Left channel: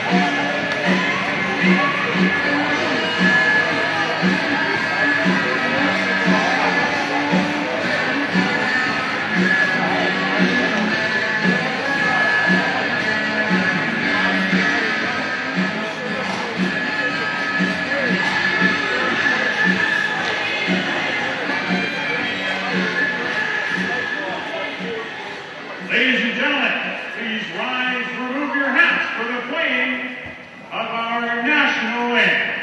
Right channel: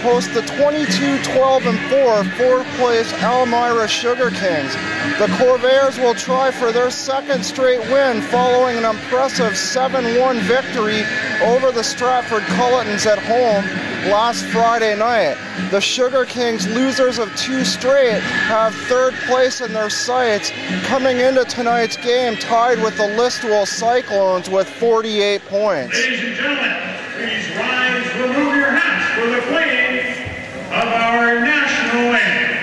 host the 22-12-4 fourth-place Elmira Sugar Kings. The Corvairs will try for their second straight win following an impressive 7-1 victory over the Stratford Culletons at home last Friday night. The Sugar Kings, losers of 2 straight, have third place in their sights, coming into tonight's game tied with the Listowel Cyclones with 48 points. Ladies and gentlemen, please rise, remove your hats for the playing of our national anthem.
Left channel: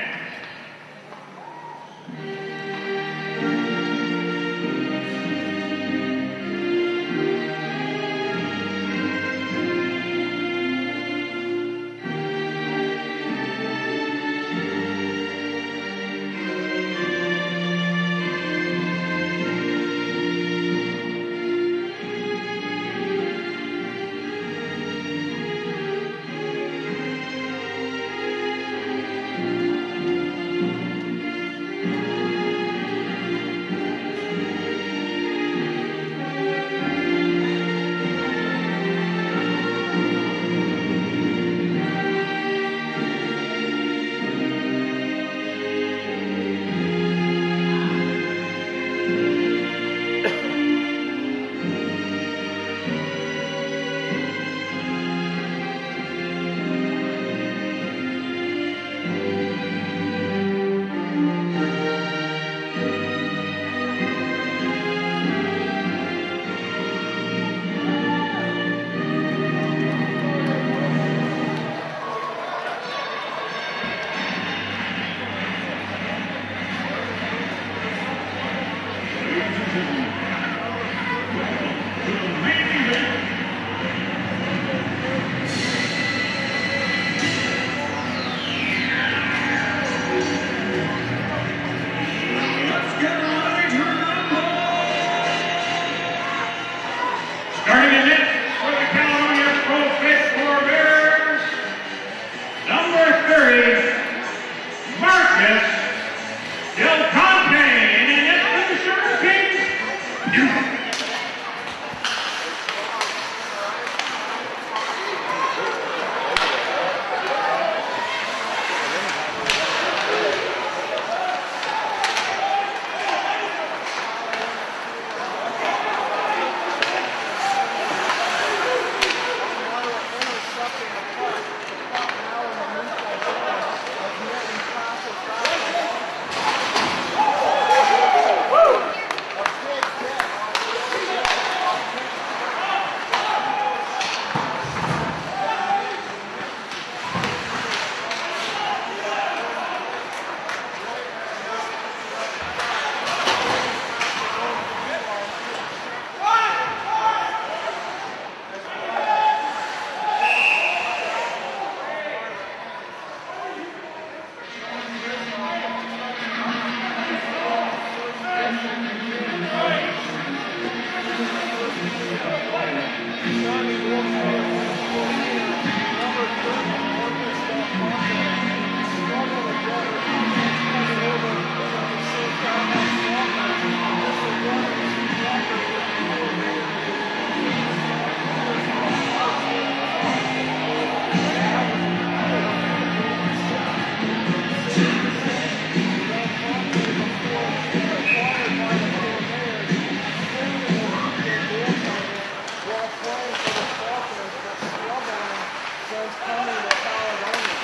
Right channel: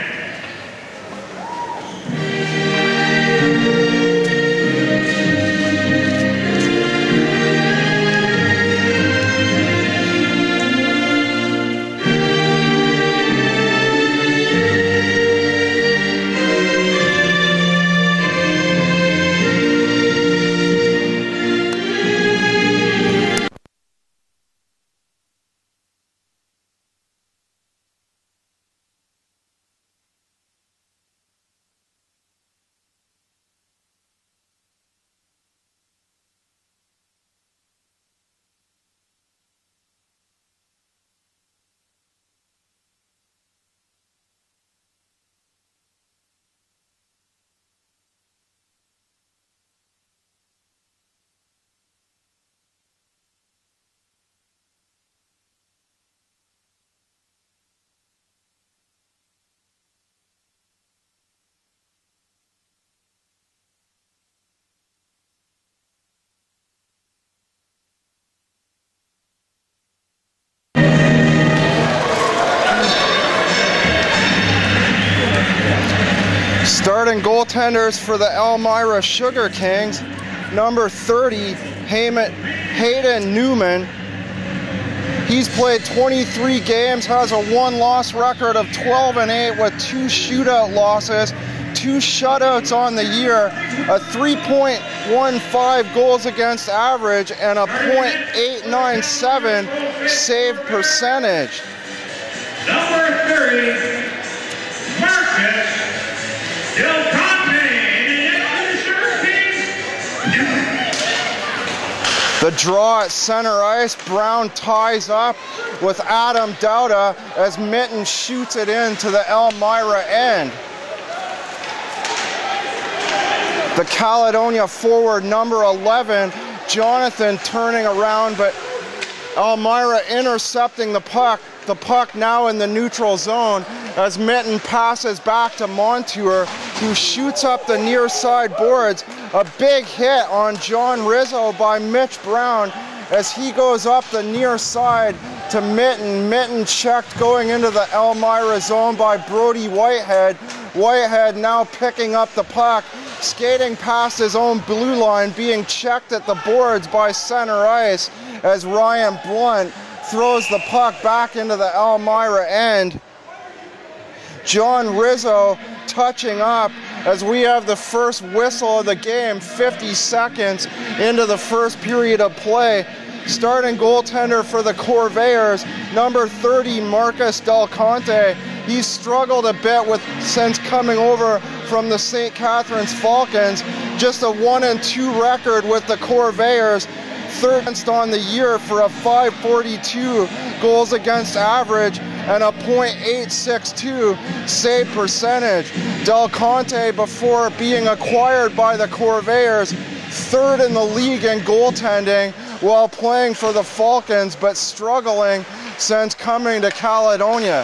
Starting goaltenders for the Elmira Sugar Kings, number 30, Hayden Newman. He's played 23 games, has a 1-loss record of 12-8 with 2 shootout losses, 2 shutouts on the year, a 3.15 goals against average, and a .897 save percentage. Number 30, Marcus Del Conte, and the Sugar Kings. The draw at center ice, Brown ties up with Adam Dowda as Mitten shoots it into the Elmira end. The Caledonia forward, number 11, Jonathan, turning around, but Elmira intercepting the puck. The puck now in the neutral zone as Mitten passes back to Montour, who shoots up the near side boards. A big hit on John Rizzo by Mitch Brown as he goes up the near side to Mitten. Mitten checked going into the Elmira zone by Brody Whitehead. Whitehead now picking up the puck, skating past his own blue line, being checked at the boards by center ice as Ryan Blunt throws the puck back into the Elmira end. John Rizzo touching up as we have the first whistle of the game, 50 seconds into the first period of play. Starting goaltender for the Corvairs, number 30, Marcus Del Conte. He struggled a bit since coming over from the St. Catharines Falcons. Just a 1-2 record with the Corvairs. Third on the year for a .542 goals against average and a .862 save percentage. Del Conte, before being acquired by the Corvairs, third in the league in goaltending while playing for the Falcons, but struggling since coming to Caledonia.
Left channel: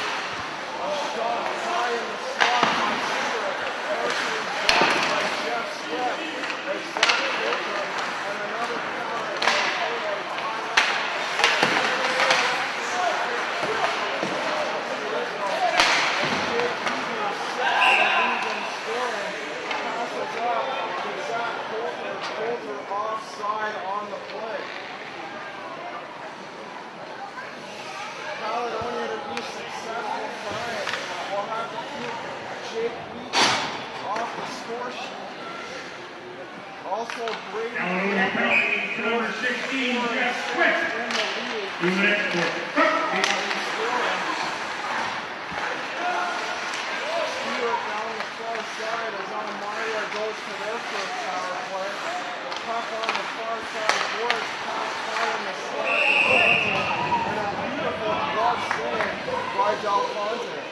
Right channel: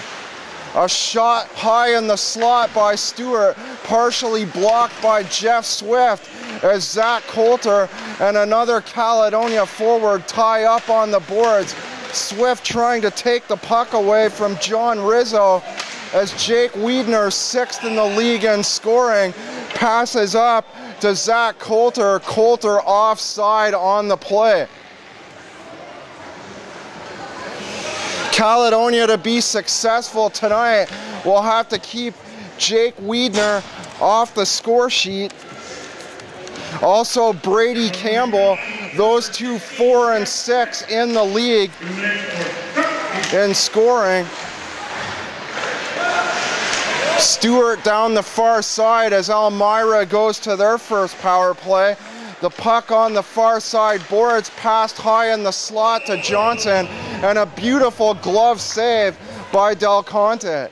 A shot high in the slot by Stewart, partially blocked by Jeff Swift, as Zach Coulter and another Caledonia forward tie up on the boards. Swift trying to take the puck away from John Rizzo as Jake Wiedner, 6th in the league in scoring, passes up to Zach Coulter. Coulter offside on the play. Caledonia, to be successful tonight, will have to keep Jake Wiedner off the score sheet. Also Brady Campbell, those two 4 and 6 in the league in scoring. Stewart down the far side as Elmira goes to their first power play. The puck on the far side boards, passed high in the slot to Johnson, and a beautiful glove save by Del Conte.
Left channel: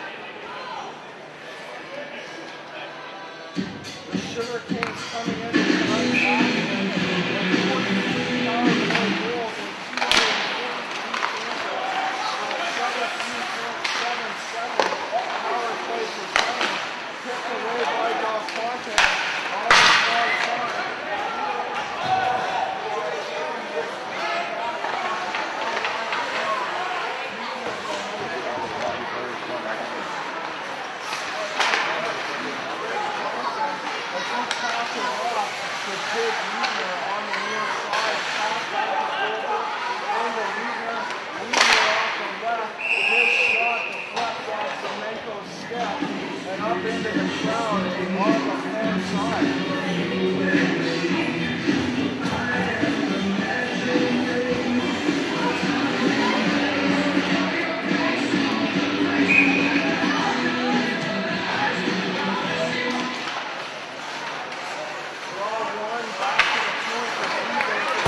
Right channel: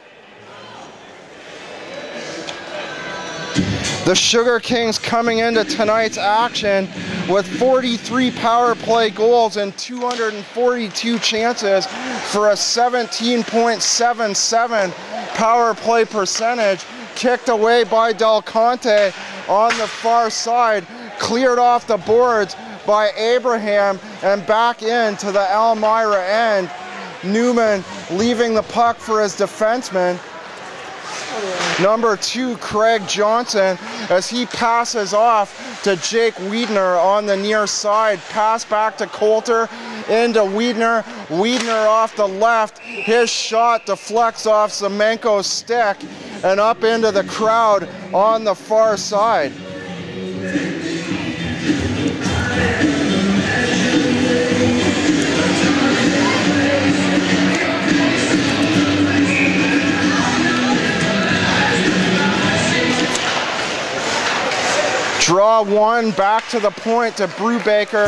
The Sugar Kings coming into tonight's action with 43 power play goals and 242 chances for a 17.77 power play percentage. Kicked away by Del Conte on the far side, cleared off the boards by Abraham and back into the Elmira end. Newman leaving the puck for his defenseman. Number 2, Craig Johnson, as he passes off to Jake Wiedner on the near side. Pass back to Coulter, into Wiedner. Wiedner off the left. His shot deflects off Zemenko's stick and up into the crowd on the far side. Draw one, back to the point to Brubaker.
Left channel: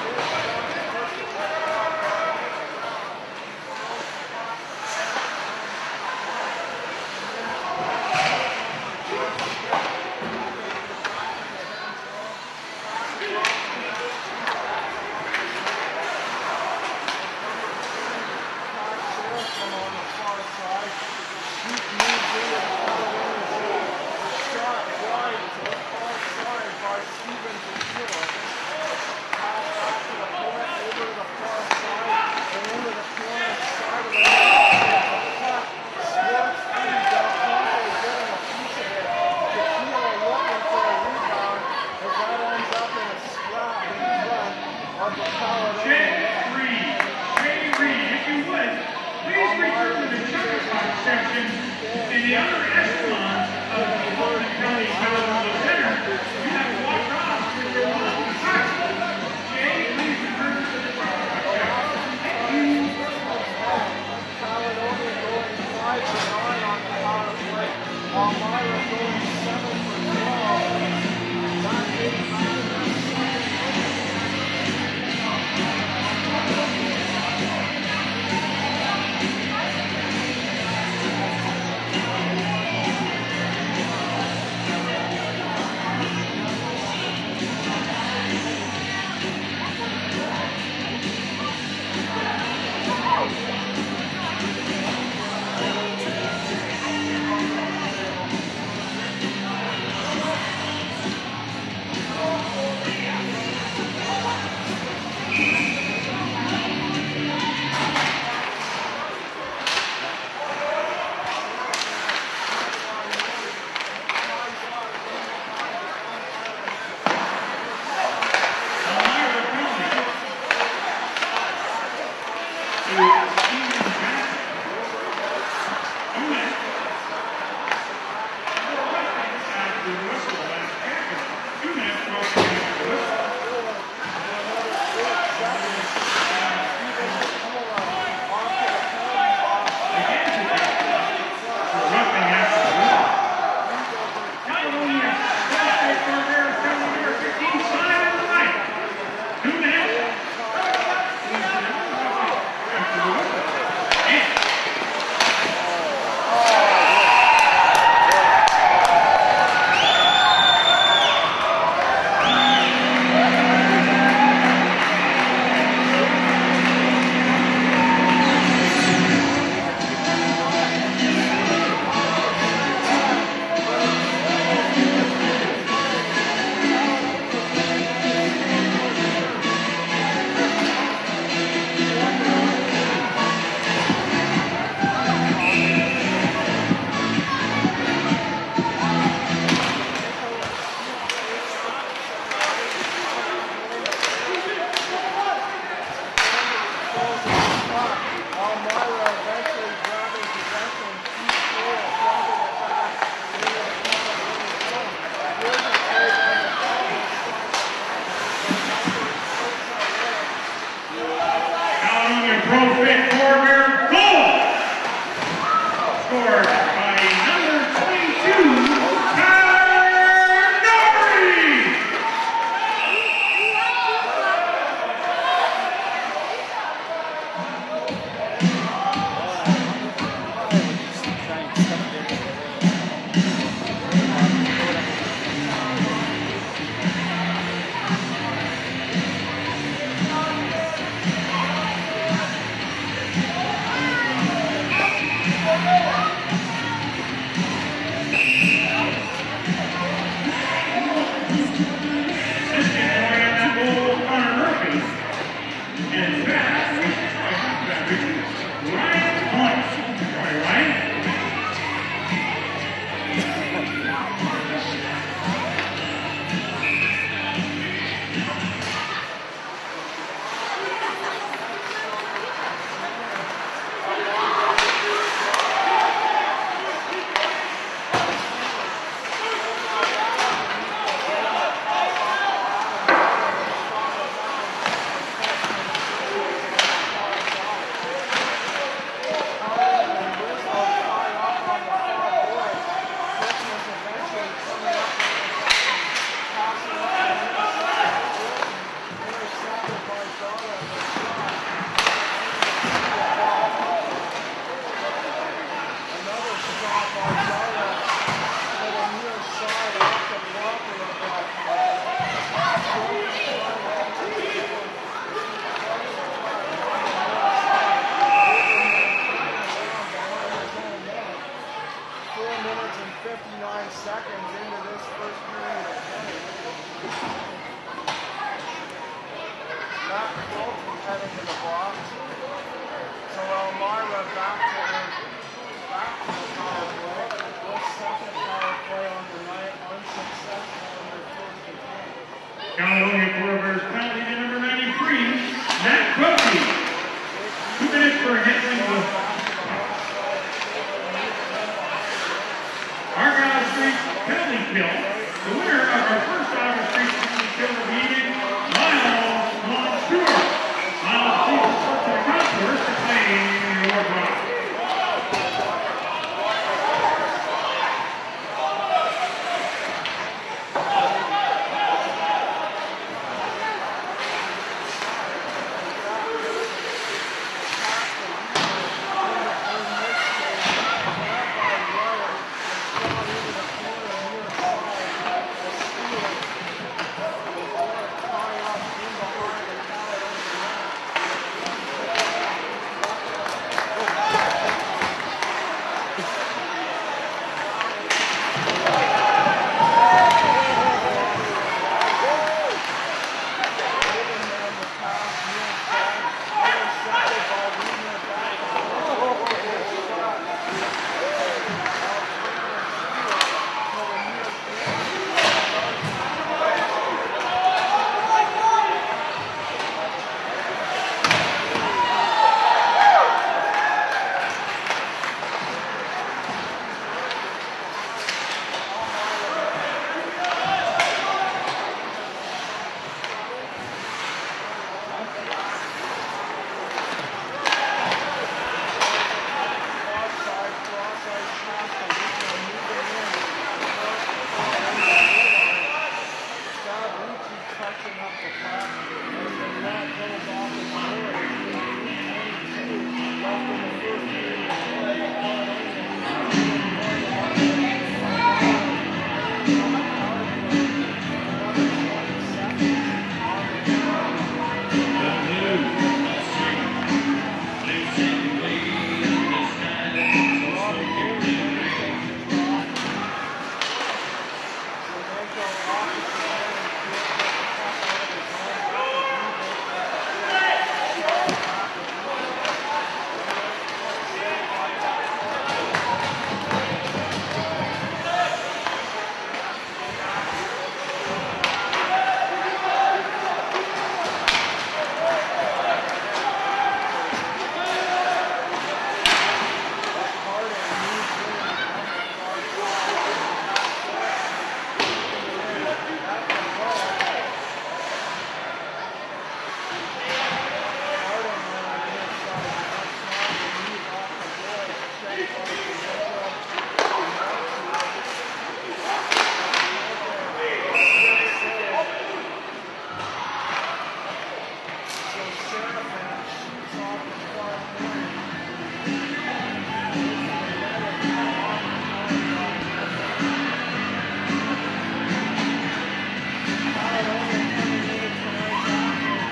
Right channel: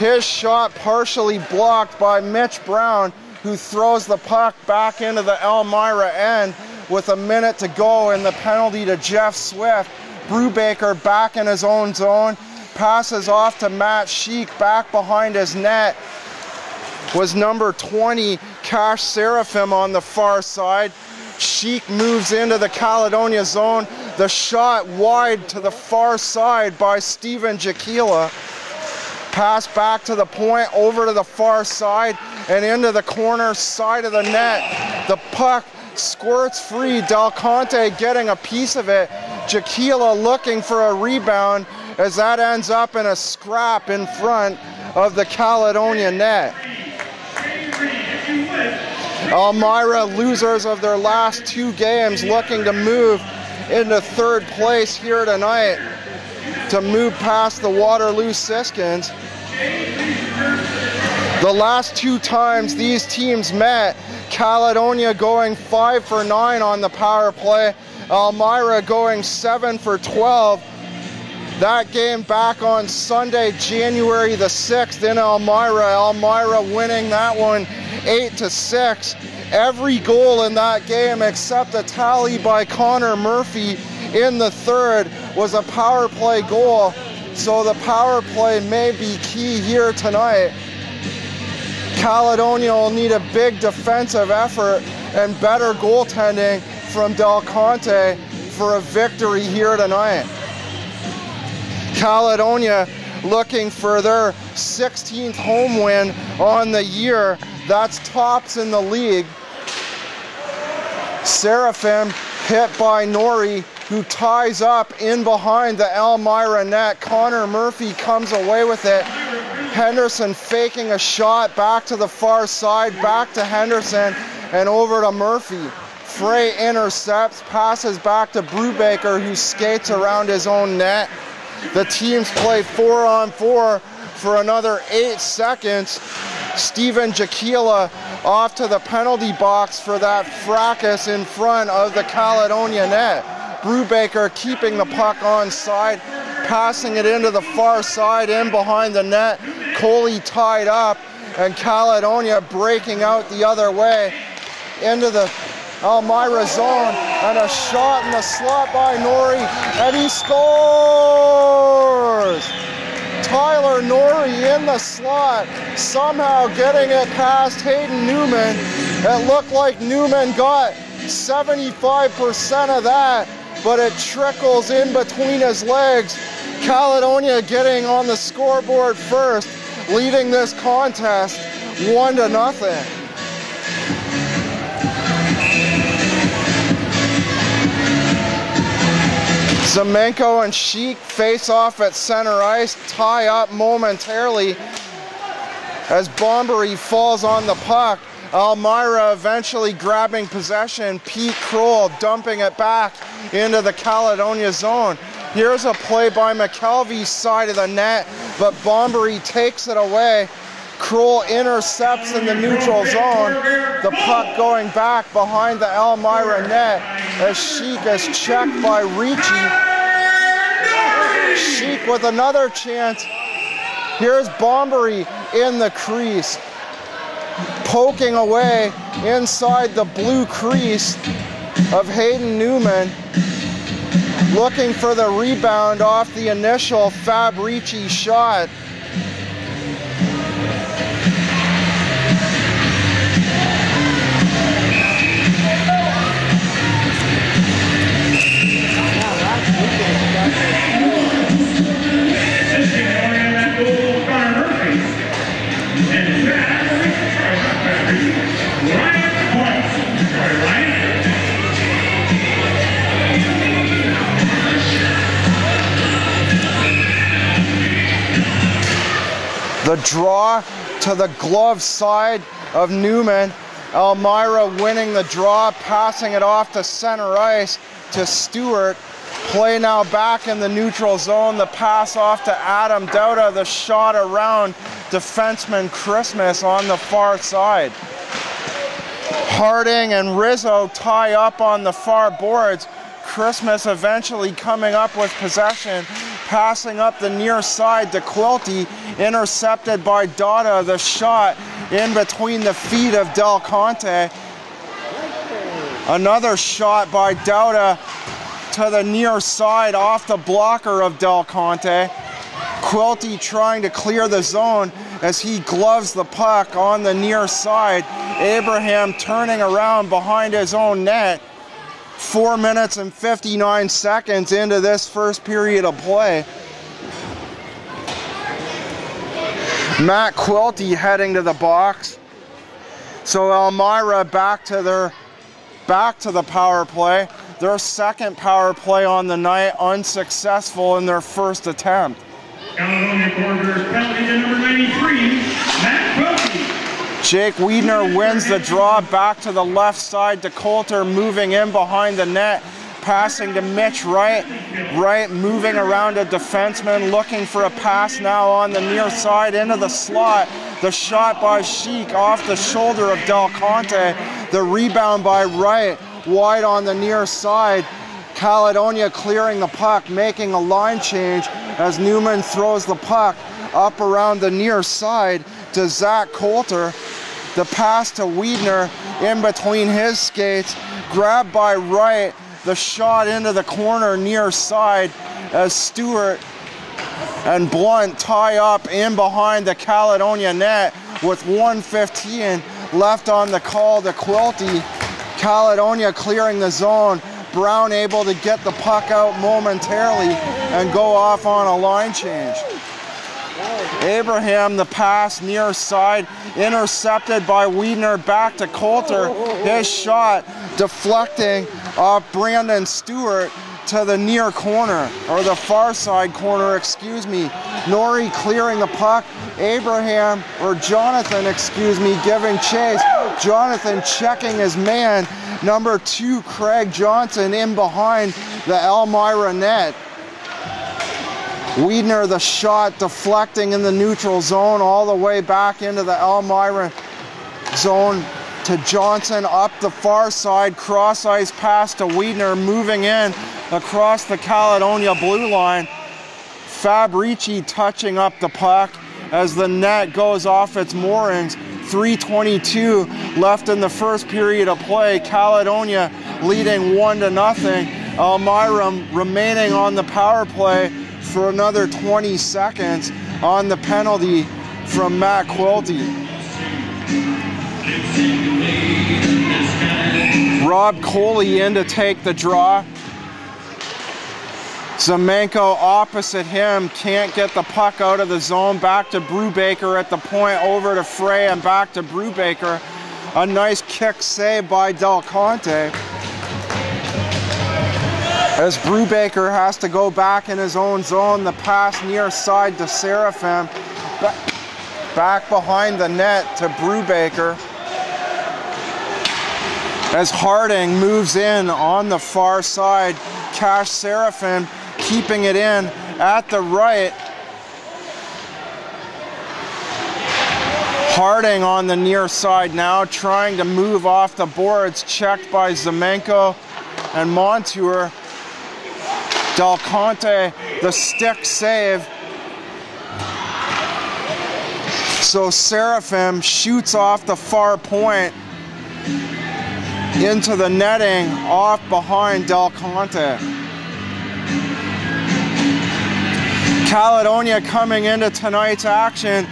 His shot partially blocked by Mitch Brown, who throws the puck back into the Elmira end with a minute to go, and the penalty to Jeff Swift. Brubaker back in his own zone, passes off to Matt Sheik, back behind his net was number 20, Cash Seraphim on the far side. Sheik moves into the Caledonia zone. The shot wide to the far side by Steven Jakila. Pass back to the point, over to the far side, and into the corner side of the net. The puck squirts free. Del Conte getting a piece of it. Jakila looking for a rebound, as that ends up in a scrap in front of the Caledonia net. Elmira, losers of their last 2 games, looking to move into 3rd place here tonight, to move past the Waterloo Siskins. The last 2 times these teams met, Caledonia going 5 for 9 on the power play, Elmira going 7 for 12. That game back on Sunday, January the 6th in Elmira. Elmira winning that one 8-6. Every goal in that game except a tally by Connor Murphy in the 3rd was a power play goal. So the power play may be key here tonight. Caledonia will need a big defensive effort and better goaltending from Del Conte for a victory here tonight. Caledonia looking for their 16th home win on the year. That's tops in the league. Seraphim hit by Norrie, who ties up in behind the Elmira net. Connor Murphy comes away with it. Henderson faking a shot back to the far side, back to Henderson, and over to Murphy. Frey intercepts, passes back to Brubaker, who skates around his own net. The teams play 4-on-4 for another 8 seconds. Steven Jakila off to the penalty box for that fracas in front of the Caledonia net. Brubaker keeping the puck on side, passing it into the far side, in behind the net. Coley tied up, and Caledonia breaking out the other way into the Elmira zone, and a shot in the slot by Norrie, and he scores! Tyler Norrie in the slot, somehow getting it past Hayden Newman. It looked like Newman got 75% of that, but it trickles in between his legs. Caledonia getting on the scoreboard first, leading this contest 1-0. Zemenko and Sheik face off at center ice, tie up momentarily as Bombery falls on the puck. Elmira eventually grabbing possession. Pete Kroll dumping it back into the Caledonia zone. Here's a play by McKelvey's side of the net, but Bombery takes it away. Kroll intercepts in the neutral zone. The puck going back behind the Elmira net as Sheik is checked by Ricci. Sheik with another chance. Here's Bombery in the crease. poking away inside the blue crease of Hayden Newman, looking for the rebound off the initial Fabrici shot. The draw to the glove side of Newman. Elmira winning the draw, passing it off to center ice to Stewart. Play now back in the neutral zone. The pass off to Adam Dauda. The shot around defenseman Christmas on the far side. Harding and Rizzo tie up on the far boards. Christmas eventually coming up with possession, passing up the near side to Quilty, intercepted by Dauda. The shot in between the feet of Del Conte. Another shot by Dauda to the near side off the blocker of Del Conte. Quilty trying to clear the zone as he gloves the puck on the near side. Abraham turning around behind his own net. 4 minutes and 59 seconds into this first period of play. Matt Quilty heading to the box. So Elmira back to the power play. Their second power play on the night, unsuccessful in their first attempt. Caledonia Corvairs penalty to number 93, Matt Quilty. Jake Wiedner wins the draw back to the left side to Coulter, moving in behind the net, passing to Mitch Wright, moving around a defenseman, looking for a pass now on the near side into the slot. The shot by Sheik off the shoulder of Del Conte. The rebound by Wright, wide on the near side. Caledonia clearing the puck, making a line change as Newman throws the puck up around the near side to Zach Coulter. The pass to Wiedner in between his skates, grabbed by Wright. The shot into the corner near side as Stewart and Blunt tie up in behind the Caledonia net with 1:15 left on the call to Quilty. Caledonia clearing the zone. Brown able to get the puck out momentarily and go off on a line change. Abraham, the pass near side, intercepted by Wiedner back to Coulter. His shot deflecting off Brandon Stewart to the near corner, or the far side corner, excuse me. Norrie clearing the puck. Abraham, or Jonathan, excuse me, giving chase. Jonathan checking his man. Number 2, Craig Johnson, in behind the Elmira net. Wiedner, the shot deflecting in the neutral zone all the way back into the Elmira zone to Johnson up the far side. Cross ice pass to Wiedner, moving in across the Caledonia blue line. Fabrici touching up the puck as the net goes off its moorings. 3:22 left in the first period of play. Caledonia leading 1-0. Elmira remaining on the power play for another 20 seconds on the penalty from Matt Quilty. Rob Coley in to take the draw. Zemenko opposite him, can't get the puck out of the zone. Back to Brubaker at the point, over to Frey and back to Brubaker. A nice kick save by Del Conte. As Brubaker has to go back in his own zone, the pass near side to Seraphim. Back behind the net to Brubaker. As Harding moves in on the far side, Cash Seraphim keeping it in at the right. Harding on the near side now, trying to move off the boards, checked by Zemenko and Montour. Del Conte, the stick save. So Seraphim shoots off the far point into the netting off behind Del Conte. Caledonia coming into tonight's action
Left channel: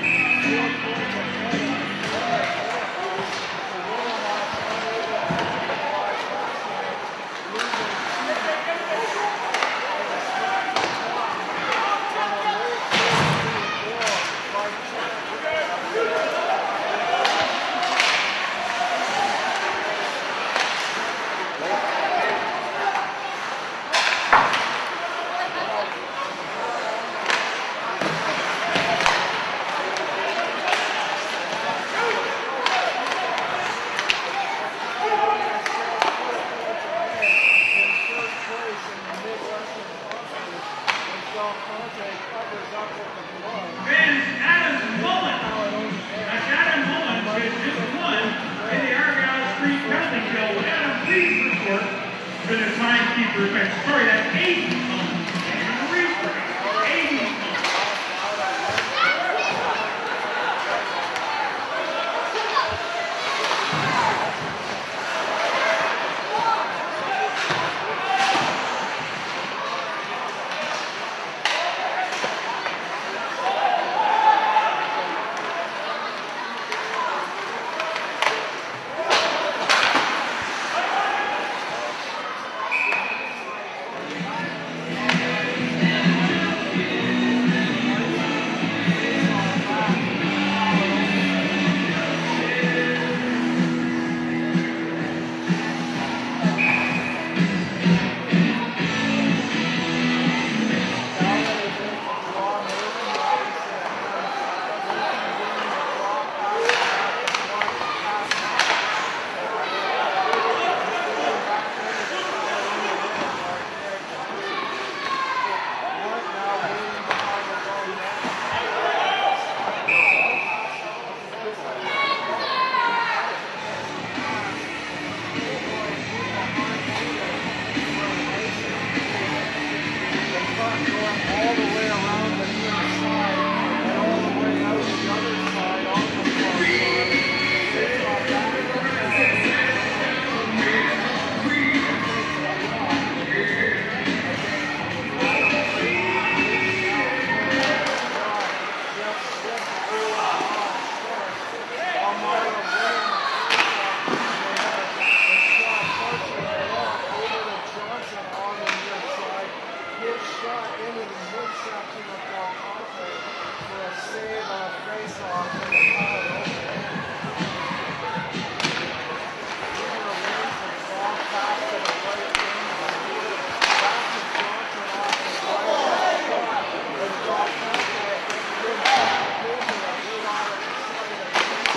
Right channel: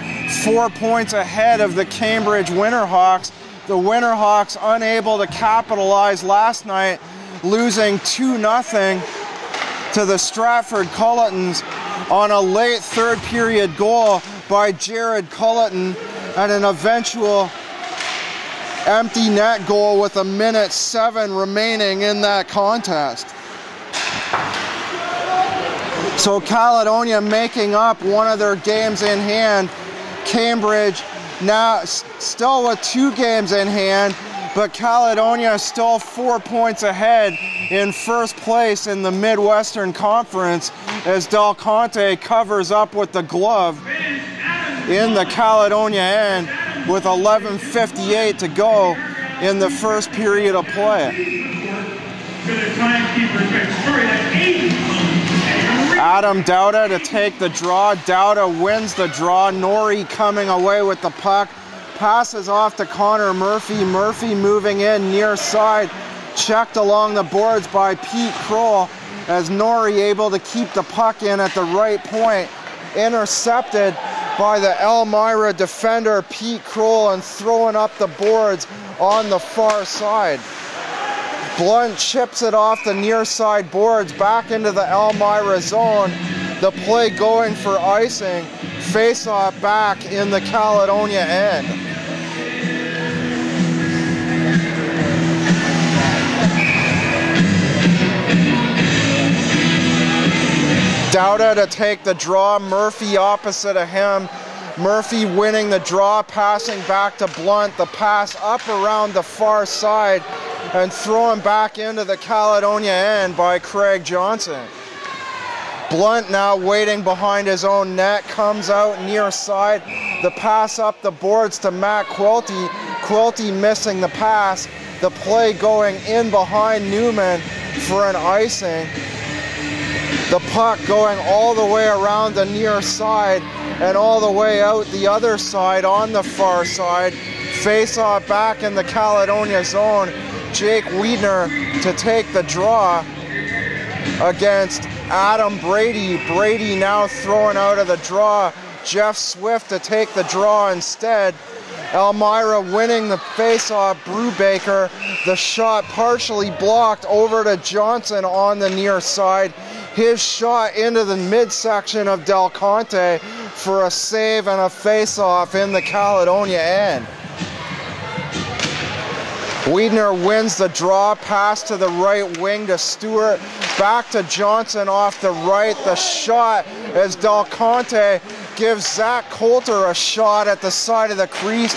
4 points ahead of the Cambridge Winterhawks. The Winterhawks unable to capitalize last night, losing 2-0 to the Stratford Culletons on a late third period goal by Jared Culleton and an eventual empty net goal with 1:07 remaining in that contest. So Caledonia making up one of their games in hand. Cambridge now still with 2 games in hand, but Caledonia still 4 points ahead in first place in the Midwestern Conference as Del Conte covers up with the glove in the Caledonia end with 11:58 to go in the first period of play. Adam Dowda to take the draw. Dowda wins the draw. Norrie coming away with the puck. Passes off to Connor Murphy. Murphy moving in near side. Checked along the boards by Pete Kroll as Norrie able to keep the puck in at the right point. Intercepted by the Elmira defender Pete Kroll and throwing up the boards on the far side. Blunt chips it off the near side boards back into the Elmira zone. The play going for icing. Face off back in the Caledonia end. Dowda to take the draw. Murphy opposite of him. Murphy winning the draw, passing back to Blunt. The pass up around the far side and thrown back into the Caledonia end by Craig Johnson. Blunt now waiting behind his own net, comes out near side. The pass up the boards to Matt Quilty. Quilty missing the pass. The play going in behind Newman for an icing. The puck going all the way around the near side and all the way out the other side on the far side. Face off back in the Caledonia zone. Jake Wiedner to take the draw against Adam Brady. Brady now throwing out of the draw. Jeff Swift to take the draw instead. Elmira winning the face-off. Brubaker, the shot partially blocked over to Johnson on the near side. His shot into the midsection of Del Conte for a save and a face-off in the Caledonia end. Wiedner wins the draw, pass to the right wing to Stewart, back to Johnson off the right. The shot as Del Conte gives Zach Coulter a shot at the side of the crease.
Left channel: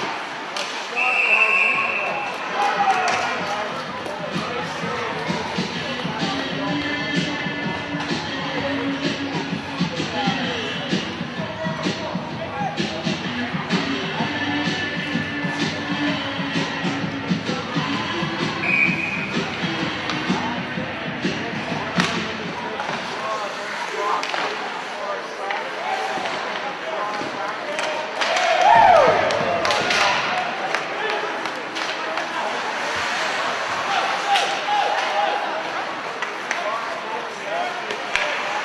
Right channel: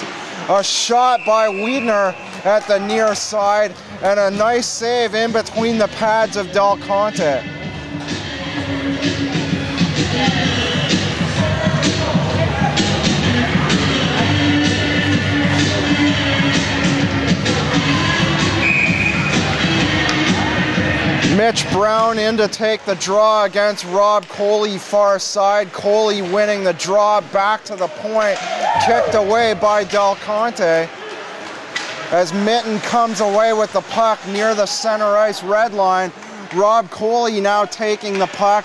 A shot by Wiedner at the near side and a nice save in between the pads of Del Conte. Mitch Brown in to take the draw against Rob Coley far side. Coley winning the draw back to the point, kicked away by Del Conte as Mitten comes away with the puck near the center ice red line. Rob Coley now taking the puck,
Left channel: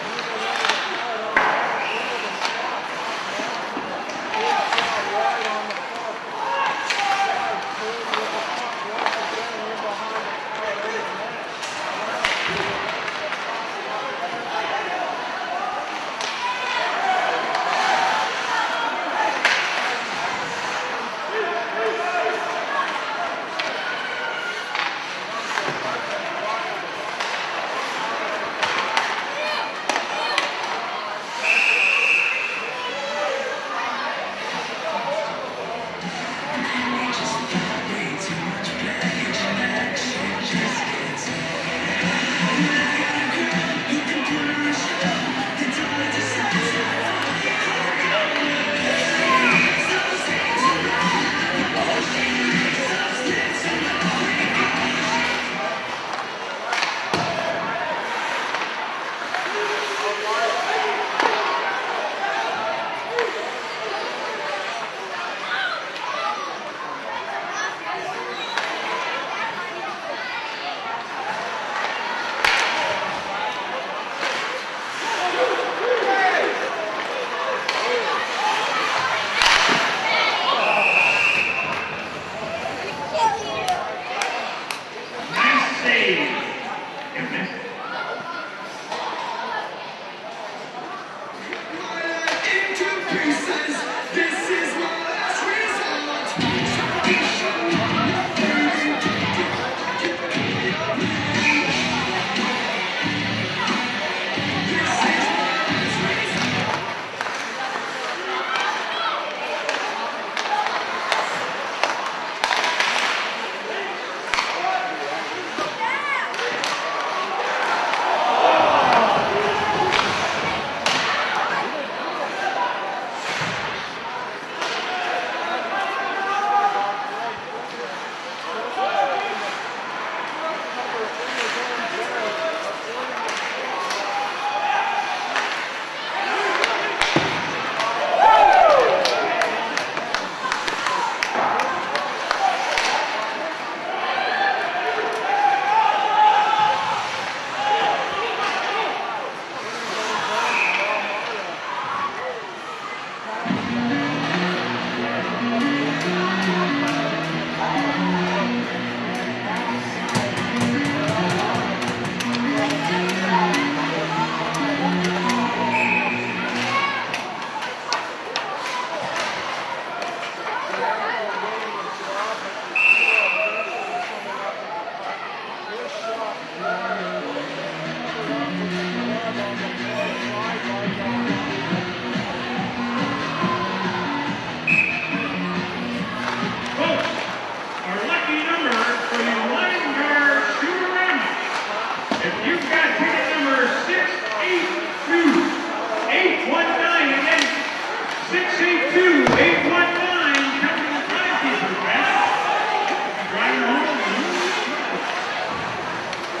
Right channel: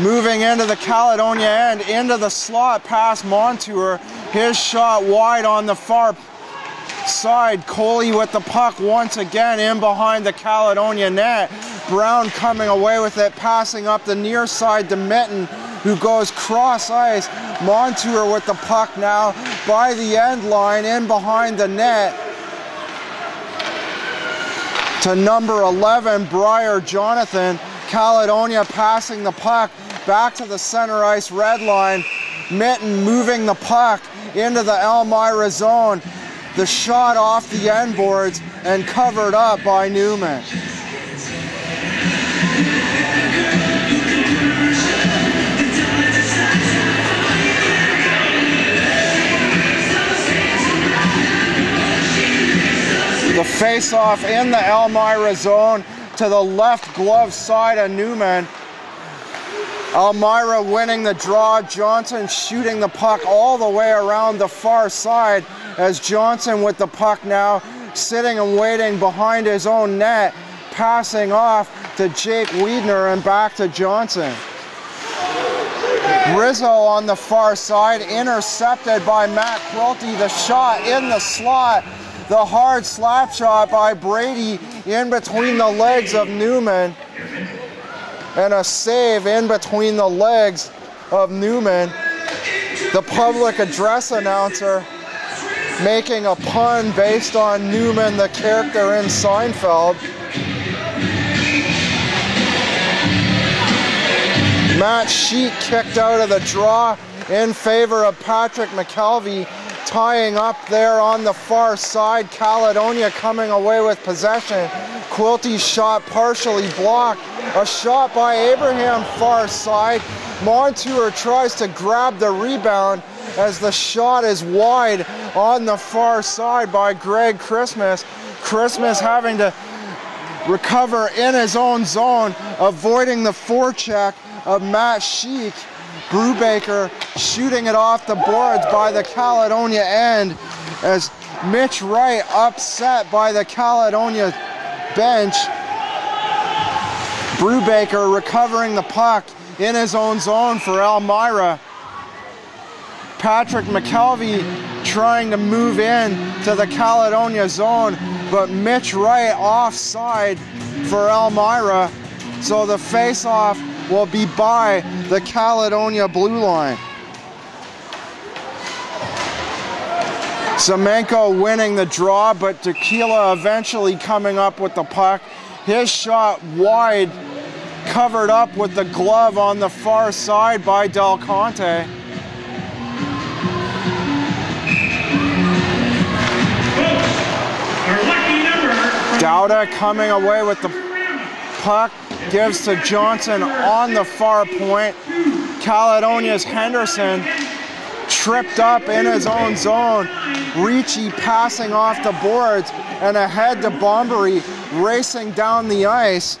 moving into the Caledonia end, into the slot past Montour. His shot wide on the far side. Coley with the puck once again in behind the Caledonia net. Brown coming away with it, passing up the near side to Mitten, who goes cross ice. Montour with the puck now by the end line in behind the net to number 11, Briar Jonathan. Caledonia passing the puck back to the center ice red line. Mitten moving the puck into the Elmira zone. The shot off the end boards and covered up by Newman. The face-off in the Elmira zone to the left glove side of Newman. Elmira winning the draw. Johnson shooting the puck all the way around the far side as Johnson with the puck now sitting and waiting behind his own net, passing off to Jake Wiedner and back to Johnson. Rizzo on the far side, intercepted by Matt Quilty. The shot in the slot. The hard slap shot by Brady in between the legs of Newman. And a save in between the legs of Newman. The public address announcer making a pun based on Newman, the character in Seinfeld. Matt Sheet kicked out of the draw in favor of Patrick McKelvey, tying up there on the far side. Caledonia coming away with possession. Quilty's shot partially blocked. A shot by Abraham far side. Montour tries to grab the rebound as the shot is wide on the far side by Greg Christmas. Christmas having to recover in his own zone, avoiding the forecheck of Matt Sheik. Brubaker shooting it off the boards by the Caledonia end as Mitch Wright upset by the Caledonia bench. Brubaker recovering the puck in his own zone for Elmira. Patrick McKelvey trying to move in to the Caledonia zone, but Mitch Wright offside for Elmira. So the face-off will be by the Caledonia blue line. Semenko winning the draw, but Tequila eventually coming up with the puck. His shot wide, covered up with the glove on the far side by Del Conte. Dowda coming away with the puck, gives to Johnson on the far point. Caledonia's Henderson tripped up in his own zone. Ricci passing off the boards and ahead to Bombery, racing down the ice.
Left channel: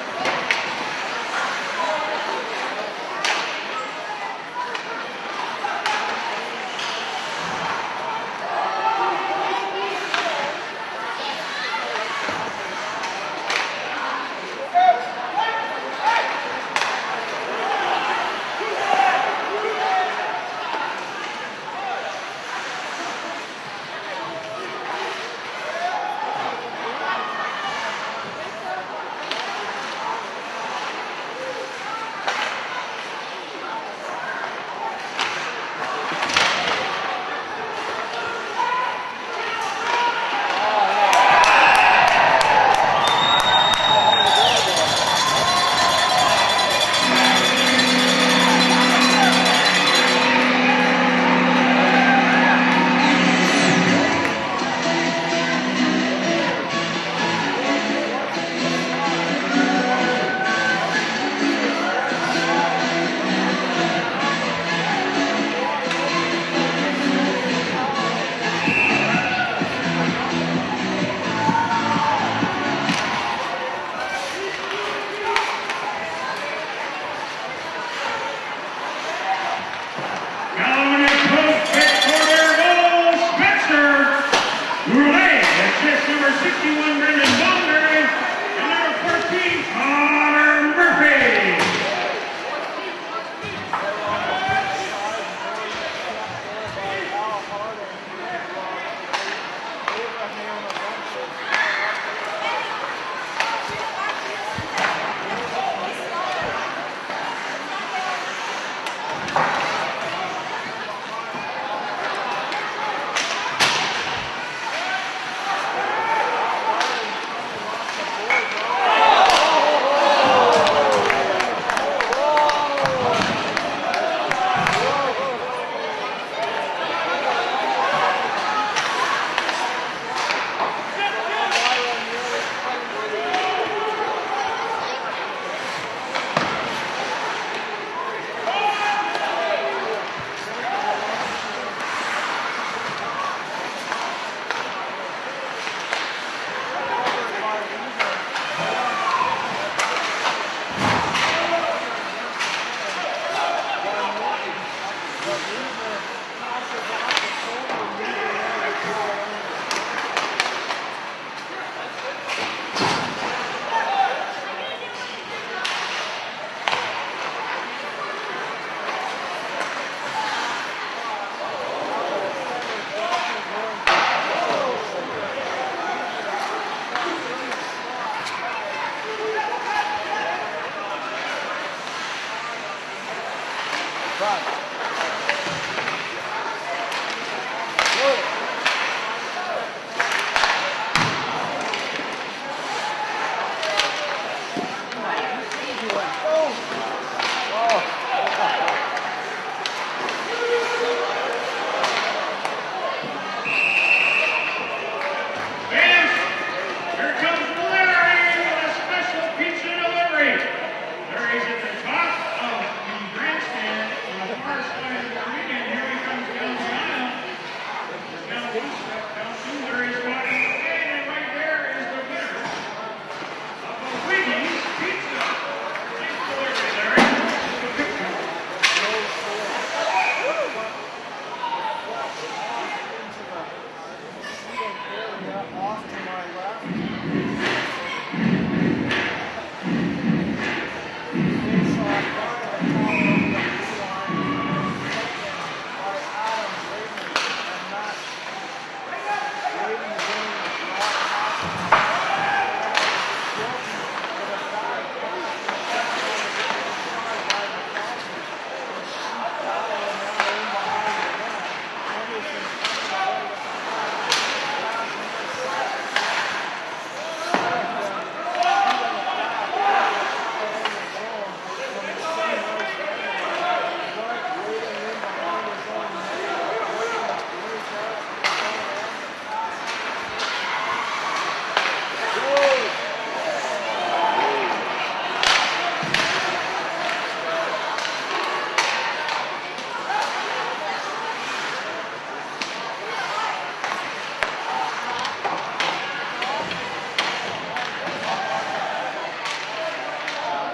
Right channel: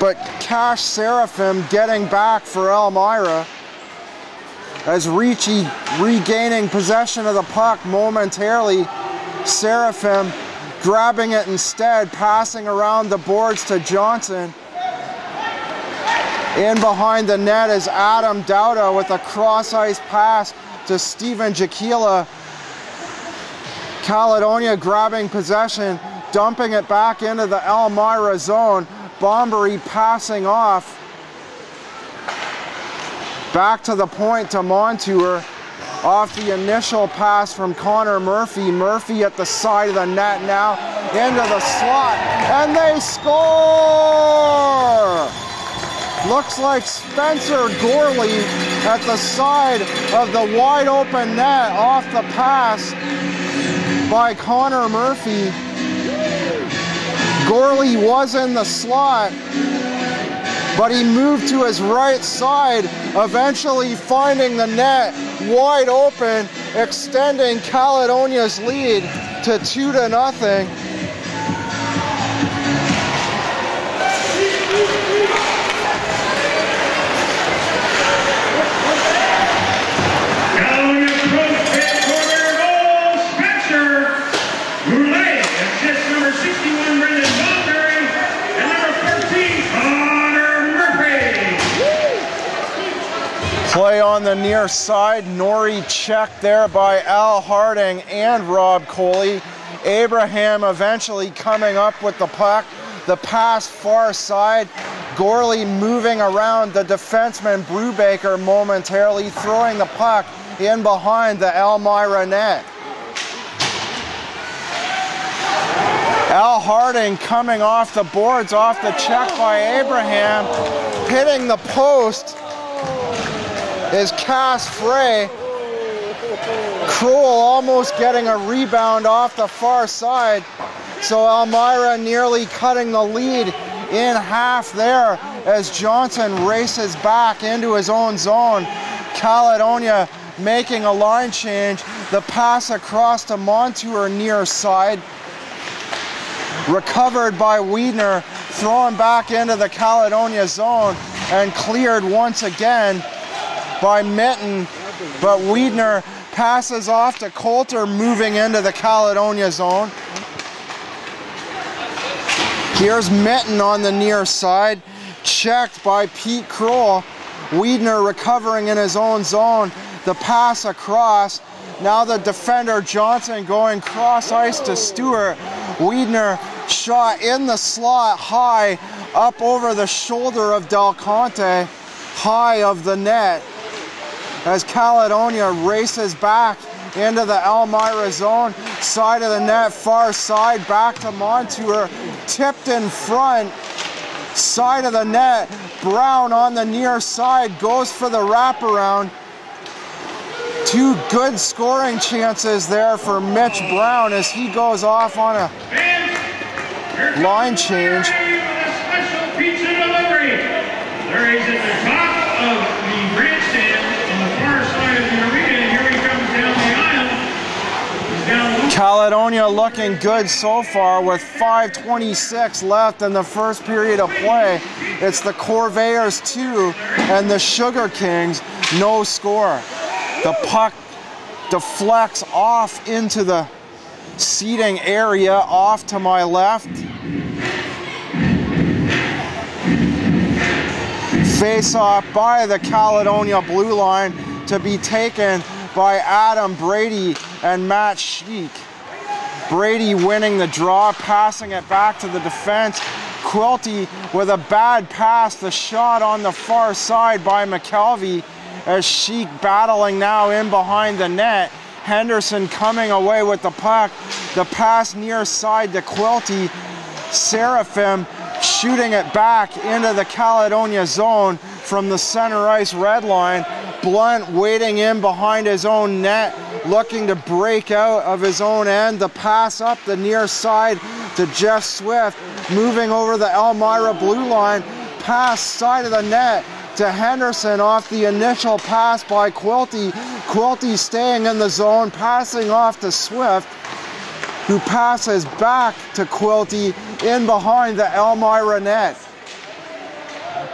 But Cash Seraphim getting back for Elmira as Ricci regaining possession of the puck momentarily. Seraphim grabbing it instead, passing around the boards to Johnson. In behind the net is Adam Dowda with a cross-ice pass to Steven Jaquila. Caledonia grabbing possession, dumping it back into the Elmira zone. Bombery passing off. Back to the point to Montour. Off the initial pass from Connor Murphy. Murphy at the side of the net now, into the slot, and they score! Looks like Spencer Gorley at the side of the wide open net off the pass by Connor Murphy. Gorley was in the slot, but he moved to his right side, eventually finding the net wide open, extending Caledonia's lead to 2-0. Caledonia Pro-Fit Corvairs goal, Spencer Goulet, assist number 61, Brendan Bonner, and number 14, Connor Murphy. Play on the near side, Norrie checked there by Al Harding and Rob Coley. Abraham eventually coming up with the puck. The pass far side, Gorley moving around the defenseman Brubaker momentarily, throwing the puck in behind the Elmira net. Al Harding coming off the boards, off the check by Abraham, hitting the post is Cass Frey. Cruel almost getting a rebound off the far side. So Elmira nearly cutting the lead in half there as Johnson races back into his own zone. Caledonia making a line change. The pass across to Montour near side. Recovered by Wiedner, thrown back into the Caledonia zone. and cleared once again by Mitten, but Wiedner passes off to Coulter, moving into the Caledonia zone. Here's Mitten on the near side, checked by Pete Kroll. Wiedner recovering in his own zone, the pass across. Now the defender Johnson going cross ice to Stewart. Wiedner shot in the slot high, up over the shoulder of Del Conte, high of the net, as Caledonia races back into the Elmira zone. Side of the net, far side, back to Montour, tipped in front, side of the net. Brown on the near side goes for the wraparound. Two good scoring chances there for Mitch Brown as he goes off on a line change. Special pizza delivery. There he's at the top of the grandstand on the far side of the arena, and here he comes down the aisle. He's down one. Caledonia looking good so far with 5:26 left in the first period of play. It's the Corvairs 2 and the Sugar Kings no score. The puck deflects off into the seating area off to my left. Face off by the Caledonia blue line to be taken by Adam Brady and Matt Sheik. Brady winning the draw, passing it back to the defense. Quilty with a bad pass, the shot on the far side by McKelvey, as Sheik battling now in behind the net. Henderson coming away with the puck. The pass near side to Quilty. Seraphim shooting it back into the Caledonia zone from the center ice red line. Blunt waiting in behind his own net, looking to break out of his own end. The pass up the near side to Jeff Swift, moving over the Elmira blue line. Pass side of the net to Henderson off the initial pass by Quilty. Quilty staying in the zone, passing off to Swift, who passes back to Quilty in behind the Elmira net.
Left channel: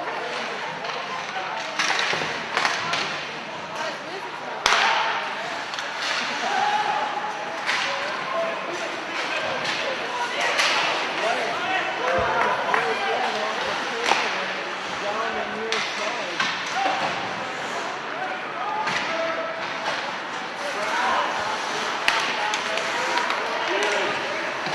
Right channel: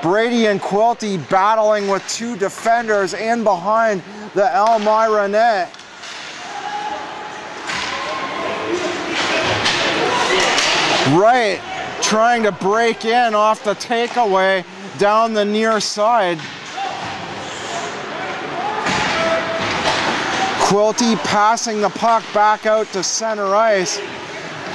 Brady and Quilty battling with two defenders in behind the Elmira net. Wright trying to break in off the takeaway down the near side. Quilty passing the puck back out to center ice,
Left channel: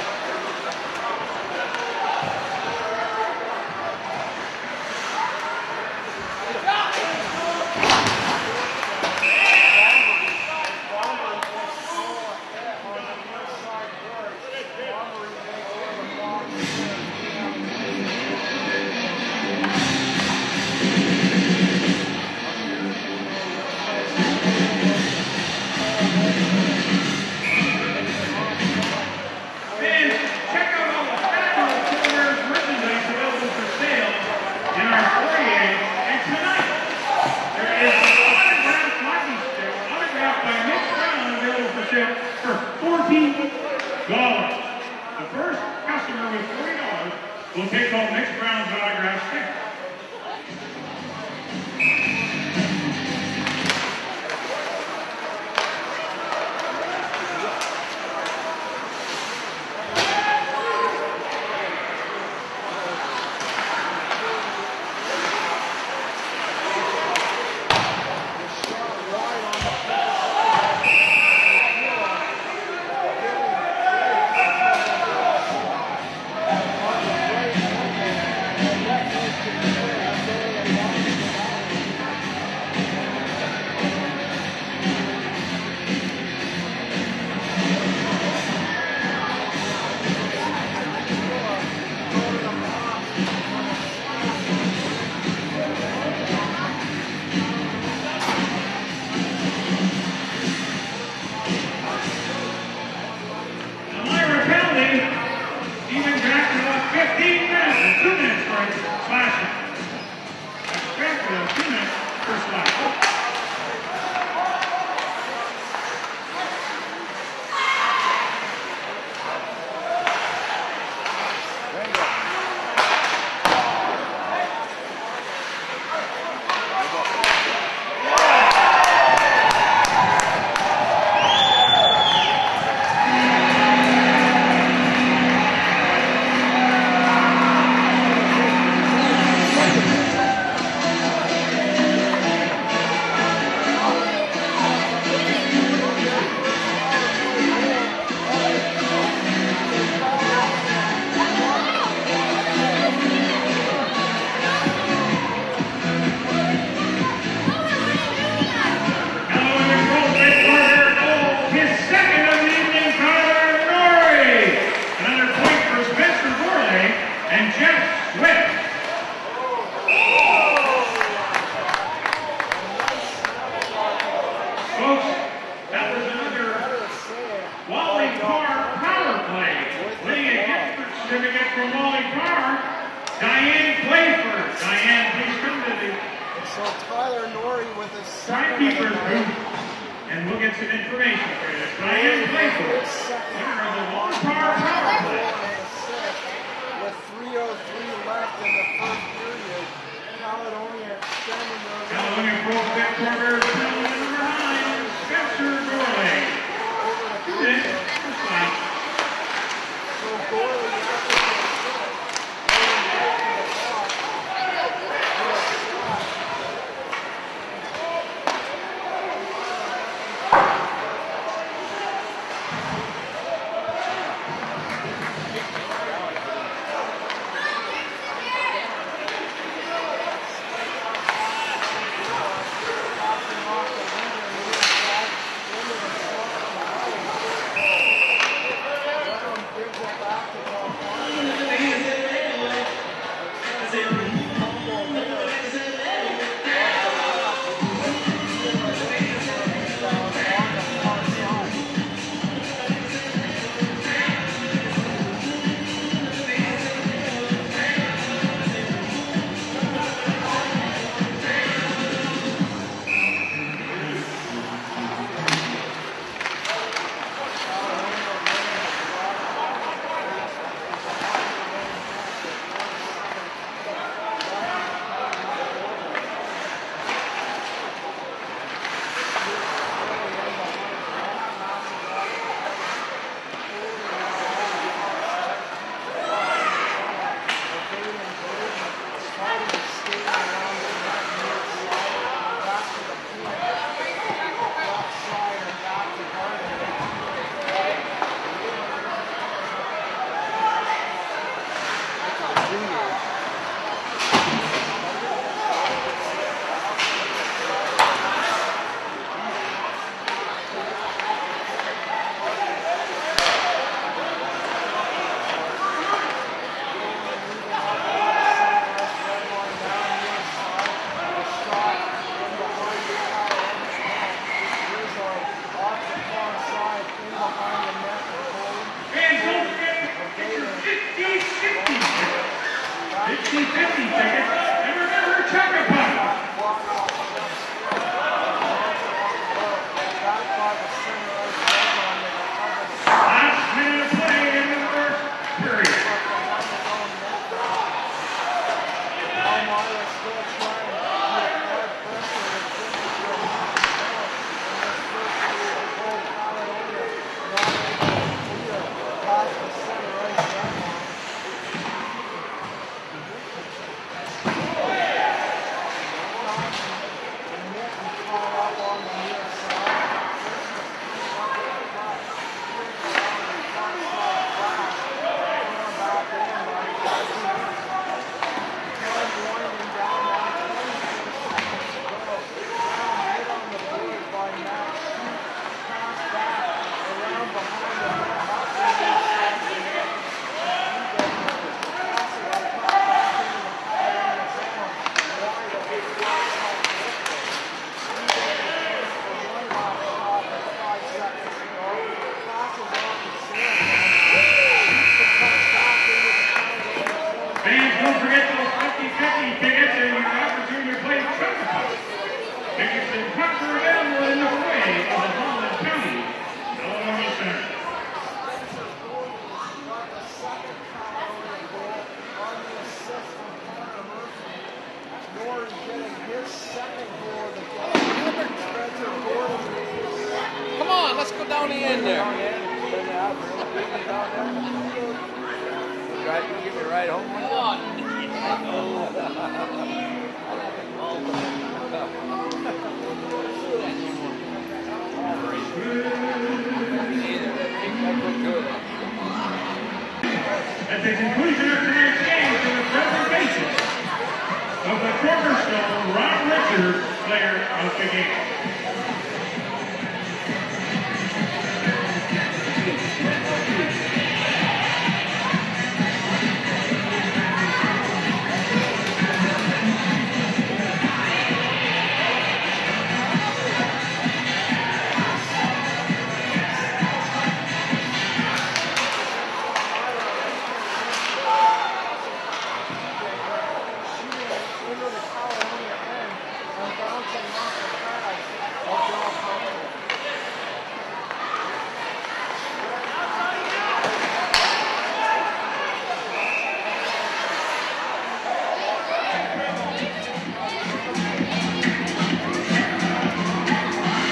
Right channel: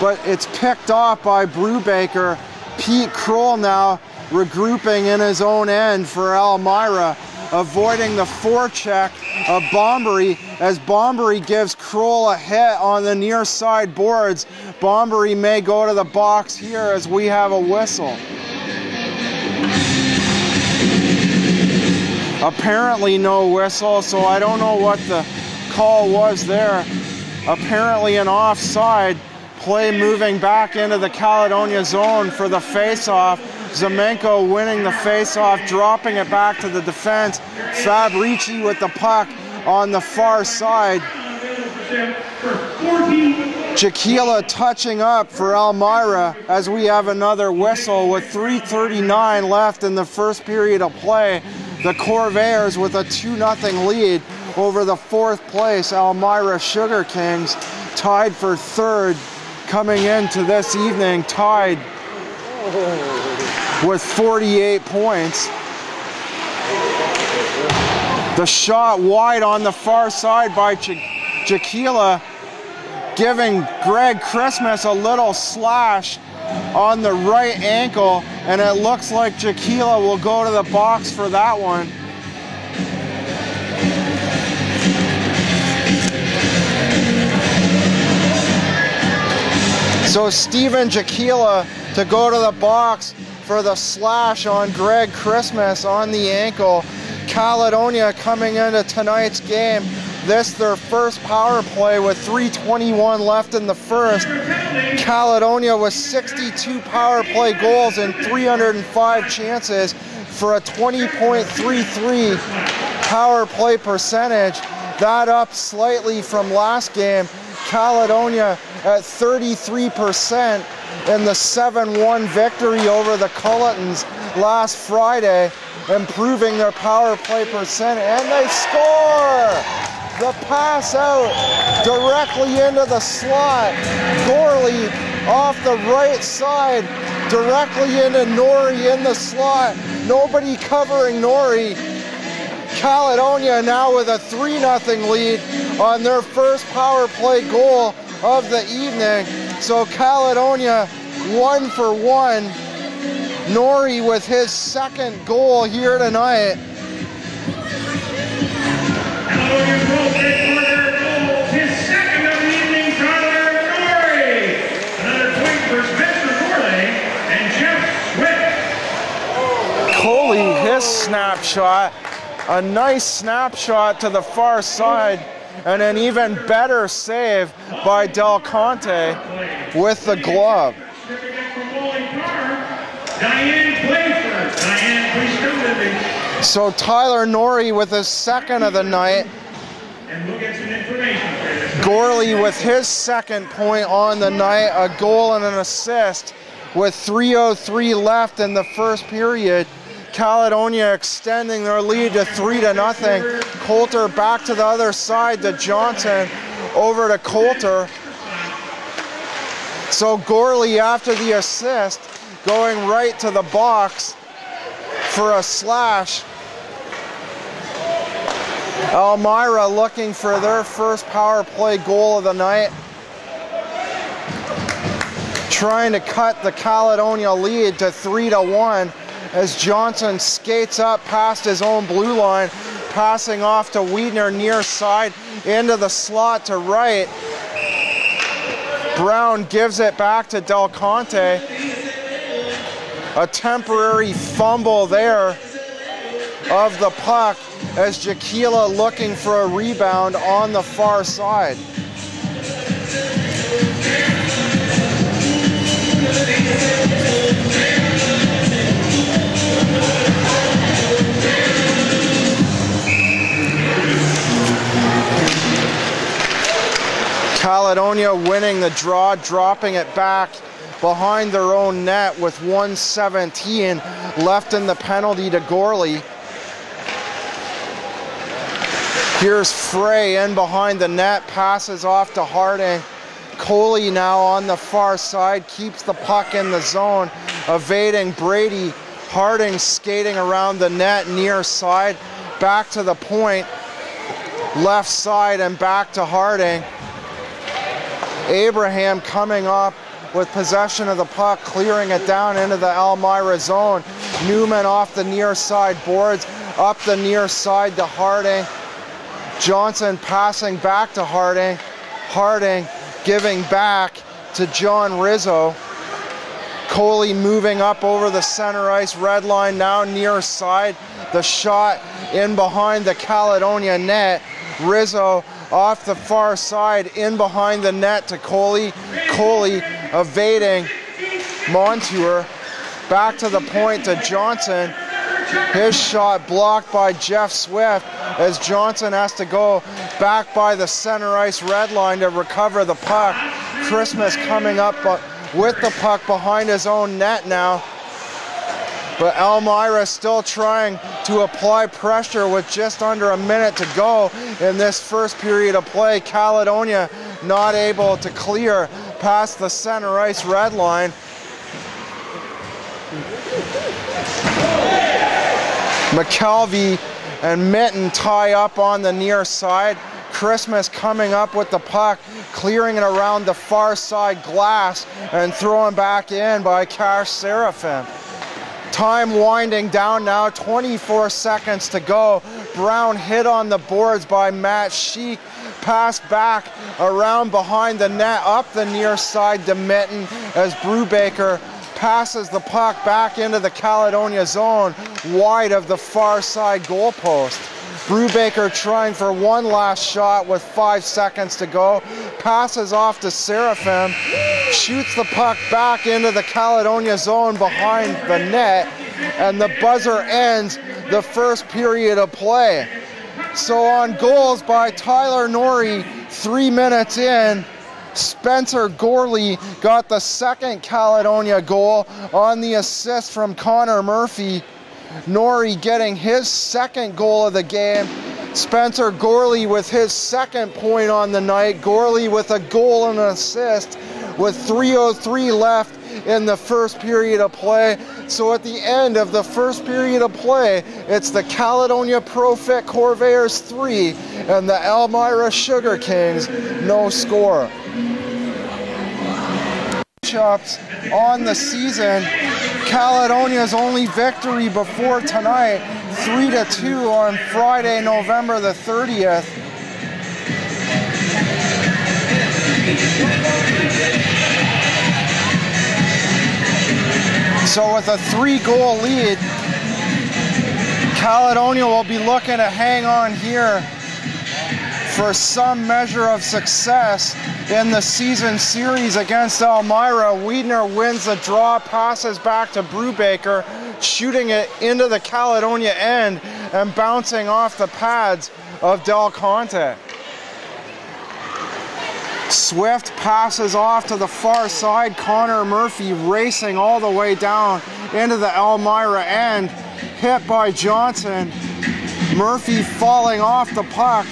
but it's picked off by Brubaker. Pete Kroll now regrouping in his own end for Elmira, avoiding the forecheck of Bombury as Bombury gives Kroll a hit on the near side boards. Bombury may go to the box here as we have a whistle. Apparently no whistle, so I don't know what the call was there. Apparently an offside. Play moving back into the Caledonia zone for the face-off. Zemenko winning the face-off, dropping it back to the defense. Fabrici with the puck on the far side. Jaquila touching up for Elmira as we have another whistle with 3:39 left in the first period of play. The Corvairs with a 2-0 lead over the fourth place Elmira Sugar Kings, tied for third coming into this evening, tied with 48 points. The shot wide on the far side by Jaquila, giving Greg Christmas a little slash on the right ankle, and it looks like Jaquila will go to the box for that one. So Steven Jaquila to go to the box for the slash on Greg Christmas on the ankle. Caledonia coming into tonight's game. This their first power play with 3:21 left in the first. Caledonia with 62 power play goals and 305 chances for a 20.33 power play percentage. That up slightly from last game. Caledonia at 33% in the 7-1 victory over the Culletons last Friday. improving their power play percent, and they score! The pass out directly into the slot. Gorley off the right side, directly into Norrie in the slot. Nobody covering Norrie. Caledonia now with a 3-0 lead on their first power play goal of the evening. So Caledonia 1 for 1. Norrie with his second goal here tonight. Caledonia Pro-Fit Corvairs goal, his second of the evening, Tyler Norrie. Another point for Spencer Gorley and Jeff Swift. Coley, his snapshot. A nice snapshot to the far side, and an even better save by Del Conte with the glove. So Tyler Norrie with his second of the night. Gorley with his second point on the night, a goal and an assist with 3:03 left in the first period. Caledonia extending their lead to 3-0. Coulter back to the other side to Johnson, over to Coulter. So Gorley, after the assist, going right to the box for a slash. Elmira looking for their first power play goal of the night. Trying to cut the Caledonia lead to 3-1. As Johnson skates up past his own blue line, passing off to Wiedner near side into the slot to right. Brown gives it back to Del Conte. A temporary fumble there of the puck as Jaquila looking for a rebound on the far side. Caledonia winning the draw, dropping it back behind their own net with 1:17 left in the penalty to Gorley. Here's Frey in behind the net, passes off to Harding. Coley now on the far side, keeps the puck in the zone, evading Brady. Harding skating around the net near side, back to the point, left side and back to Harding. Abraham coming up with possession of the puck, clearing it down into the Elmira zone. Newman off the near side boards, up the near side to Harding. Johnson passing back to Harding. Harding giving back to John Rizzo. Coley moving up over the center ice red line, now near side. The shot in behind the Caledonia net. Rizzo off the far side, in behind the net to Coley. Coley evading Montour. Back to the point to Johnson. His shot blocked by Jeff Swift as Johnson has to go back by the center ice red line to recover the puck. Christmas coming up with the puck behind his own net now. But Elmira still trying to apply pressure with just under a minute to go in this first period of play. Caledonia not able to clear past the center ice red line. McKelvey and Mitten tie up on the near side. Christmas coming up with the puck, clearing it around the far side glass and throwing back in by Cash Serafin. Time winding down now, 24 seconds to go. Brown hit on the boards by Matt Sheik. Pass back around behind the net, up the near side to Mitten as Brubaker passes the puck back into the Caledonia zone, wide of the far side goalpost. Brubaker trying for one last shot with 5 seconds to go. Passes off to Serafin, shoots the puck back into the Caledonia zone behind the net, and the buzzer ends the first period of play. So on goals by Tyler Norrie, 3 minutes in, Spencer Gorley got the second Caledonia goal on the assist from Connor Murphy. Norrie getting his second goal of the game. Spencer Gorley with his second point on the night. Gorley with a goal and an assist with 3:03 left in the first period of play. So at the end of the first period of play, it's the Caledonia Pro-Fit Corvairs 3 and the Elmira Sugar Kings no score. On the season, Caledonia's only victory before tonight, 3-2 on Friday, November the 30th. So with a 3-goal lead, Caledonia will be looking to hang on here for some measure of success in the season series against Elmira. Wiedner wins the draw, passes back to Brubaker, shooting it into the Caledonia end and bouncing off the pads of Del Conte. Swift passes off to the far side. Connor Murphy racing all the way down into the Elmira end, hit by Johnson. Murphy falling off the puck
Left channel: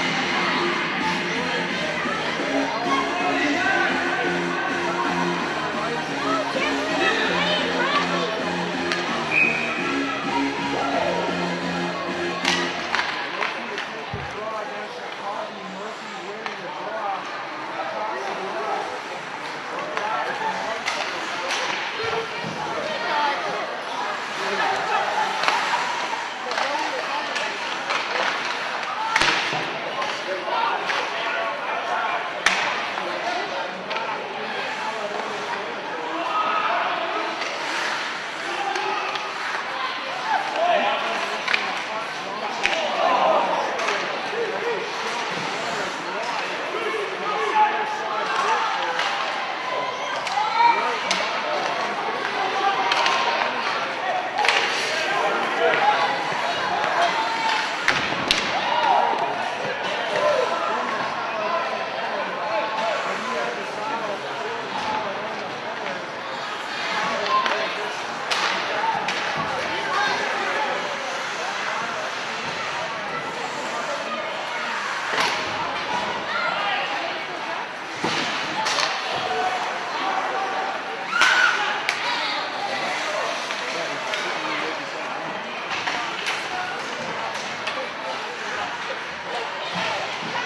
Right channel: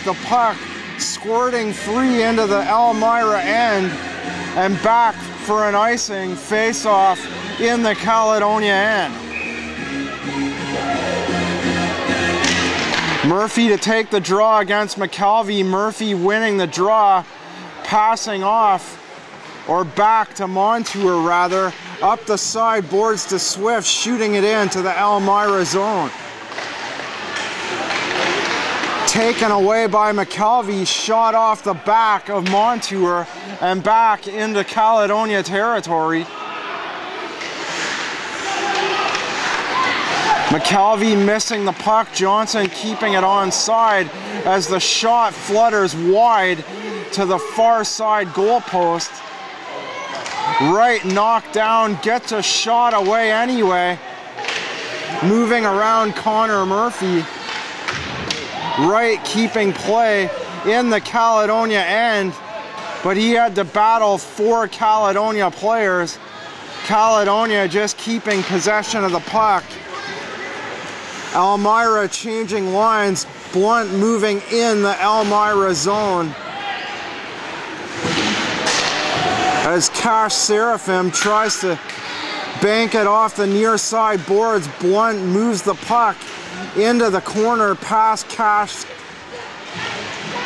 squirting free into the Elmira end and back for an icing face-off in the Caledonia end. Murphy to take the draw against McKelvey. Murphy winning the draw, passing off, or back to Montour rather, up the side boards to Swift, shooting it into the Elmira zone. Taken away by McKelvey, shot off the back of Montour and back into Caledonia territory. McKelvey missing the puck, Johnson keeping it onside as the shot flutters wide to the far side goalpost. Wright knocked down, gets a shot away anyway. Moving around Connor Murphy. Wright keeping play in the Caledonia end, but he had to battle 4 Caledonia players. Caledonia just keeping possession of the puck. Elmira changing lines, Blunt moving in the Elmira zone. As Cash Seraphim tries to bank it off the near side boards, Blunt moves the puck into the corner past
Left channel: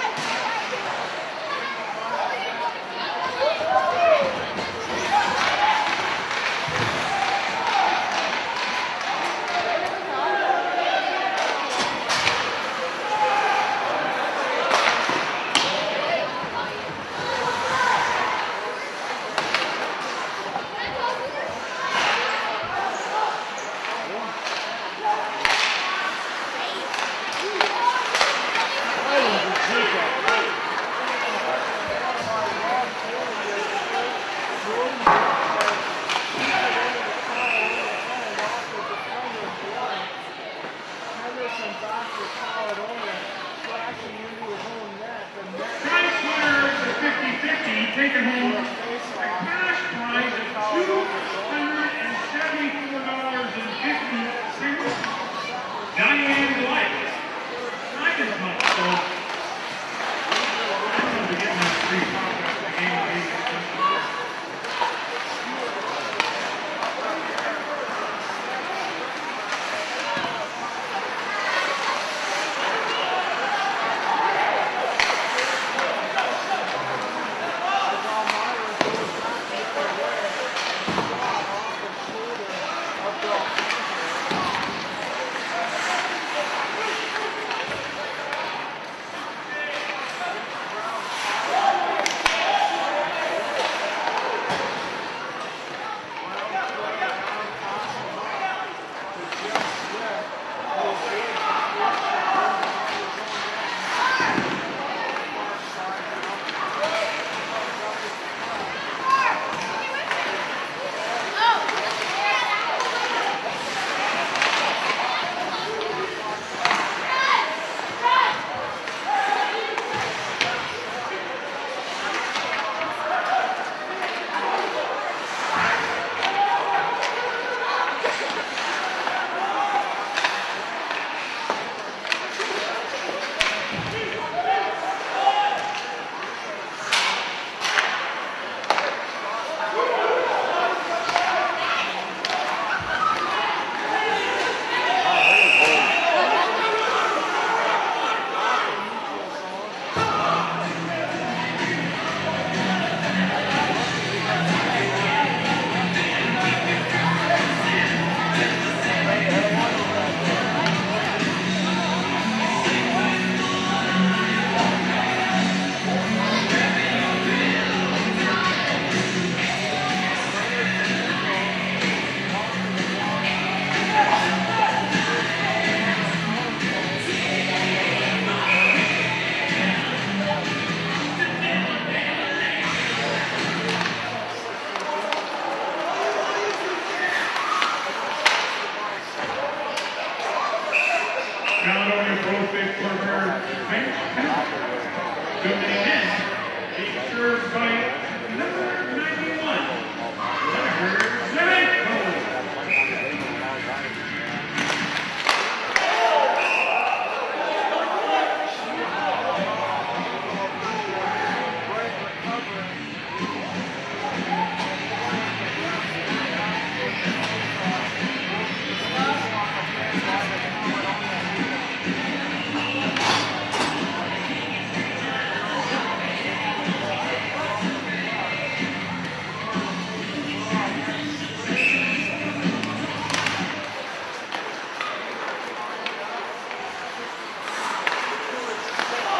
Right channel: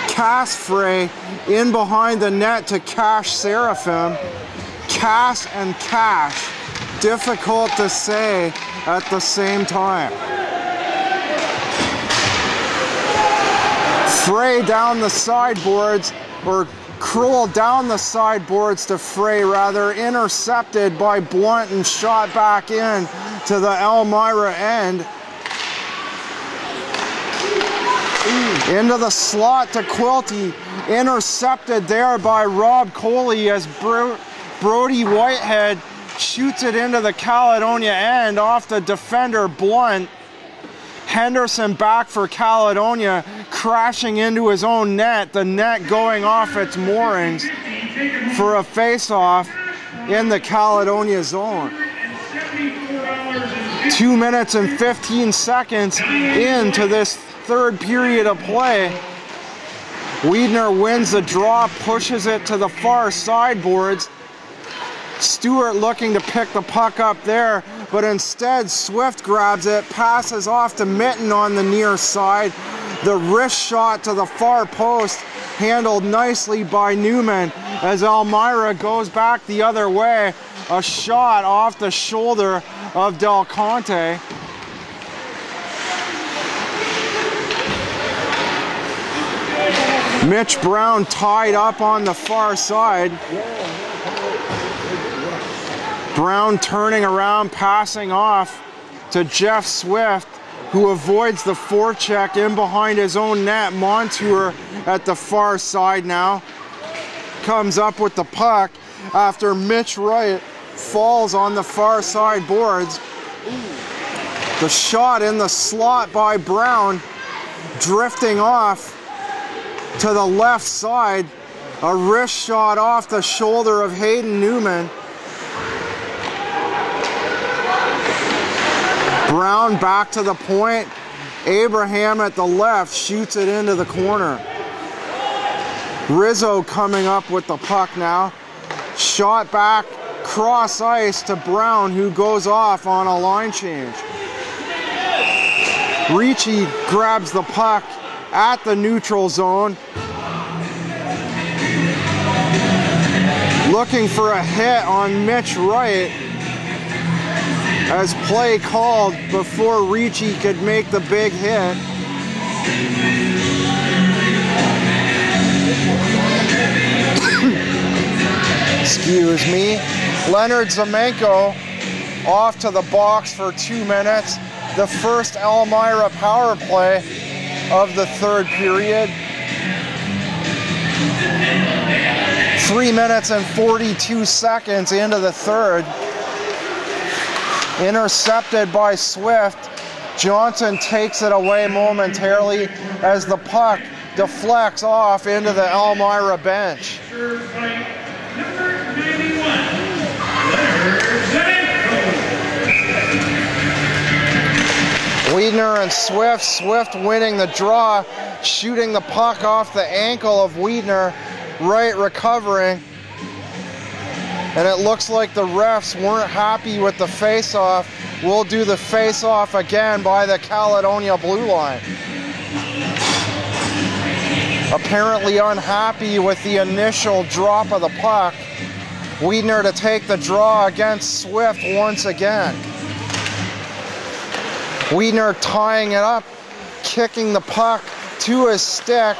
Casfrey, in behind the net to Cash Seraphim. Cash and Cash, difficult to say at the same time. Frey down the sideboards, or Kroll down the sideboards to Frey rather, intercepted by Blunt and shot back in to the Elmira end. Into the slot to Quilty, intercepted there by Rob Coley as Brody Whitehead shoots it into the Caledonia end off the defender Blunt. Henderson back for Caledonia, crashing into his own net, the net going off its moorings for a face-off in the Caledonia zone. 2 minutes and 15 seconds into this third period of play. Wiedner wins the draw, pushes it to the far sideboards. Stewart looking to pick the puck up there, but instead Swift grabs it, passes off to Mitten on the near side. The wrist shot to the far post, handled nicely by Newman as Elmira goes back the other way. A shot off the shoulder of Del Conte. Mitch Brown tied up on the far side. Brown turning around, passing off to Jeff Swift, who avoids the forecheck in behind his own net. Montour at the far side now. Comes up with the puck after Mitch Wright falls on the far side boards. The shot in the slot by Brown, drifting off to the left side. A wrist shot off the shoulder of Hayden Newman. Brown Brown back to the point. Abraham at the left shoots it into the corner. Rizzo coming up with the puck now. Shot back, cross ice to Brown, who goes off on a line change. Ricci grabs the puck at the neutral zone. Looking for a hit on Mitch Wright, as play called before Ricci could make the big hit. Excuse me. Leonard Zamenko off to the box for 2 minutes. The first Elmira power play of the third period. 3 minutes and 42 seconds into the third. Intercepted by Swift. Johnson takes it away momentarily as the puck deflects off into the Elmira bench. Wiedner and Swift. Swift winning the draw, shooting the puck off the ankle of Wiedner. Wright recovering. And it looks like the refs weren't happy with the face-off. We'll do the face-off again by the Caledonia blue line. Apparently unhappy with the initial drop of the puck. Wiedner to take the draw against Swift once again. Wiedner tying it up, kicking the puck to his stick,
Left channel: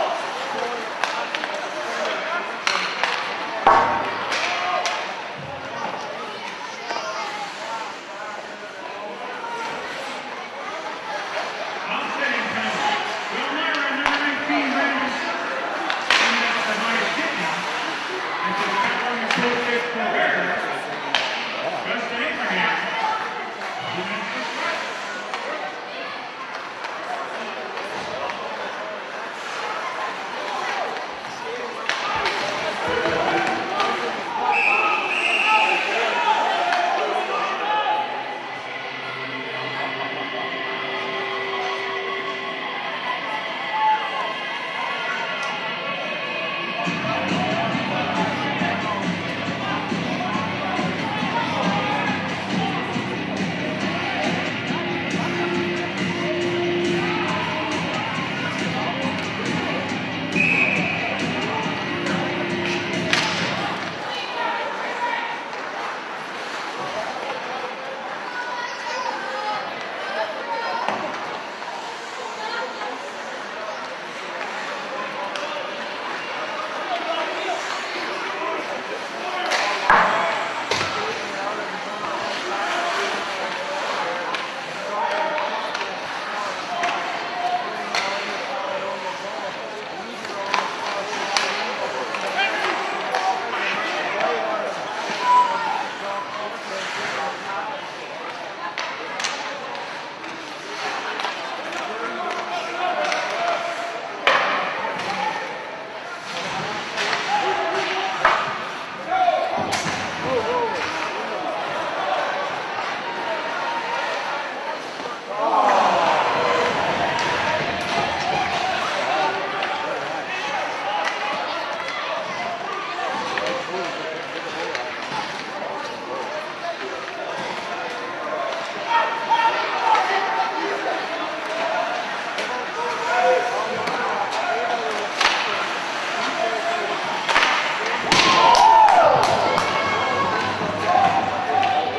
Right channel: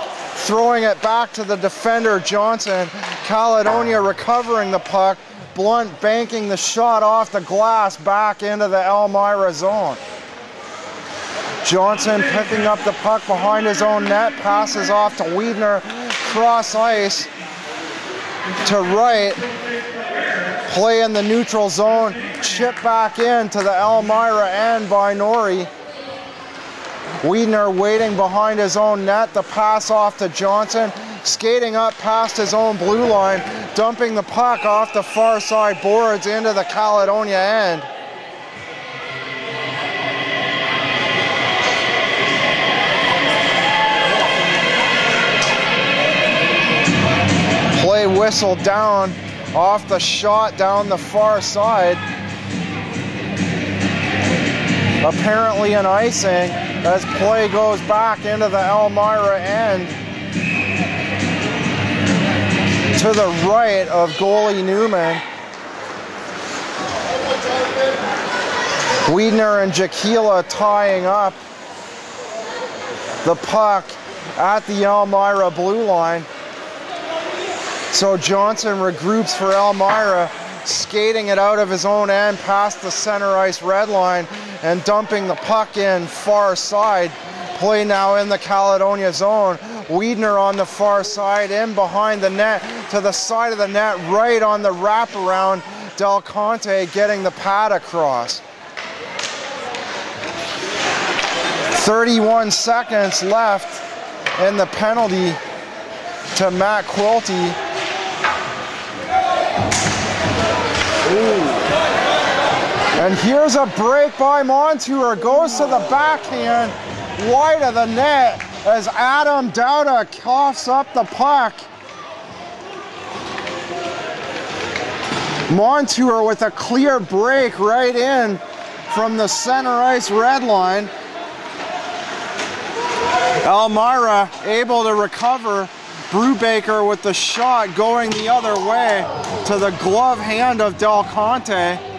throwing it back to the defender Johnson. Caledonia recovering the puck. Blunt banking the shot off the glass back into the Elmira zone. Johnson picking up the puck behind his own net, passes off to Wiedner, cross ice to Wright. Play in the neutral zone, chip back in to the Elmira end by Norrie. Wiedner waiting behind his own net, the pass off to Johnson, skating up past his own blue line, dumping the puck off the far side boards into the Caledonia end. Play whistled down off the shot down the far side. Apparently an icing as play goes back into the Elmira end to the right of goalie Newman. Wiedner and Jaquila tying up the puck at the Elmira blue line. So Johnson regroups for Elmira, skating it out of his own end past the center ice red line and dumping the puck in far side. Play now in the Caledonia zone. Wiedner on the far side, in behind the net, to the side of the net, right on the wraparound. Del Conte getting the pad across. 31 seconds left in the penalty to Matt Quilty. And here's a break by Montour, goes to the backhand, wide of the net as Adam Dowda coughs up the puck. Montour with a clear break right in from the center ice red line. Elmira able to recover. Brubaker with the shot going the other way to the glove hand of Del Conte.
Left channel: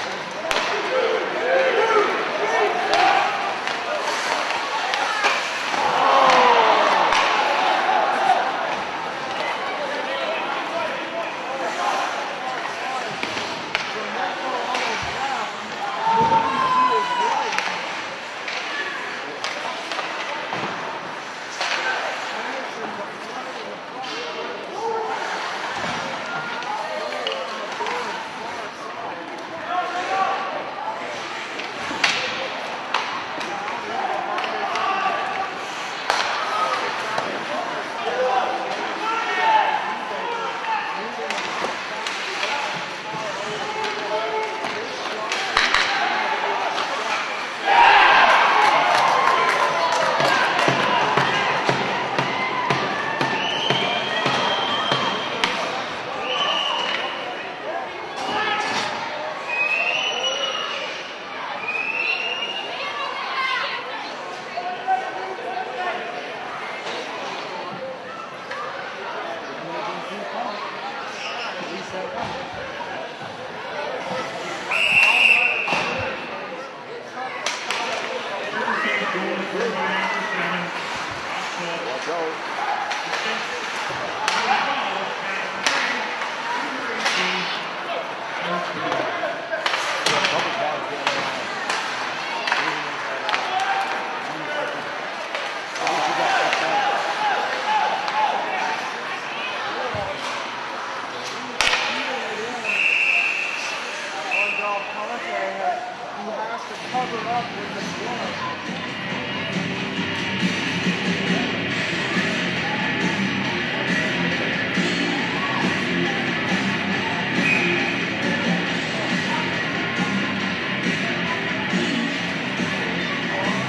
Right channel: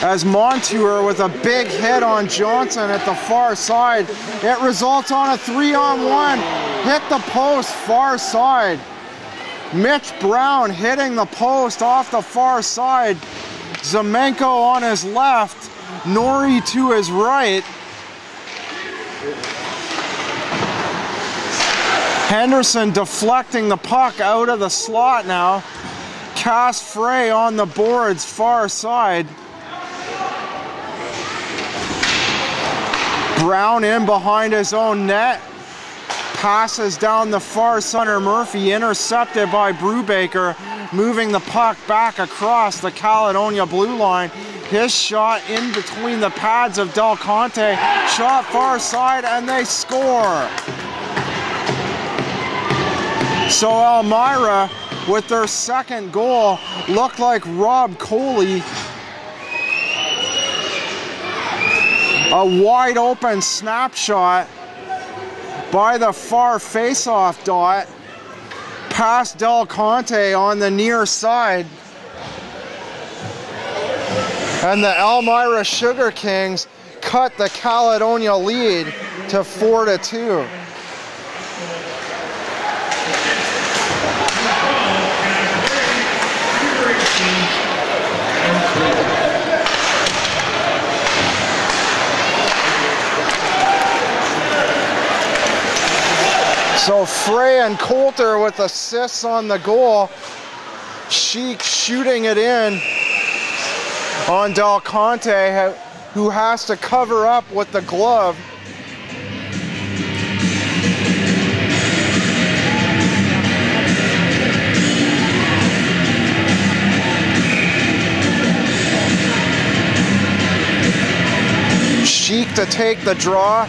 As Montour with a big hit on Johnson at the far side. It results on a 3-on-1. Hit the post far side. Mitch Brown hitting the post off the far side. Zamenko on his left. Norrie to his right. Henderson deflecting the puck out of the slot now. Cass Frey on the boards far side. Brown in behind his own net. Passes down the far center. Murphy intercepted by Brubaker. Moving the puck back across the Caledonia blue line His shot in between the pads of Del Conte. Shot far side, and they score. So Elmira, with their second goal, looked like Rob Coley. A wide open snapshot by the far face-off dot past Del Conte on the near side. And the Elmira Sugar Kings cut the Caledonia lead to 4-2. So Frey and Coulter with assists on the goal. Sheik shooting it in on Del Conte, who has to cover up with the glove. Sheik to take the draw.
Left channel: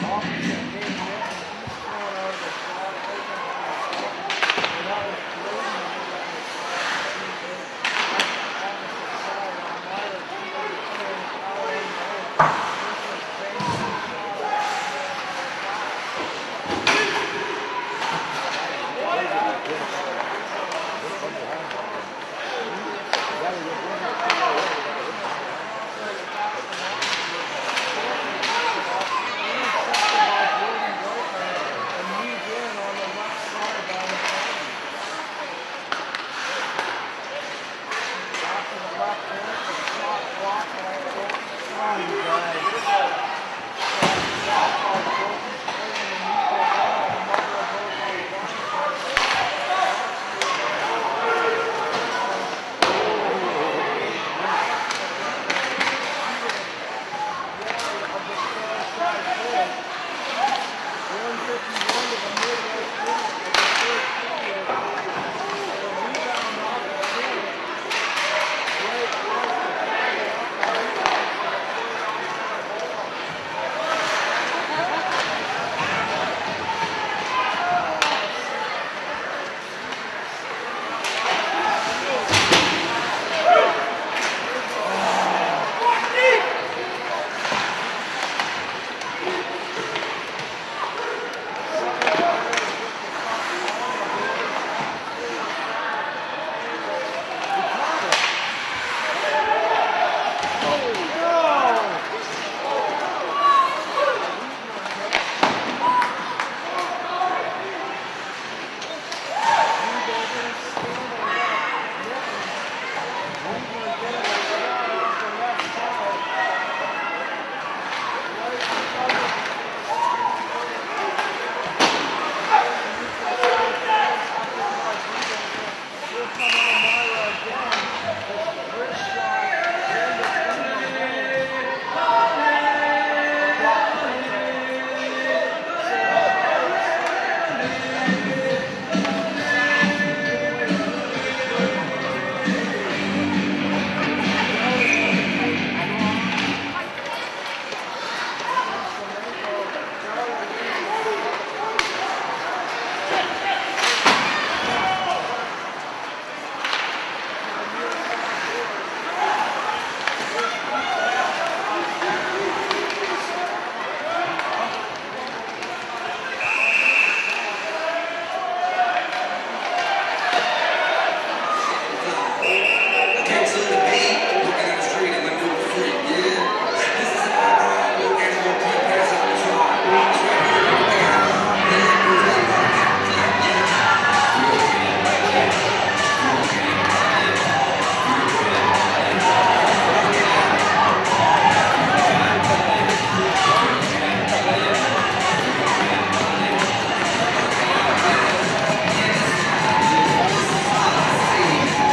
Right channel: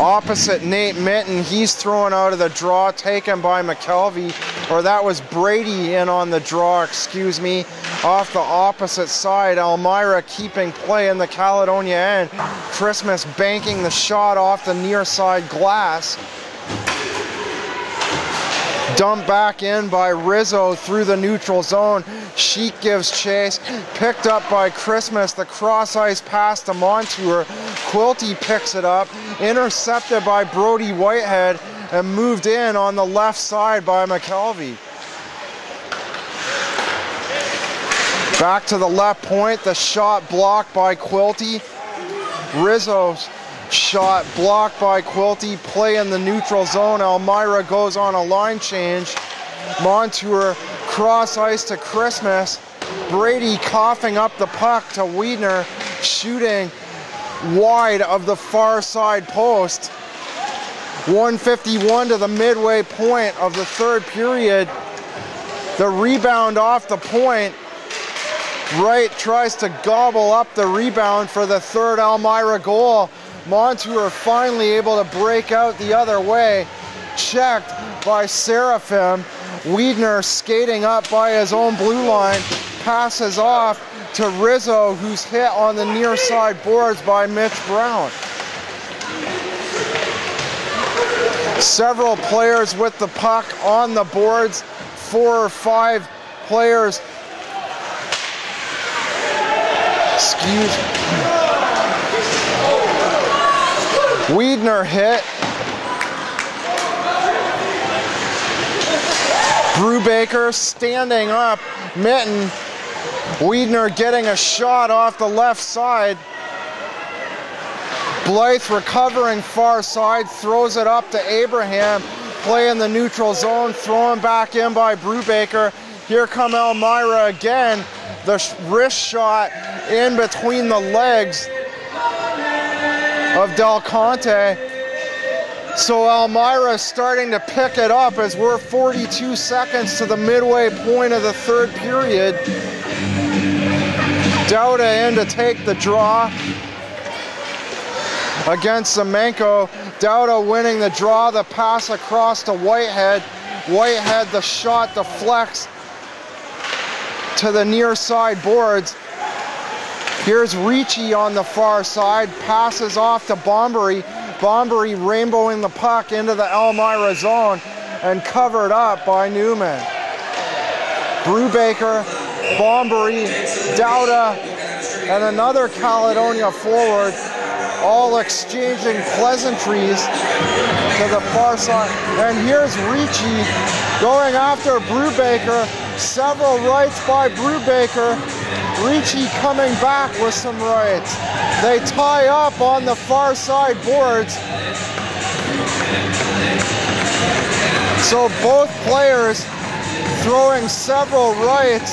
Opposite Nate Minton, he's thrown out of the draw, taken by McKelvey, or that was Brady in on the draw, excuse me. Off the opposite side, Elmira keeping play in the Caledonia end. Christmas banking the shot off the near side glass. Dumped back in by Rizzo through the neutral zone. Sheik gives chase, picked up by Christmas, the cross ice pass to Montour. Quilty picks it up, intercepted by Brody Whitehead, and moved in on the left side by McKelvey. Back to the left point, the shot blocked by Quilty. Rizzo's shot blocked by Quilty, play in the neutral zone. Elmira goes on a line change. Montour cross ice to Christmas. Brady coughing up the puck to Wiedner, shooting wide of the far side post. 1:51 to the midway point of the third period. The rebound off the point. Wright tries to gobble up the rebound for the third Elmira goal. Montour finally able to break out the other way. Checked by Seraphim. Wiedner skating up by his own blue line. Passes off to Rizzo, who's hit on the near side boards by Mitch Brown. Several players with the puck on the boards. 4 or 5 players. Excuse me. Wiedner hit. Brubaker standing up. Minton. Wiedner getting a shot off the left side. Blythe recovering far side, throws it up to Abraham. Play in the neutral zone, thrown back in by Brubaker. Here come Elmira again. The wrist shot in between the legs of Del Conte. So Elmira is starting to pick it up as we're 42 seconds to the midway point of the third period. Dauda in to take the draw against Semenko. Dauda winning the draw, the pass across to Whitehead. Whitehead, the shot deflects to the near side boards. Here's Ricci on the far side, passes off to Bombery. Bombery rainbowing the puck into the Elmira zone and covered up by Newman. Brubaker, Bombery, Dauda, and another Caledonia forward, all exchanging pleasantries to the far side. And here's Ricci going after Brubaker. Several rights by Brubaker. Ricci coming back with some rights. They tie up on the far side boards. So both players throwing several rights,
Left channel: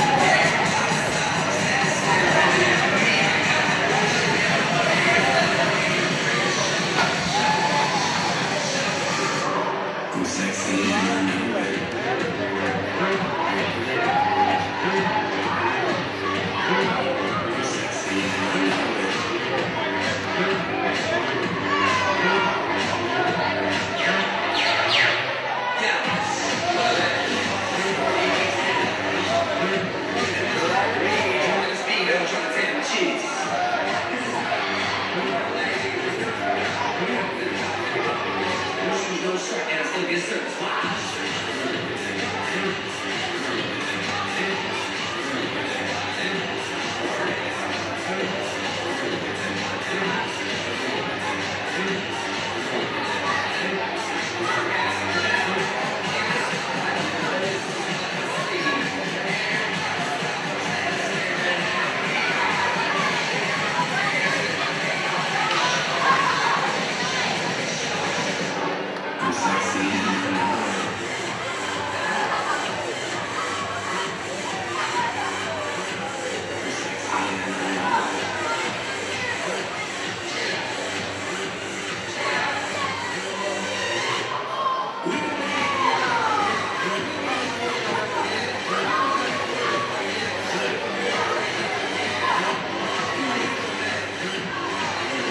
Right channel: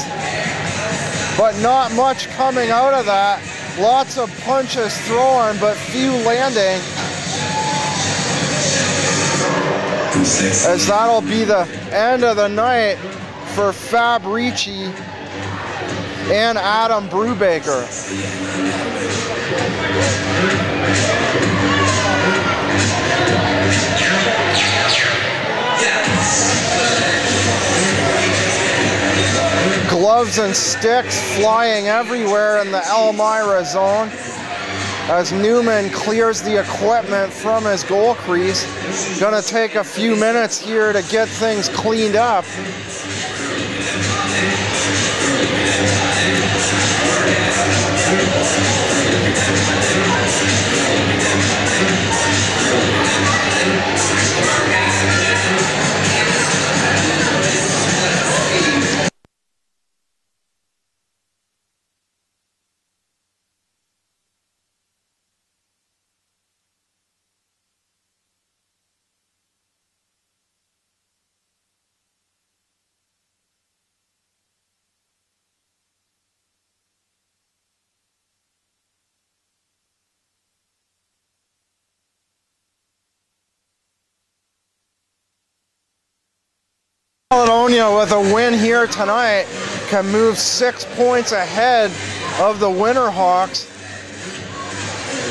but not much coming out of that. Lots of punches thrown, but few landing. As that'll be the end of the night for Fabrici and Adam Brubaker. Gloves and sticks flying everywhere in the Elmira zone as Newman clears the equipment from his goal crease. Gonna take a few minutes here to get things cleaned up. Caledonia with a win here tonight can move 6 points ahead of the Winterhawks.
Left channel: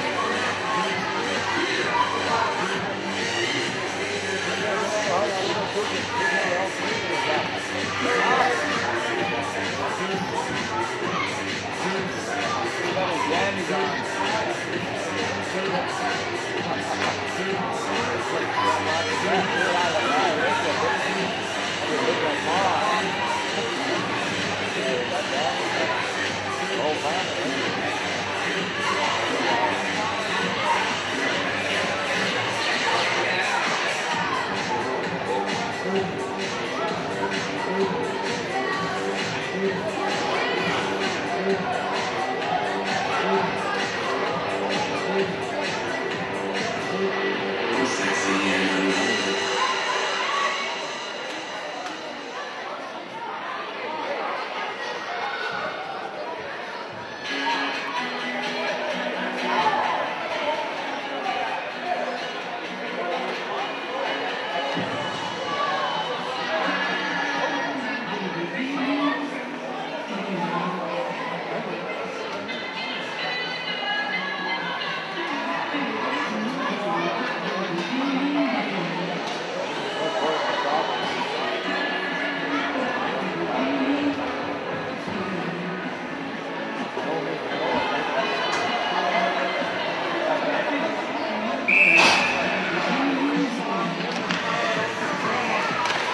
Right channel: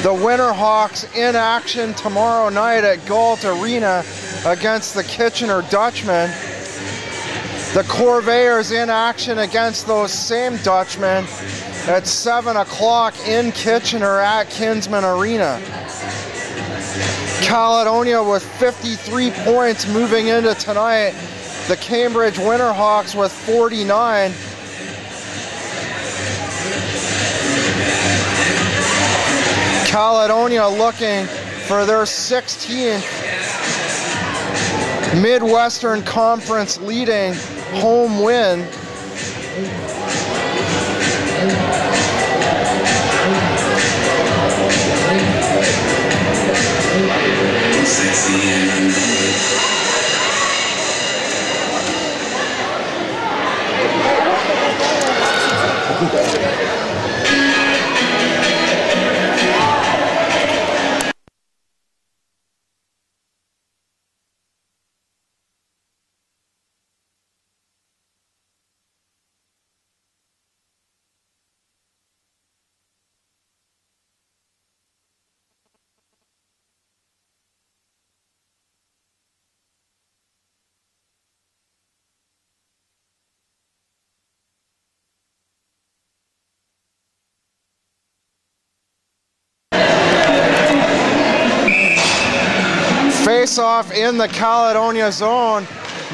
The Winterhawks in action tomorrow night at Galt Arena against the Kitchener Dutchmen. The Corvairs in action against those same Dutchmen at 7 o'clock in Kitchener at Kinsman Arena. Caledonia with 53 points moving into tonight. The Cambridge Winterhawks with 49. Caledonia looking for their 16th Midwestern Conference leading home win. Face-off in the Caledonia zone.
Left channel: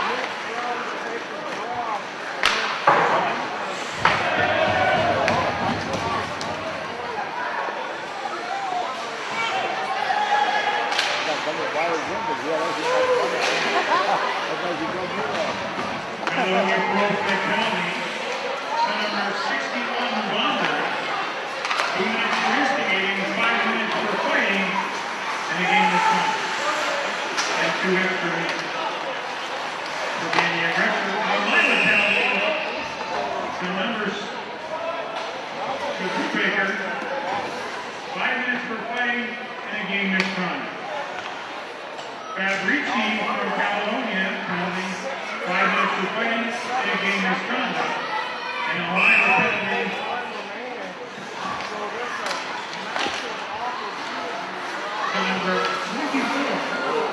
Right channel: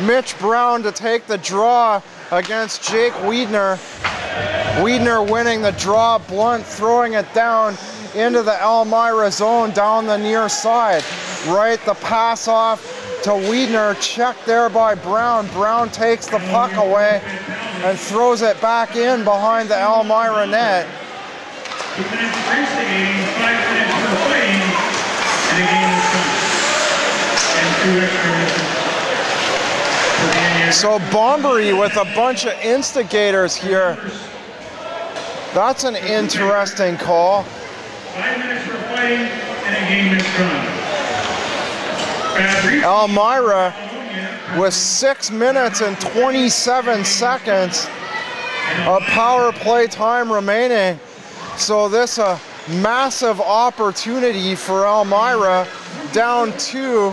Mitch Brown to take the draw against Jake Wiedner. Wiedner winning the draw, Blunt throwing it down into the Elmira zone down the near side. Right, the pass off to Wiedner, checked there by Brown. Brown takes the puck away and throws it back in behind the Elmira net. 2 minutes racing, 5 minutes for fighting, and a game of fun. And 2 extra minutes. So Bombery with a bunch of instigators here. That's an interesting call. 5 minutes for fighting and a game in front. Elmira with 6 minutes and 27 seconds of power play time remaining. So this a massive opportunity for Elmira, down 2,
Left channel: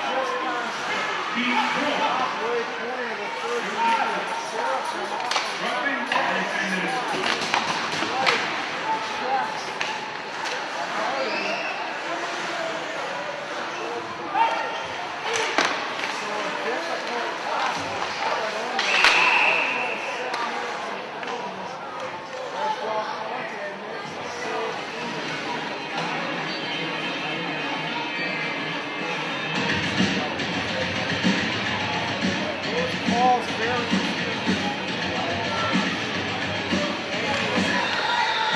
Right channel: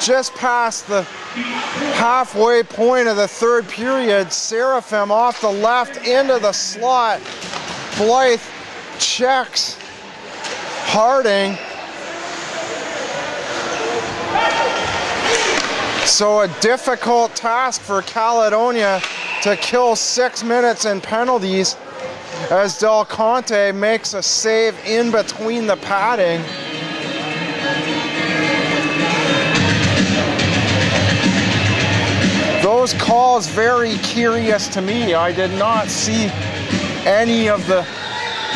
just past the halfway point of the third period. Seraphim off the left into the slot. Blythe checks Harding. So a difficult task for Caledonia to kill 6 minutes in penalties as Del Conte makes a save in between the padding. Those calls very curious to me. I did not see any of the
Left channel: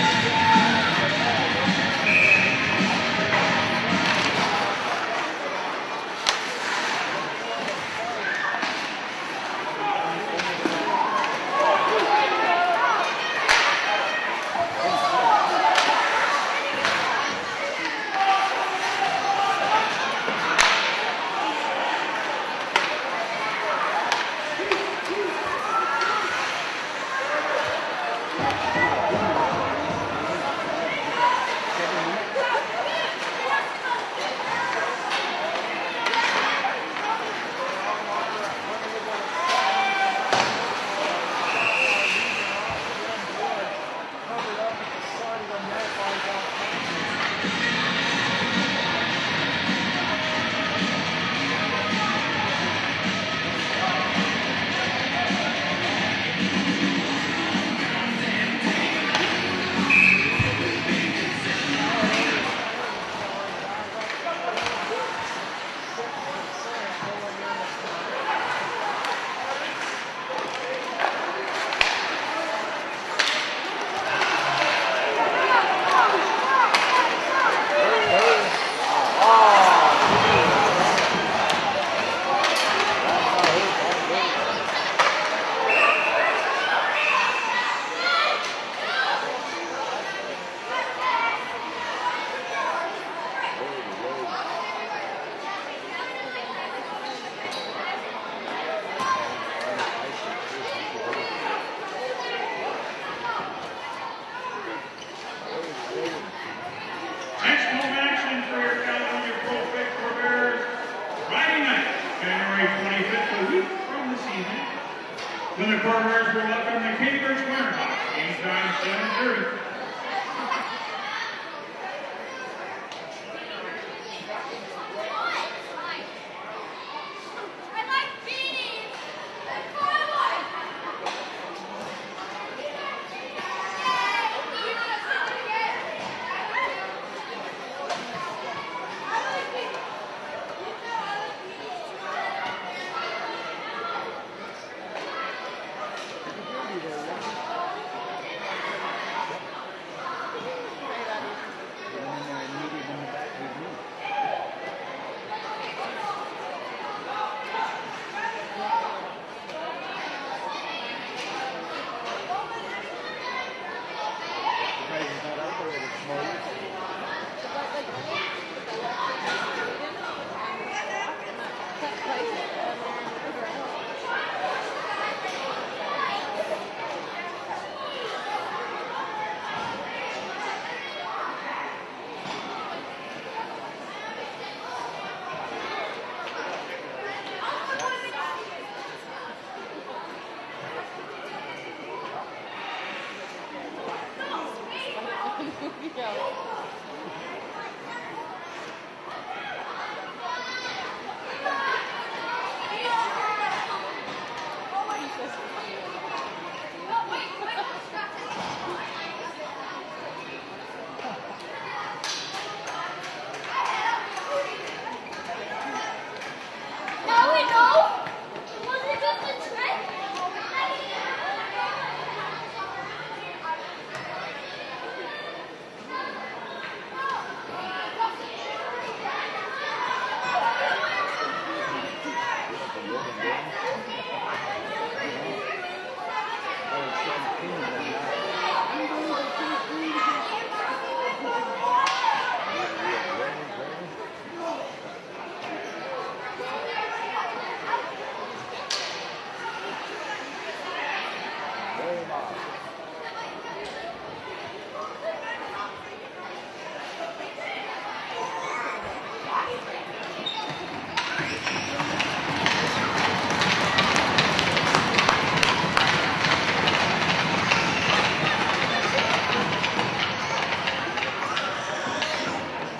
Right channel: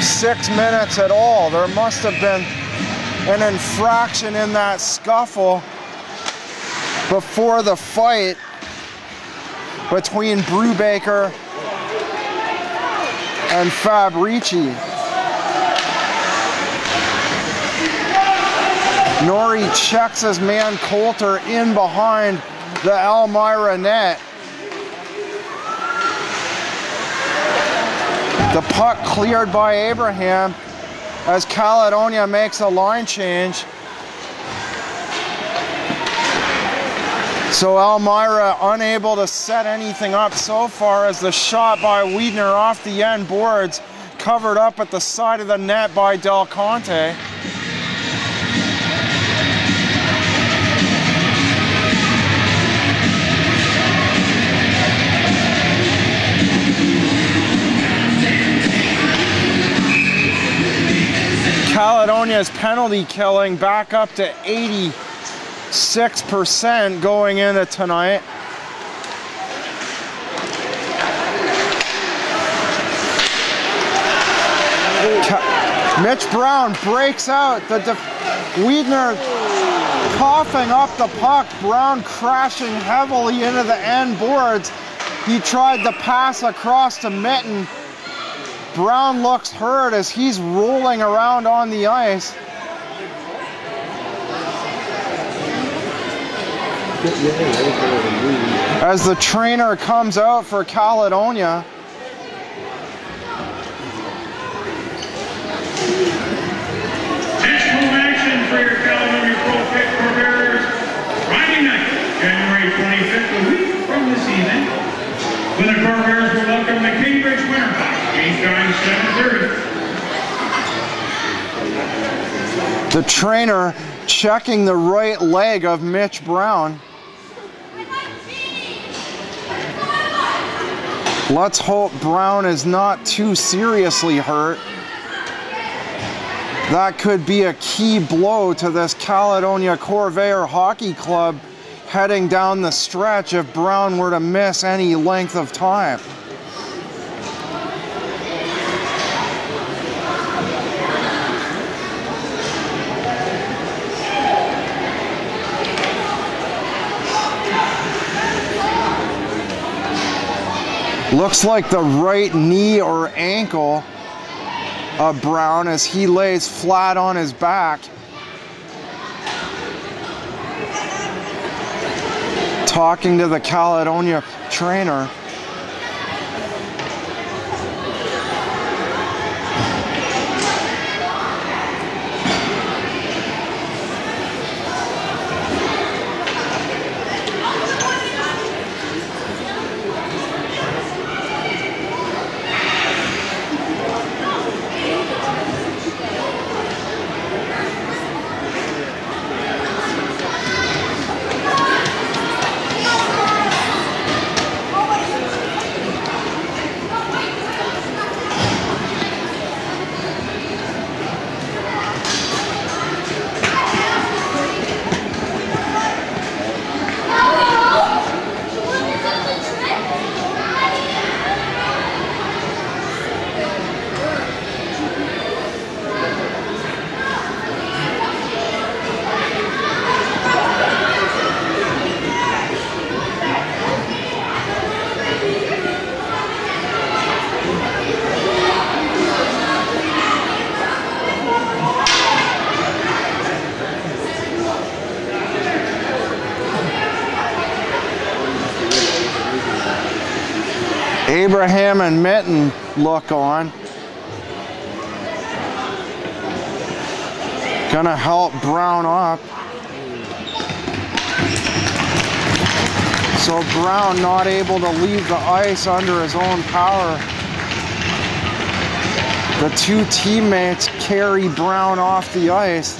6 minutes at all. There must have been an infraction in that scuffle before the fight between Brubaker and Fabrici. Norrie checks his man Coulter in behind the Elmira net. The puck cleared by Abraham as Caledonia makes a line change. So Elmira unable to set anything up so far as the shot by Wiedner off the end boards, covered up at the side of the net by Del Conte. Caledonia's penalty killing back up to 86% going into tonight. Mitch Brown breaks out. Wiedner coughing up the puck. Brown crashing heavily into the end boards. He tried the pass across to Mitten. Brown looks hurt as he's rolling around on the ice. As the trainer comes out for Caledonia. Next home action for your Caledonia Pro-Fit Corvairs, Friday night, January 25th, a week from this evening, when the Corvairs will welcome the Cambridge Winterhawks, game time 7:30. The trainer checking the right leg of Mitch Brown. Let's hope Brown is not too seriously hurt. That could be a key blow to this Caledonia Corvair Hockey Club heading down the stretch if Brown were to miss any length of time. Looks like the right knee or ankle of Brown as he lays flat on his back. Talking to the Caledonia trainer. Abraham and Mitten look on. Gonna help Brown up. So Brown not able to leave the ice under his own power. The two teammates carry Brown off the ice.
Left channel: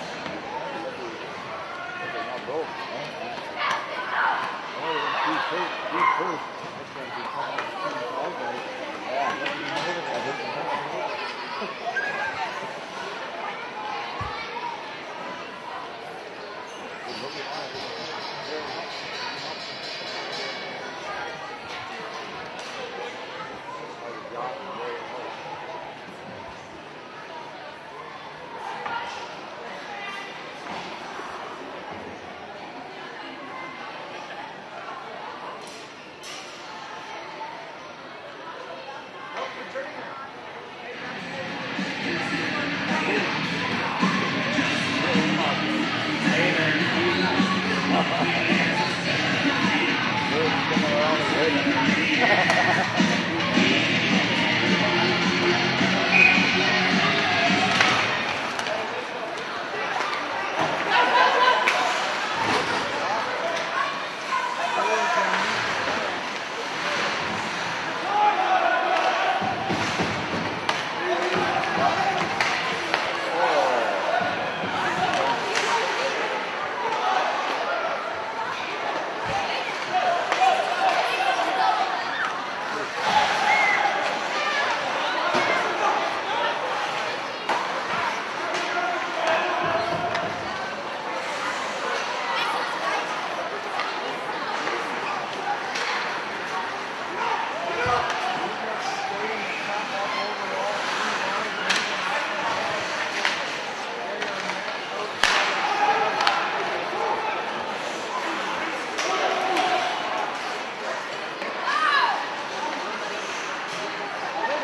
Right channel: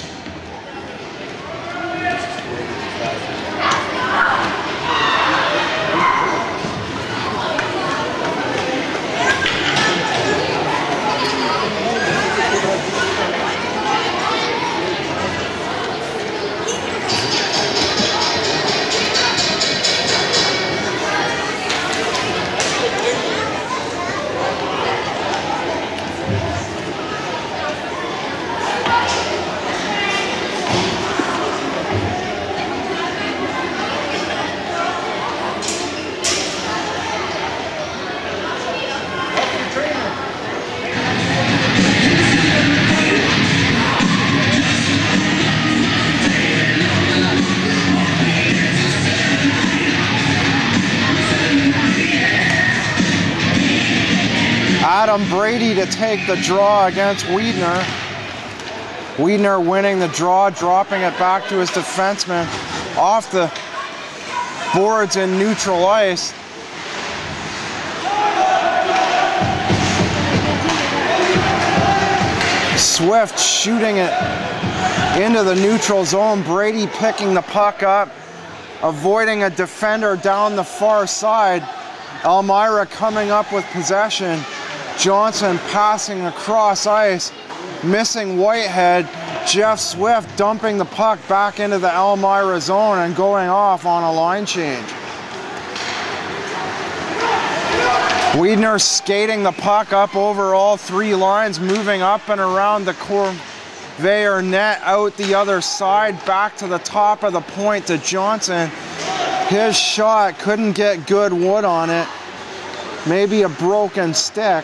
from Brady to take the draw against Wiedner. Wiedner winning the draw, dropping it back to his defenseman off the boards in neutral ice. Swift shooting it into the neutral zone. Brady picking the puck up, avoiding a defender down the far side. Elmira coming up with possession. Johnson passing across ice, missing Whitehead. Jeff Swift dumping the puck back into the Elmira zone and going off on a line change. Wiedner skating the puck up over all three lines, moving up and around the Corvairs net, out the other side, back to the top of the point to Johnson. His shot couldn't get good wood on it. Maybe a broken stick.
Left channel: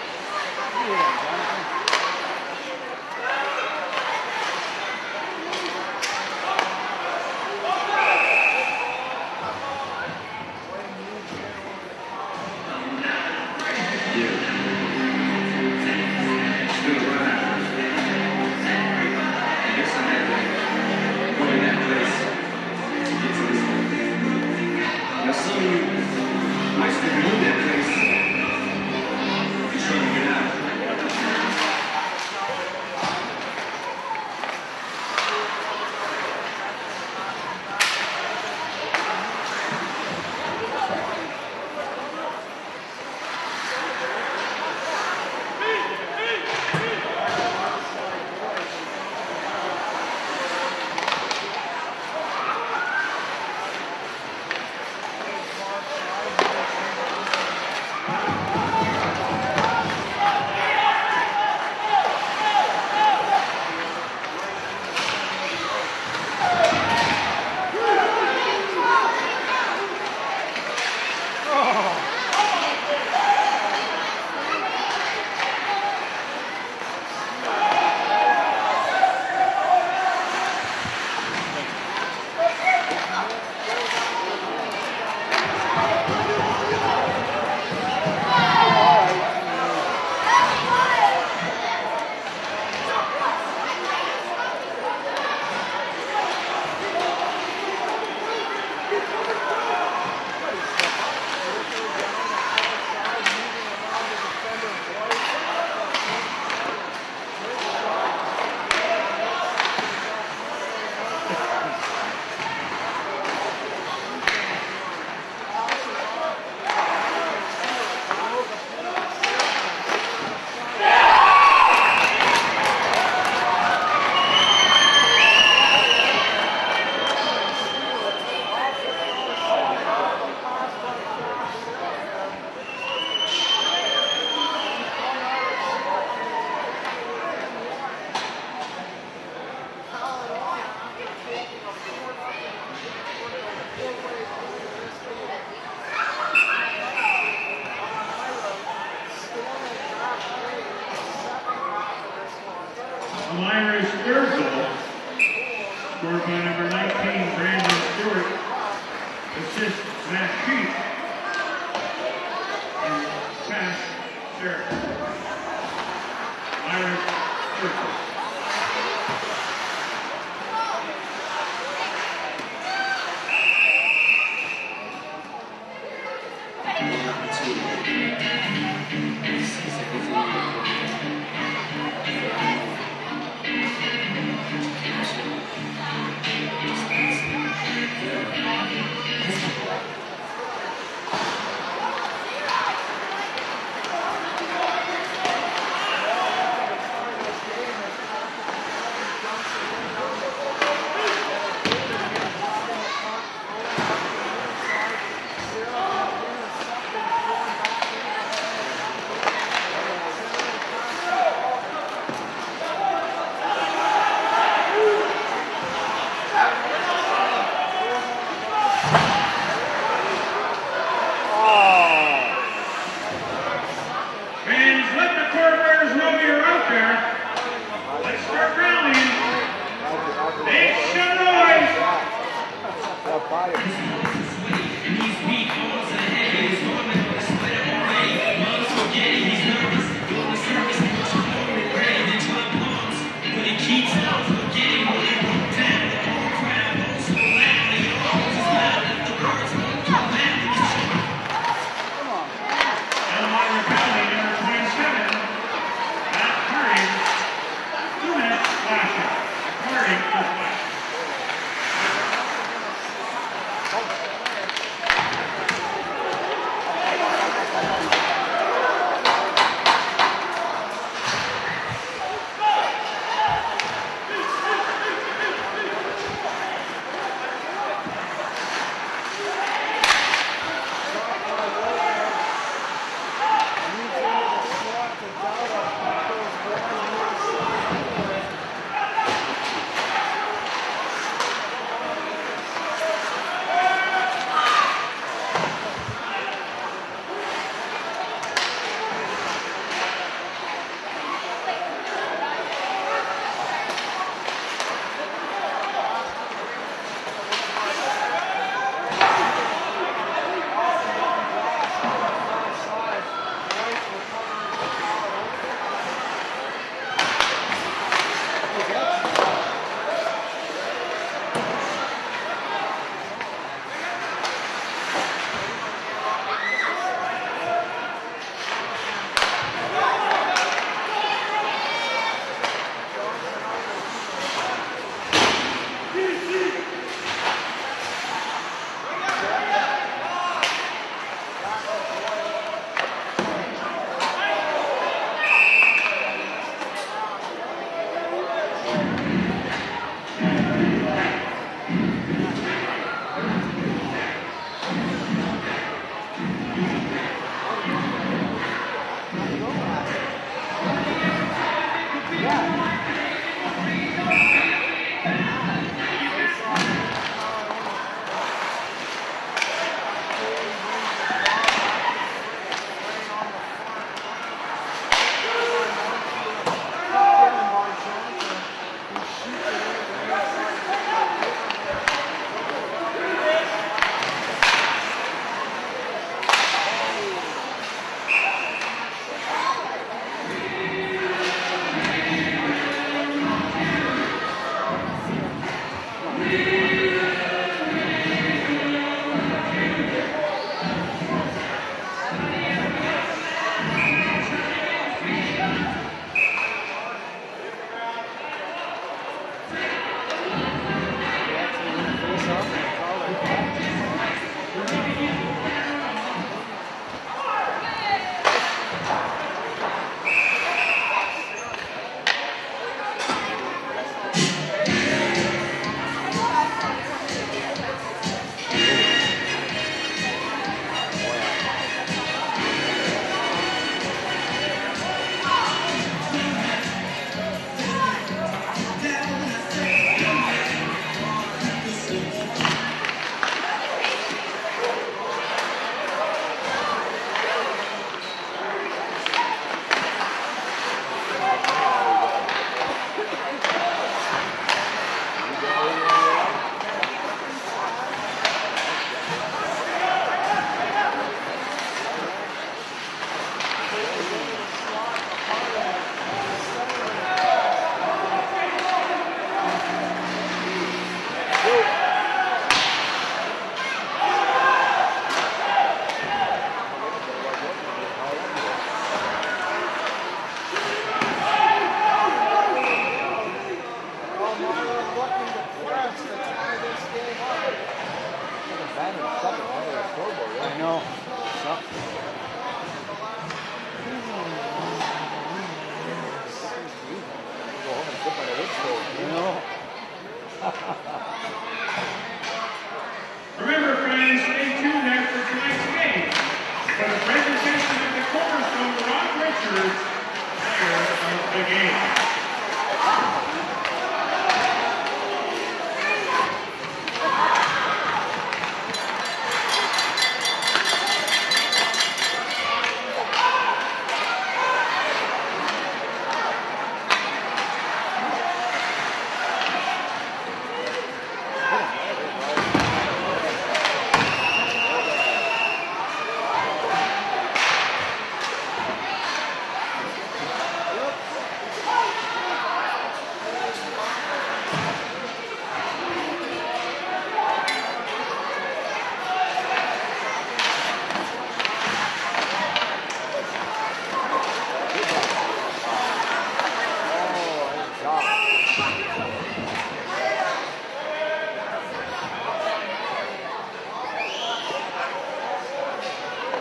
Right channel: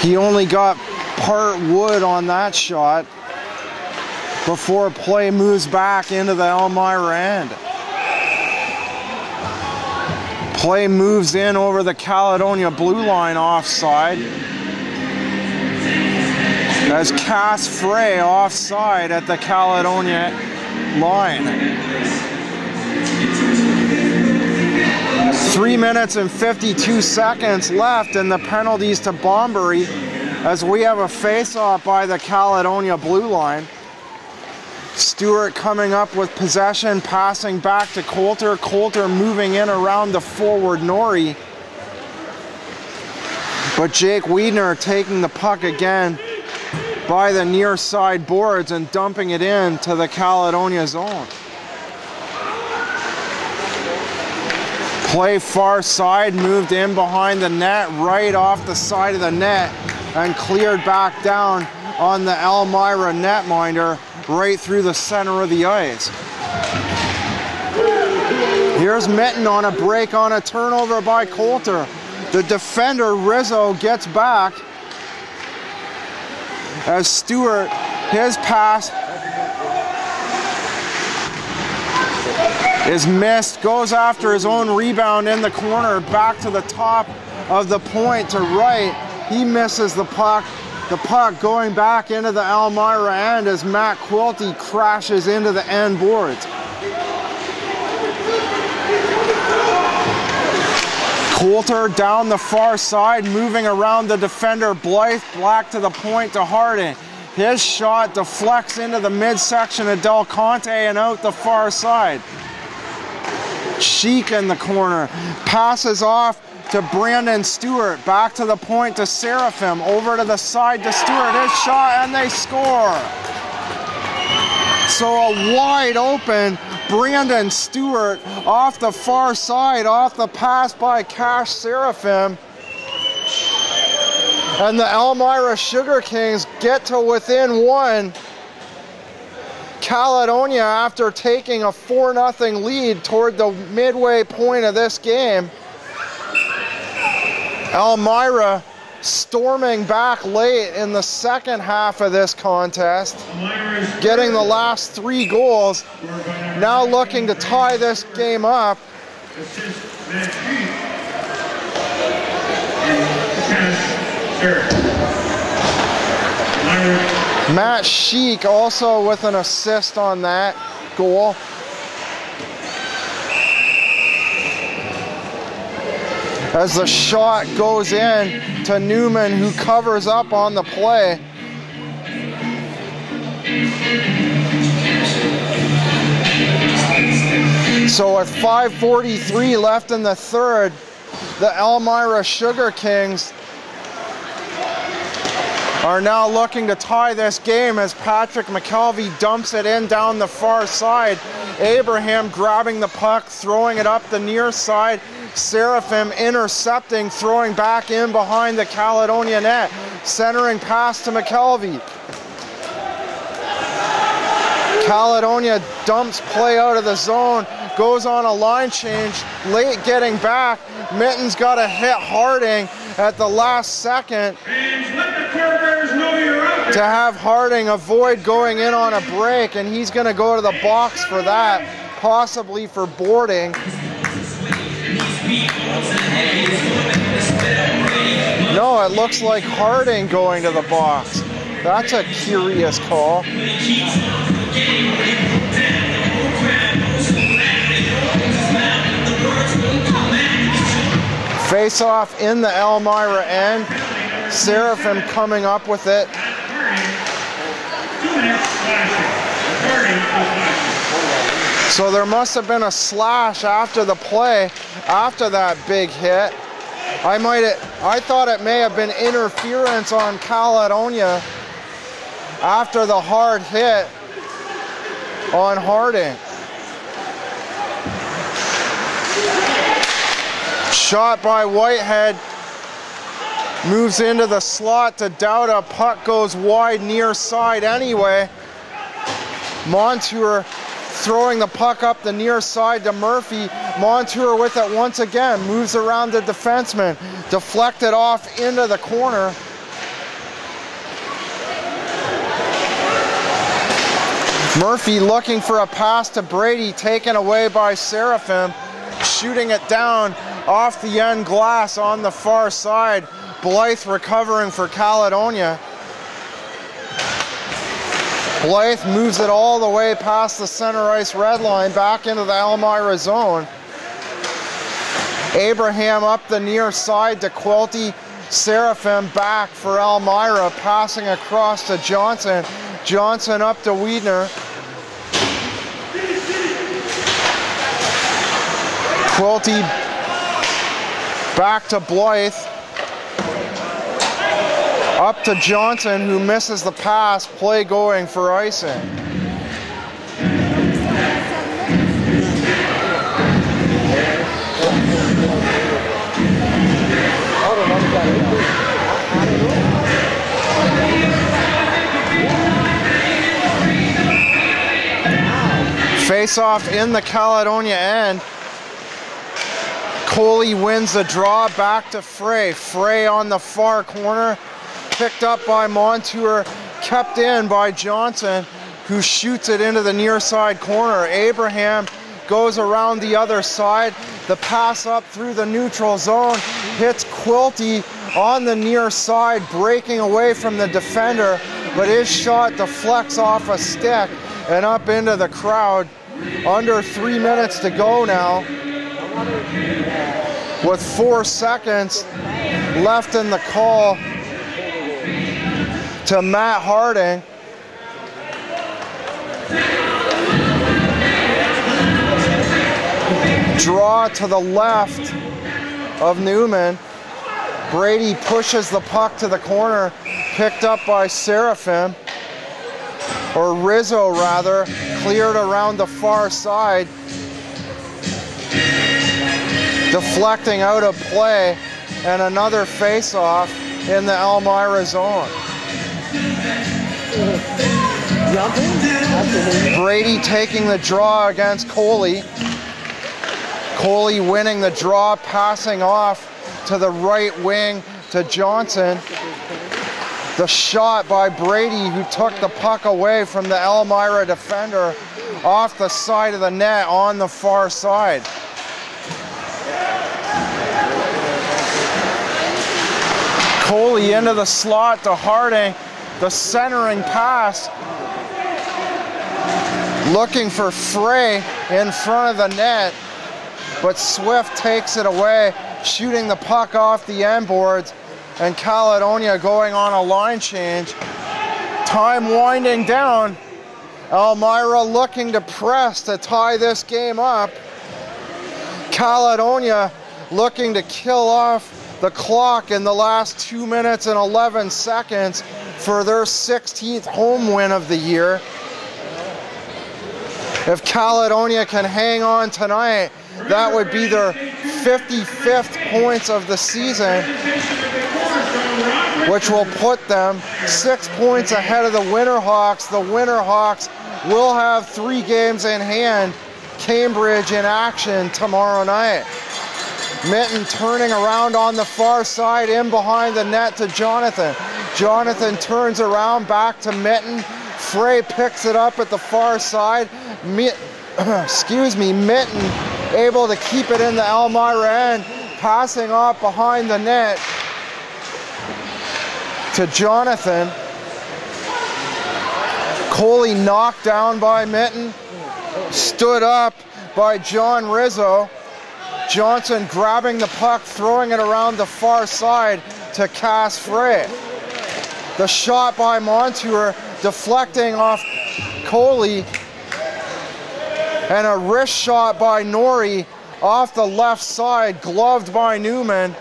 He only got part wood on that shot before play moves back into the Elmira end. Play moves in over the Caledonia blue line offside. As Cass Frey offside at the Caledonia line. 3 minutes and 52 seconds left in the penalties to Bombury as we have a face-off by the Caledonia blue line. Stewart coming up with possession, passing back to Coulter. Coulter moving in around the forward Norrie. But Jake Wiedner taking the puck again by the near side boards and dumping it in to the Caledonia zone. Play far side, moved in behind the net, right off the side of the net, and cleared back down on the Elmira netminder, right through the center of the ice. Here's Mitten on a break on a turnover by Coulter. The defender, Rizzo, gets back as Stewart, his pass is missed, goes after his own rebound in the corner, back to the top of the point to White. He misses the puck. The puck going back into the Elmira end as Matt Quilty crashes into the end boards. Coulter down the far side, moving around the defender Blythe, back to the point to Harding. His shot deflects into the midsection of Del Conte and out the far side. Sheik in the corner, passes off to Brandon Stewart, back to the point to Seraphim, over to the side to Stewart, his shot, and they score. So a wide open Brandon Stewart off the far side, off the pass by Cash Seraphim. And the Elmira Sugar Kings get to within one. Caledonia, after taking a 4-0 lead toward the midway point of this game. Elmira storming back late in the second half of this contest, getting the last 3 goals, now looking to tie this game up. Matt Sheik also with an assist on that goal. As the shot goes in to Newman, who covers up on the play. So at 5:43 left in the third, the Elmira Sugar Kings are now looking to tie this game as Patrick McKelvey dumps it in down the far side. Abraham grabbing the puck, throwing it up the near side. Seraphim intercepting, throwing back in behind the Caledonia net. Centering pass to McKelvey. Caledonia dumps play out of the zone, goes on a line change, late getting back. Mitten's got to hit Harding at the last second to have Harding avoid going in on a break, and he's going to go to the box for that, possibly for boarding. looks like Harding going to the box. That's a curious call. Face off in the Elmira end. Seraphim coming up with it. So there must have been a slash after the play, after that big hit. I thought it may have been interference on Caledonia after the hard hit on Harding. Shot by Whitehead, moves into the slot to Dowda, puck goes wide near side anyway. Montour throwing the puck up the near side to Murphy. Montour with it once again, moves around the defenseman, deflected off into the corner. Murphy looking for a pass to Brady, taken away by Seraphim, shooting it down off the end glass on the far side. Blythe recovering for Caledonia. Blythe moves it all the way past the center ice red line, back into the Elmira zone. Abraham up the near side to Quilty. Seraphim back for Elmira, passing across to Johnson. Johnson up to Wiedner. Quilty back to Blythe. Up to Johnson, who misses the pass, play going for icing. Face off in the Caledonia end. Coley wins the draw, back to Frey. Frey on the far corner. Picked up by Montour, kept in by Johnson, who shoots it into the near side corner. Abraham goes around the other side. The pass up through the neutral zone, hits Quilty on the near side, breaking away from the defender, but his shot deflects off a stick and up into the crowd. Under 3 minutes to go now, with 4 seconds left in the call to Matt Harding. Draw to the left of Newman. Brady pushes the puck to the corner, picked up by Seraphim, or Rizzo rather, cleared around the far side, deflecting out of play, and another face-off in the Elmira zone. Brady taking the draw against Coley. Coley winning the draw, passing off to the right wing to Johnson. The shot by Brady, who took the puck away from the Elmira defender off the side of the net on the far side. Coley into the slot to Harding. The centering pass, looking for Frey in front of the net, but Swift takes it away, shooting the puck off the end boards, and Caledonia going on a line change. Time winding down. Elmira looking to press to tie this game up. Caledonia looking to kill off the clock in the last 2 minutes and 11 seconds for their 16th home win of the year. If Caledonia can hang on tonight, that would be their 55th points of the season, which will put them 6 points ahead of the Winterhawks. The Winterhawks will have 3 games in hand. Cambridge in action tomorrow night. Mitten turning around on the far side, in behind the net to Jonathan. Jonathan turns around back to Mitten. Frey picks it up at the far side. Mitten able to keep it in the Elmira end, passing off behind the net. to Jonathan. Coley knocked down by Mitten. Stood up by John Rizzo. Johnson grabbing the puck, throwing it around the far side to Cass Frey. The shot by Montour deflecting off Coley. And a wrist shot by Norrie off the left side, gloved by Newman.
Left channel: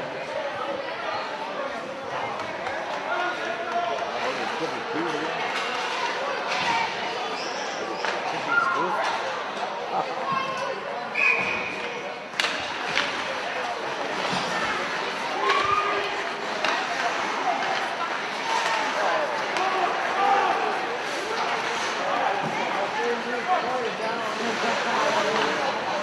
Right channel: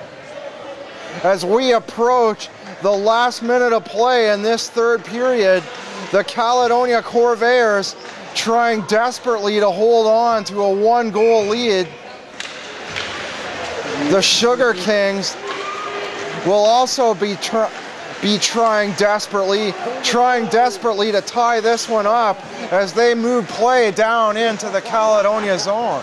As we approach the last minute of play in this third period, the Caledonia Corvairs trying desperately to hold on to a 1-goal lead. The Sugar Kings will also be trying desperately to tie this one up as they move play down into the Caledonia zone.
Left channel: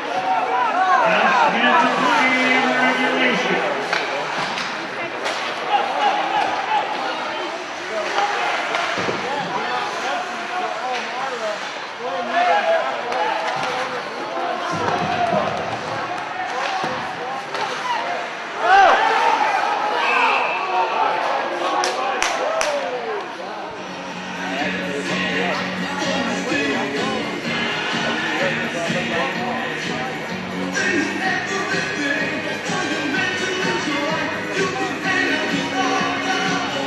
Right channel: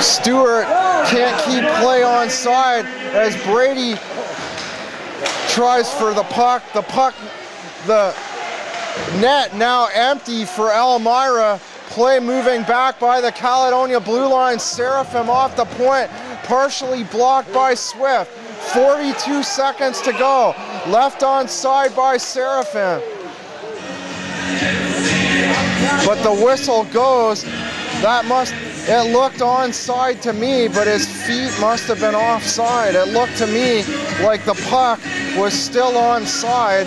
Stewart can't keep play on side as Brady tries for the puck. The net now empty for Elmira. Play moving back by the Caledonia blue line. Seraphim off the point, partially blocked by Swift. 42 seconds to go. Left on side by Seraphim. But the whistle goes. It looked onside to me, but his feet must have been offside. It looked to me like the puck was still onside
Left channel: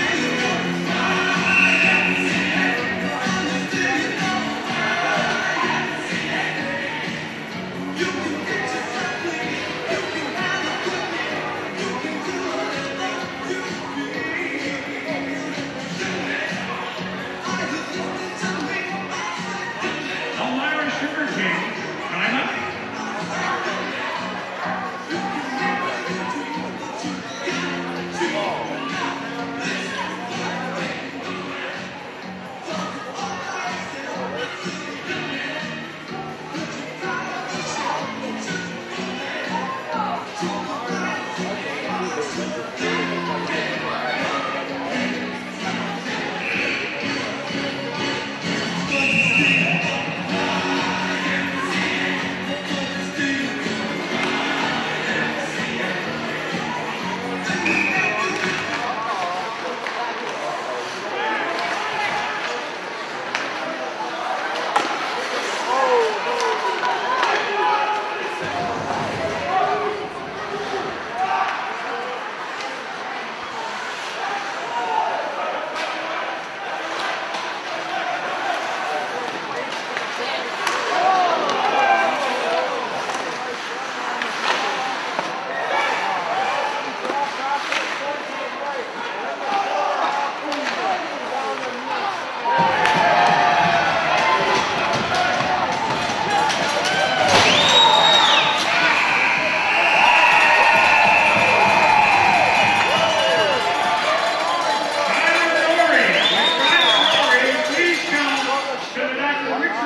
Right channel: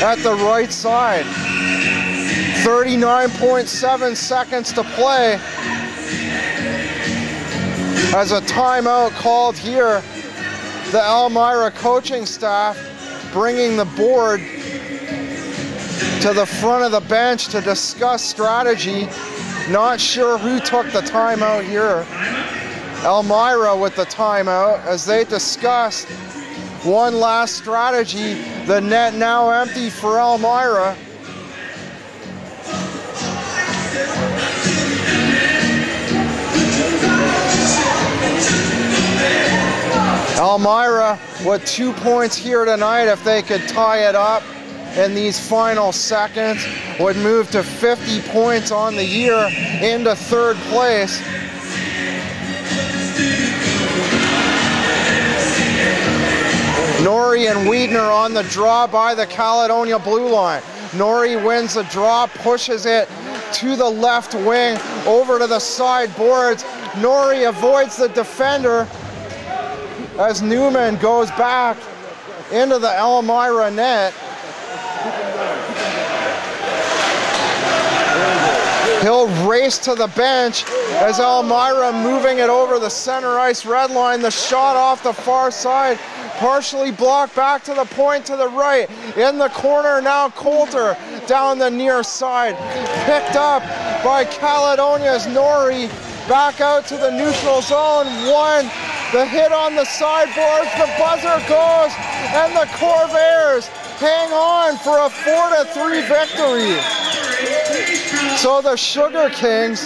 at the right side. 39.7 seconds to play. As a timeout called here, the Elmira coaching staff bringing the board to the front of the bench to discuss strategy. Not sure who took the timeout here. Elmira with the timeout as they discuss one last strategy. The net now empty for Elmira. Elmira with 2 points here tonight. If they could tie it up in these final seconds, would move to 50 points on the year into third place. Norrie and Wiedner on the draw by the Caledonia blue line. Norrie wins the draw, pushes it to the left wing, over to the side boards. Norrie avoids the defender as Newman goes back into the Elmira net. He'll race to the bench as Elmira moving it over the center ice red line. The shot off the far side, partially blocked back to the point to the right. In the corner now, Coulter down the near side. Picked up by Caledonia's Norrie. Back out to the neutral zone. One, the hit on the sideboard. The buzzer goes, and the Corvairs hang on for a 4-3 victory. So the Sugar Kings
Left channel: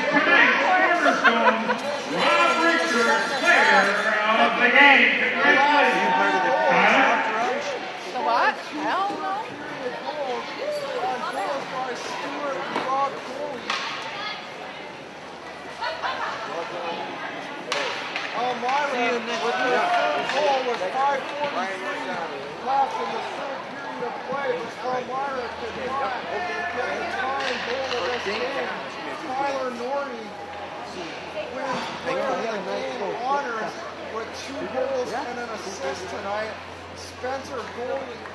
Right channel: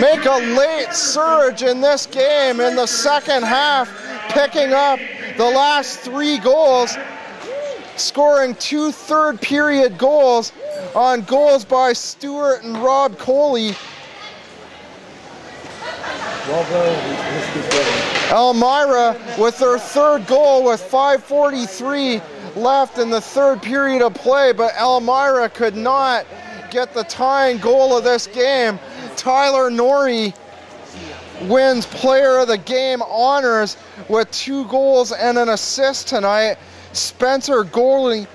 make a late surge in this game in the second half, picking up the last 3 goals, scoring 2 third period goals on goals by Stewart and Rob Coley. Elmira with their third goal with 5:43 left in the third period of play, but Elmira could not get the tying goal of this game. Tyler Norrie wins player of the game honors with 2 goals and an assist tonight. Spencer Gorley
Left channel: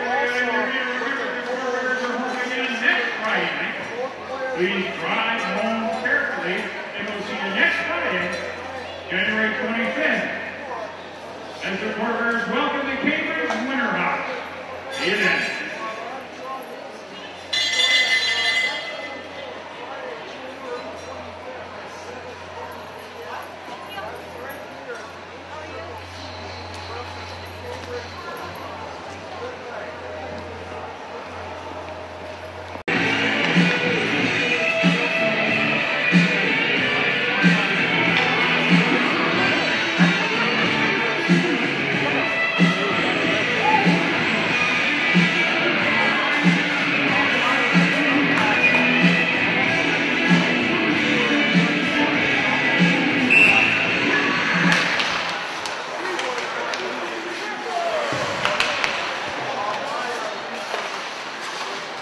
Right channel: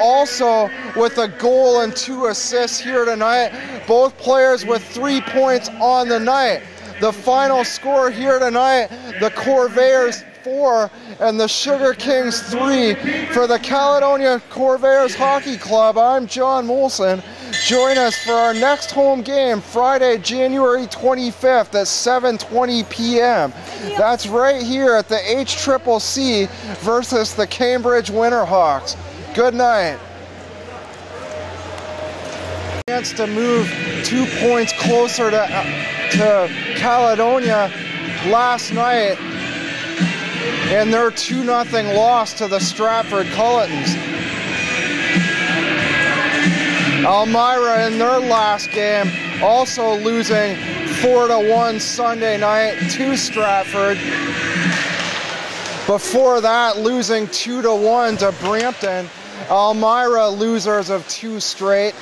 also with a goal and 2 assists here tonight. Both players with 3 points on the night. The final score here tonight, the Corvairs 4 and the Sugar Kings 3. For the Caledonia Corvairs Hockey Club, I'm John Molson. Join us for our next home game, Friday, January 25th at 7:20 p.m. That's right here at the HCCC versus the Cambridge Winterhawks. Good night. Chance to move 2 points closer to Caledonia last night in their 2-0 loss to the Stratford Cullitons. Elmira in their last game also losing 4-1 Sunday night to Stratford. Before that, losing 2-1 to Brampton. Elmira losers of 2 straight.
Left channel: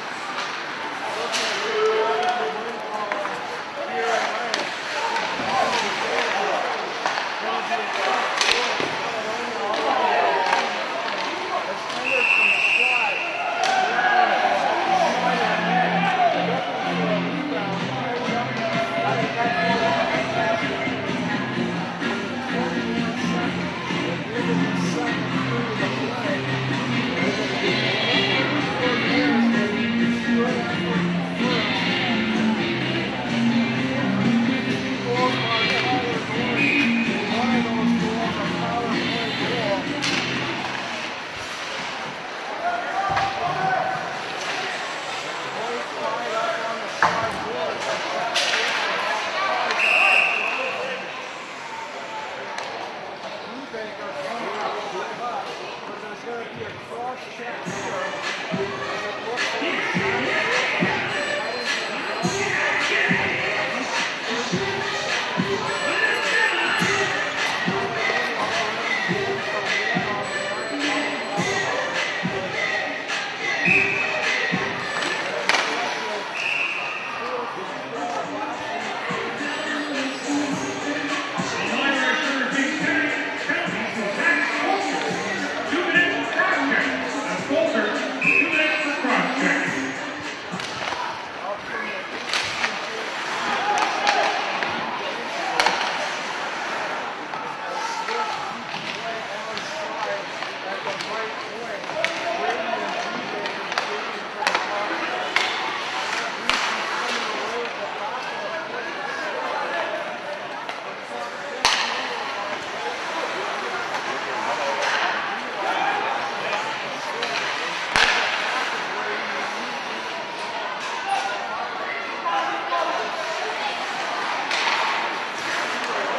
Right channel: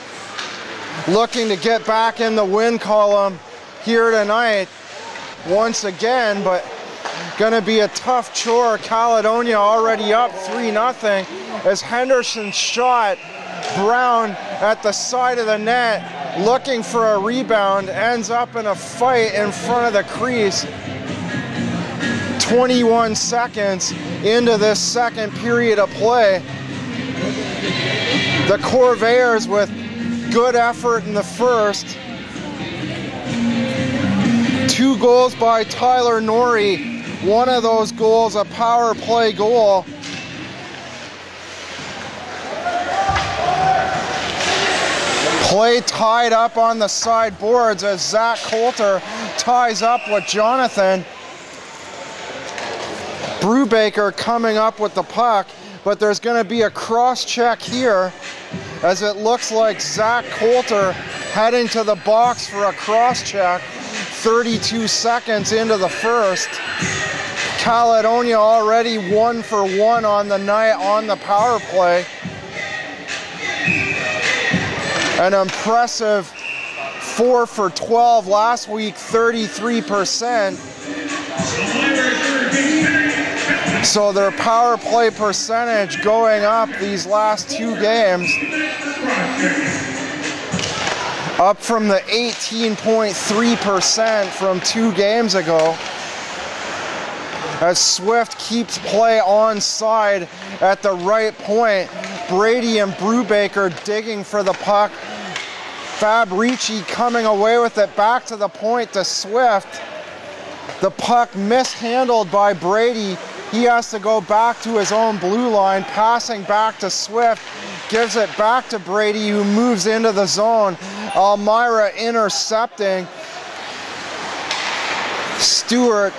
Looking to get back in the win column here tonight once again, but gonna be a tough chore. Caledonia already up 3-0 as Henderson shot Brown at the side of the net, looking for a rebound, ends up in a fight in front of the crease. 21 seconds into this second period of play. The Corvairs with good effort in the first. 2 goals by Tyler Norrie. One of those goals a power play goal. Play tied up on the side boards as Zach Coulter ties up with Jonathan. Brubaker coming up with the puck, but there's going to be a cross check here as it looks like Zach Coulter heading to the box for a cross check. 32 seconds into the first. Caledonia already 1 for 1 on the night on the power play. An impressive 4 for 12 last week, 33%. So their power play percentage going up these last 2 games. Up from the 18.3% from 2 games ago. As Swift keeps play onside at the right point. Brady and Brubaker digging for the puck. Fabrici coming away with it back to the point to Swift. The puck mishandled by Brady. He has to go back to his own blue line, passing back to Swift. Gives it back to Brady, who moves into the zone. Elmira intercepting. Stewart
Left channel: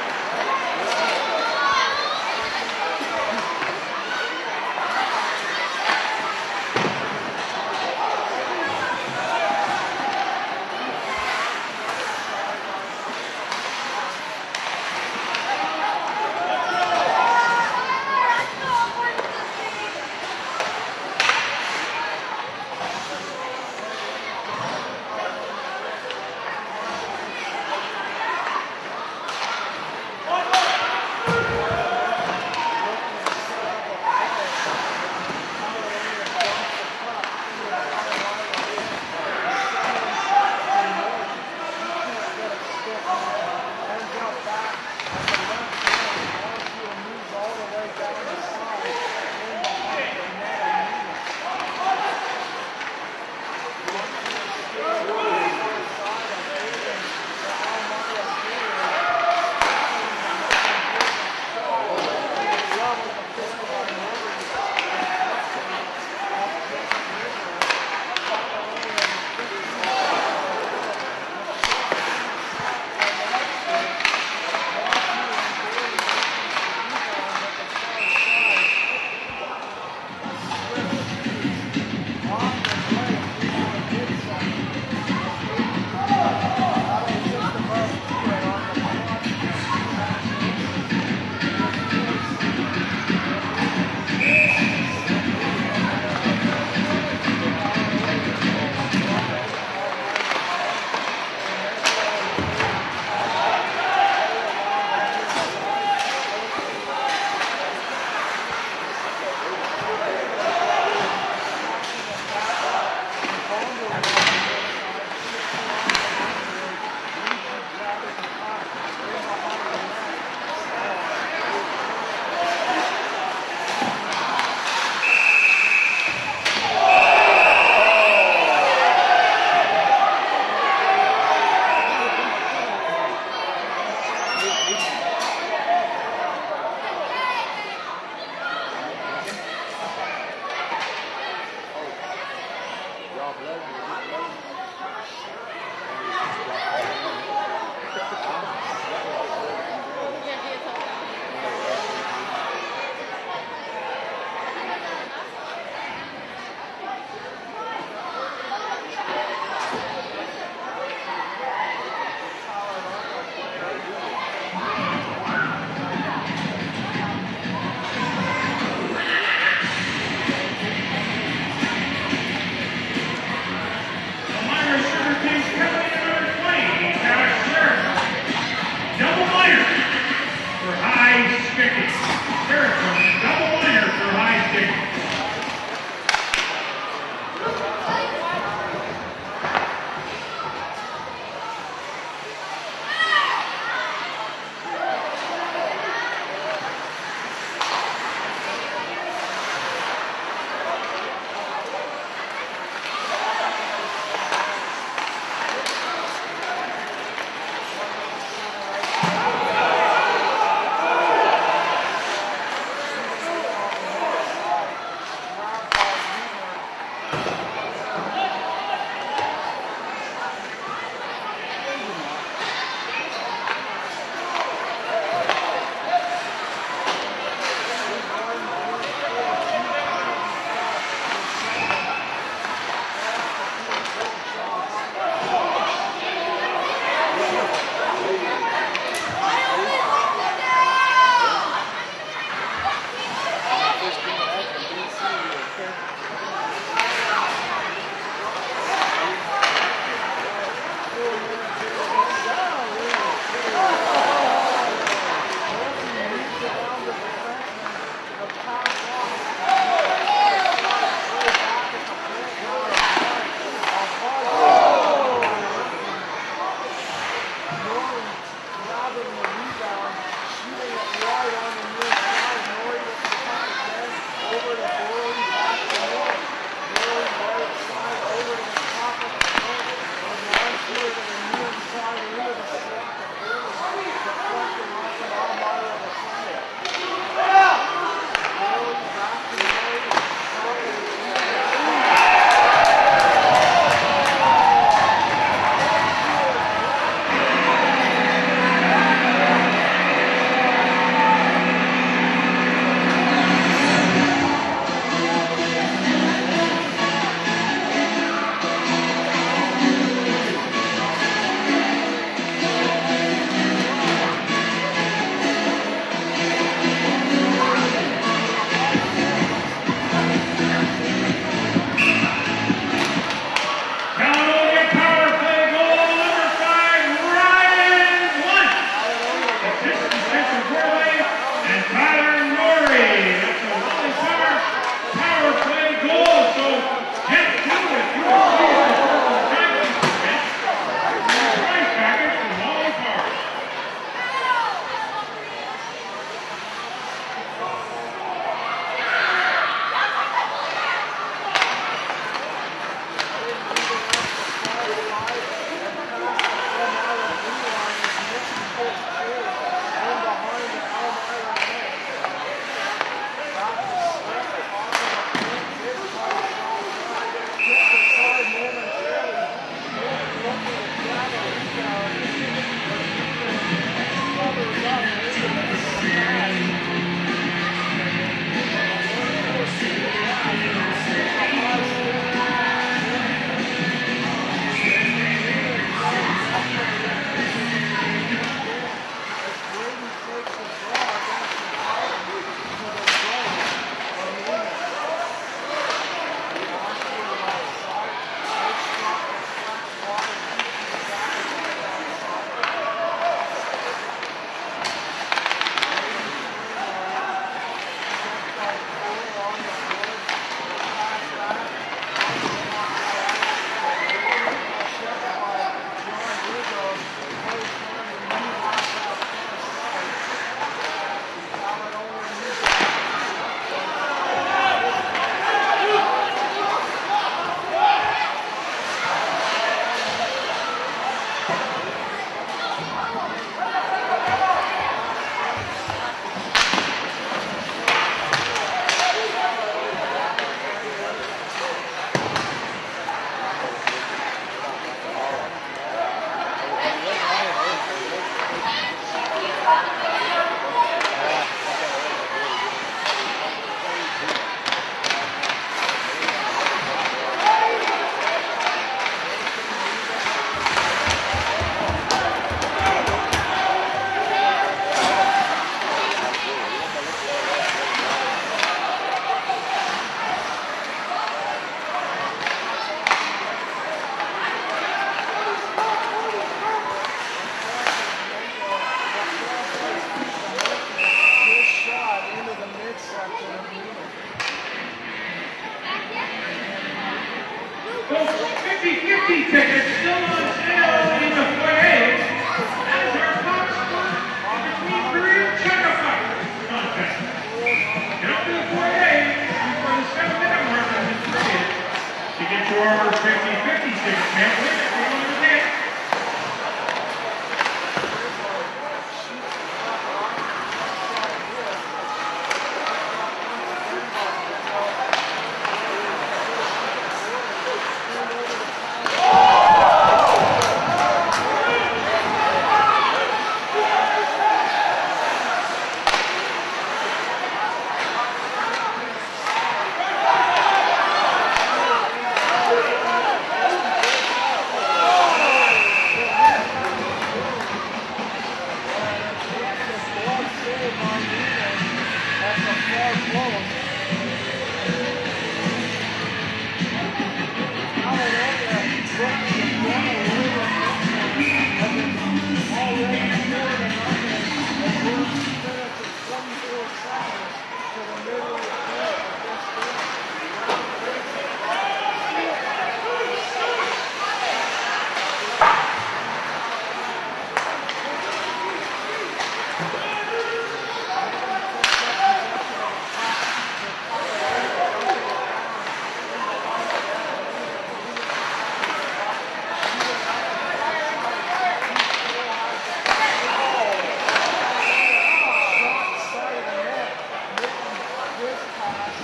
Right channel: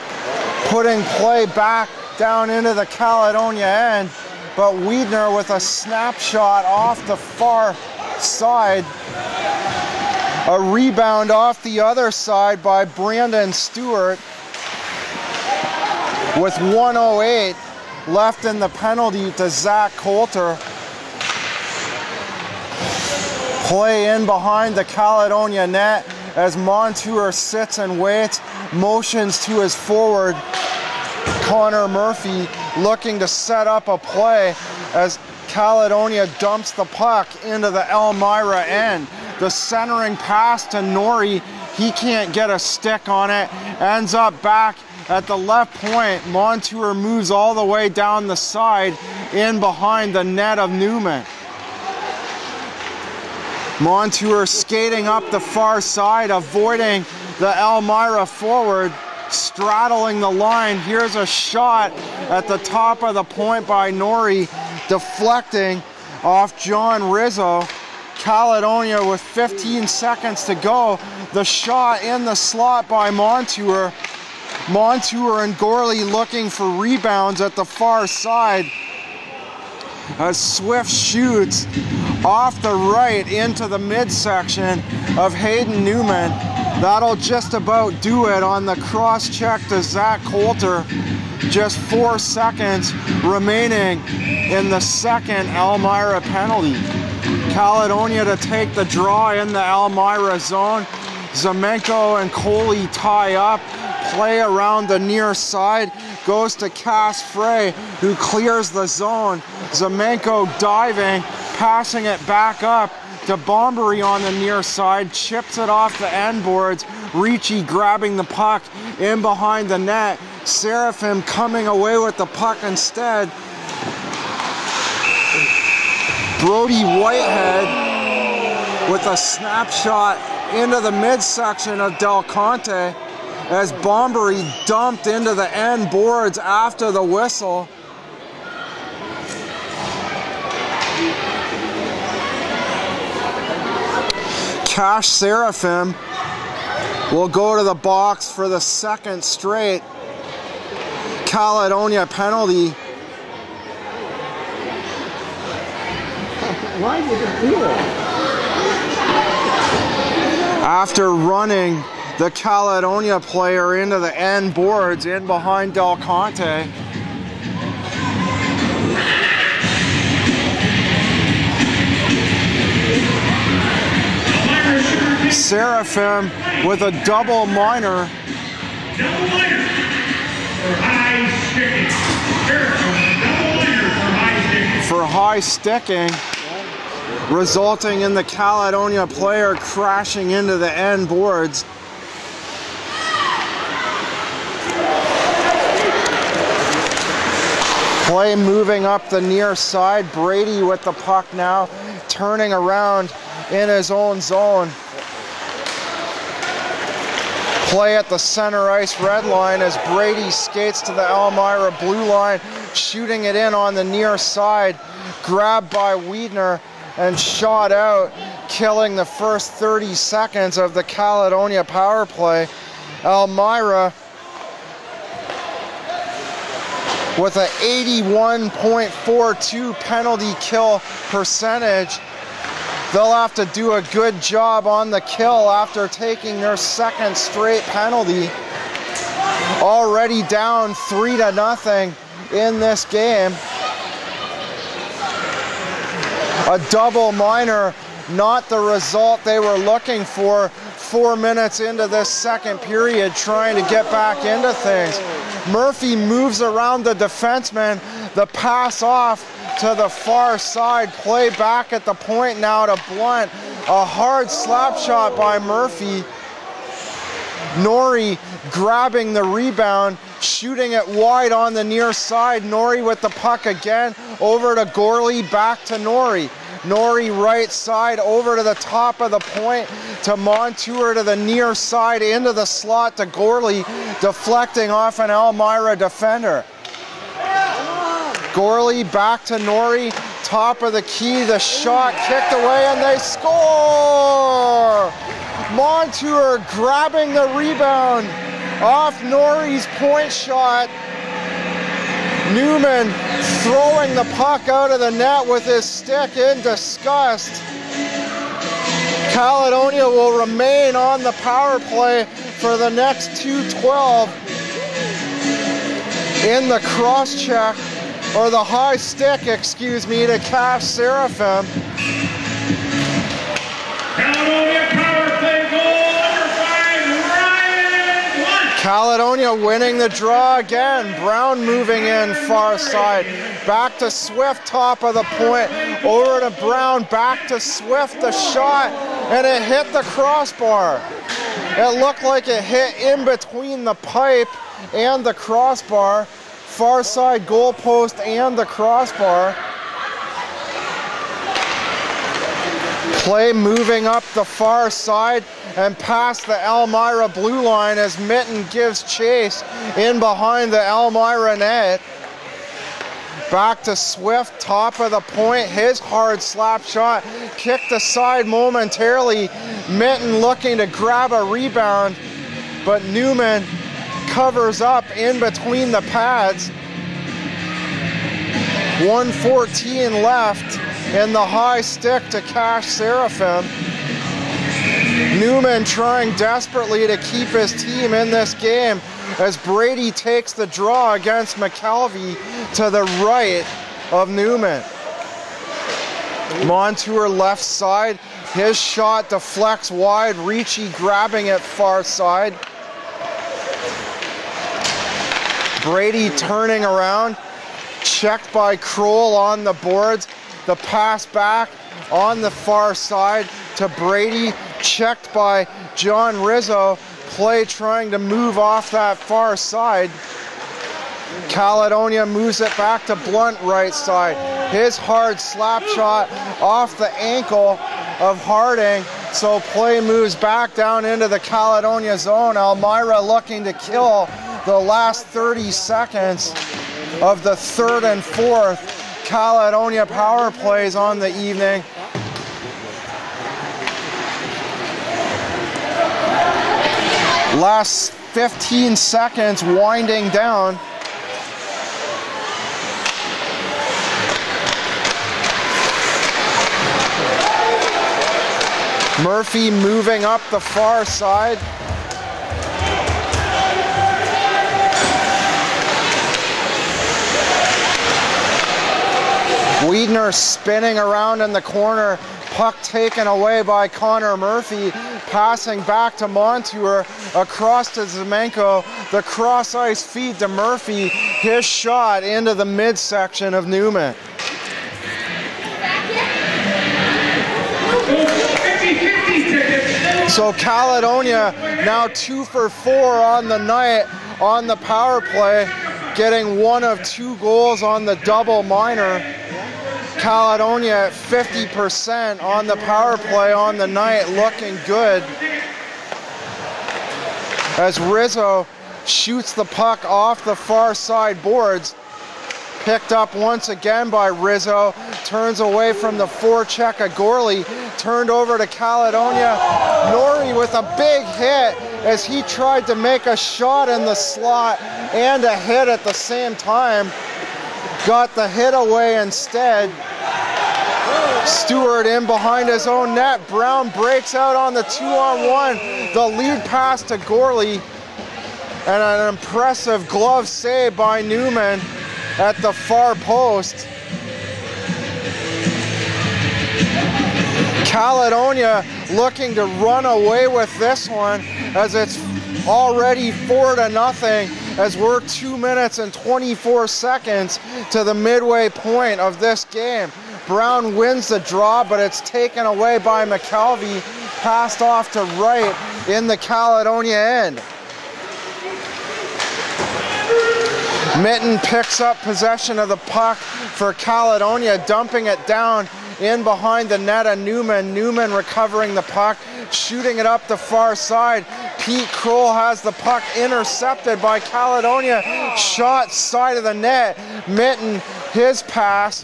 putting play back down into the Caledonia end, but Wiedner with a snapshot off the far side. A rebound off the other side by Brandon Stewart. With 1:08 left in the penalty to Zach Coulter. Play in behind the Caledonia net as Montour sits and waits, motions to his forward, Connor Murphy, looking to set up a play as Caledonia dumps the puck into the Elmira end. The centering pass to Norrie, he can't get a stick on it, ends up back at the left point. Montour moves all the way down the side in behind the net of Newman. Montour skating up the far side, avoiding the Elmira forward, straddling the line. Here's a shot at the top of the point by Norrie, deflecting off John Rizzo. Caledonia with 15 seconds to go. The shot in the slot by Montour. Montour and Gorley looking for rebounds at the far side. As Swift shoots off the right into the midsection of Hayden Newman. That'll just about do it on the cross check to Zach Coulter. Just 4 seconds remaining in the second Elmira penalty. Caledonia to take the draw in the Elmira zone. Zamenko and Coley tie up. Play around the near side, goes to Cass Frey, who clears the zone. Zamenko diving, passing it back up to Bombery on the near side, chips it off the end boards. Ricci grabbing the puck in behind the net. Seraphim coming away with the puck instead. Brody Whitehead with a snapshot into the midsection of Del Conte, as Bombery dumped into the end boards after the whistle. Cash Seraphim will go to the box for the second straight Caledonia penalty. Why did it do that? After running the Caledonia player into the end boards in behind Del Conte. Seraphim with a double minor. Double minor for high sticking. Seraphim, double minor for high sticking. For high sticking, resulting in the Caledonia player crashing into the end boards. Play moving up the near side. Brady with the puck now, turning around in his own zone. Play at the center ice red line as Brady skates to the Elmira blue line, shooting it in on the near side. Grabbed by Wiedner and shot out, killing the first 30 seconds of the Caledonia power play. Elmira with an 81.42 penalty kill percentage. They'll have to do a good job on the kill after taking their second straight penalty. Already down 3-0 in this game. A double minor, not the result they were looking for. 4 minutes into this second period, trying to get back into things. Murphy moves around the defenseman. The pass off to the far side. Play back at the point now to Blunt. A hard slap shot by Murphy. Norrie grabbing the rebound, shooting it wide on the near side. Norrie with the puck again, over to Gorley, back to Norrie. Norrie right side, over to the top of the point, to Montour to the near side, into the slot to Gorley, deflecting off an Elmira defender. Gorley back to Norrie, top of the key, the shot kicked away, and they score! Montour grabbing the rebound off Norrie's point shot. Newman throwing the puck out of the net with his stick in disgust. Caledonia will remain on the power play for the next 2:12. In the cross check, or the high stick, excuse me, to Cash Seraphim. Caledonia power play goal number 5, Ryan Blunt. Caledonia winning the draw again. Brown moving in far side. Back to Swift, top of the point. Over to Brown, back to Swift, the shot, and it hit the crossbar. It looked like it hit in between the pipe and the crossbar. Far side goal post and the crossbar. Play moving up the far side and past the Elmira blue line as Mitten gives chase in behind the Elmira net. Back to Swift, top of the point, his hard slap shot, kicked aside momentarily. Mitten looking to grab a rebound, but Newman covers up in between the pads. 1:14 left, and the high stick to Cash Seraphim. Newman trying desperately to keep his team in this game as Brady takes the draw against McKelvey to the right of Newman. Montour left side, his shot deflects wide, Ricci grabbing it far side. Brady turning around, checked by Kroll on the boards. The pass back on the far side to Brady, checked by John Rizzo. Play trying to move off that far side. Caledonia moves it back to Blunt right side. His hard slap shot off the ankle of Harding. So play moves back down into the Caledonia zone. Elmira looking to kill the last 30 seconds of the third and fourth Caledonia power plays on the evening. Last 15 seconds winding down. Murphy moving up the far side. Wiedner spinning around in the corner, puck taken away by Connor Murphy, passing back to Montour, across to Zemenko, the cross ice feed to Murphy, his shot into the midsection of Newman. So Caledonia now 2 for 4 on the night on the power play, getting 1 of 2 goals on the double minor. Caledonia 50% on the power play on the night, looking good. As Rizzo shoots the puck off the far side boards, picked up once again by Rizzo, turns away from the forecheck of Gorley, turned over to Caledonia. Gorley with a big hit as he tried to make a shot in the slot and a hit at the same time. Got the hit away instead. Stewart in behind his own net. Brown breaks out on the 2-on-1. The lead pass to Gorley and an impressive glove save by Newman at the far post. Caledonia looking to run away with this one as it's already 4-0 as we're 2 minutes and 24 seconds to the midway point of this game. Brown wins the draw, but it's taken away by McKelvey, passed off to right in the Caledonia end. Mitten picks up possession of the puck for Caledonia, dumping it down in behind the net of Newman. Newman recovering the puck, shooting it up the far side. Pete Kroll has the puck intercepted by Caledonia. Shot side of the net. Mitten, his pass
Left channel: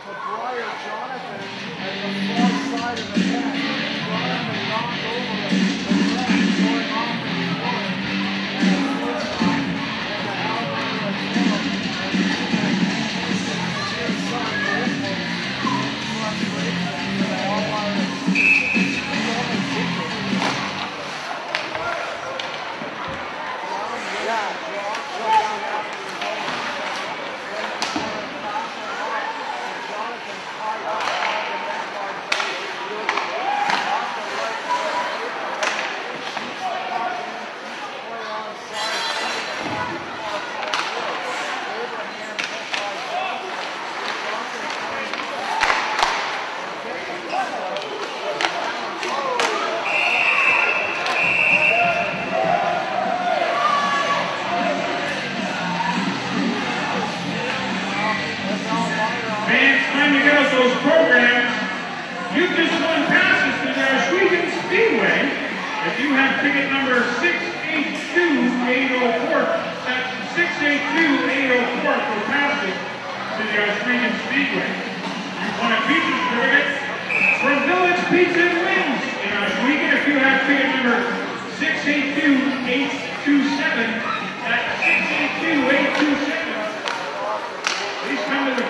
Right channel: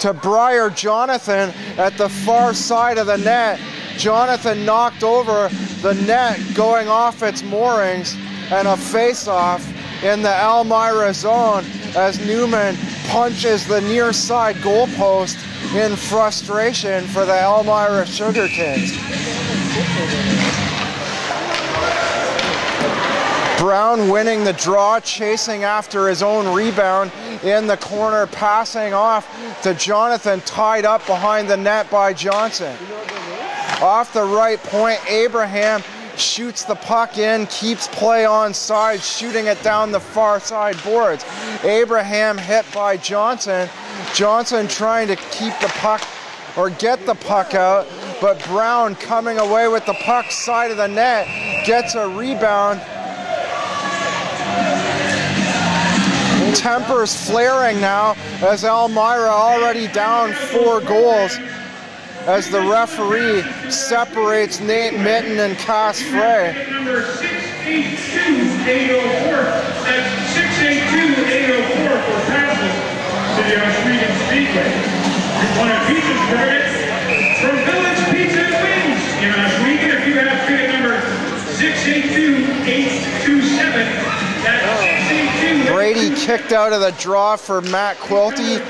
to Briar Jonathan at the far side of the net. Jonathan knocked over the net, going off its moorings, and a face-off in the Elmira zone as Newman punches the near side goalpost in frustration for the Elmira Sugar Kings. Brown winning the draw, chasing after his own rebound in the corner, passing off to Jonathan, tied up behind the net by Johnson. Off the right point, Abraham shoots the puck in, keeps play on side, shooting it down the far side boards. Abraham hit by Johnson. Johnson trying to keep the puck or get the puck out, but Brown coming away with the puck side of the net, gets a rebound. Tempers flaring now as Elmira already down 4 goals as the referee separates Nate Mitten and Cass Frey. Number 682-804. That's 682-804 for passes to the Oswego Speedway. We want a pizza target from Village Pizza and Wings in Oswego. If you have ticket number 682-827, that's 682. Brady kicked out of the draw for Matt Quilty.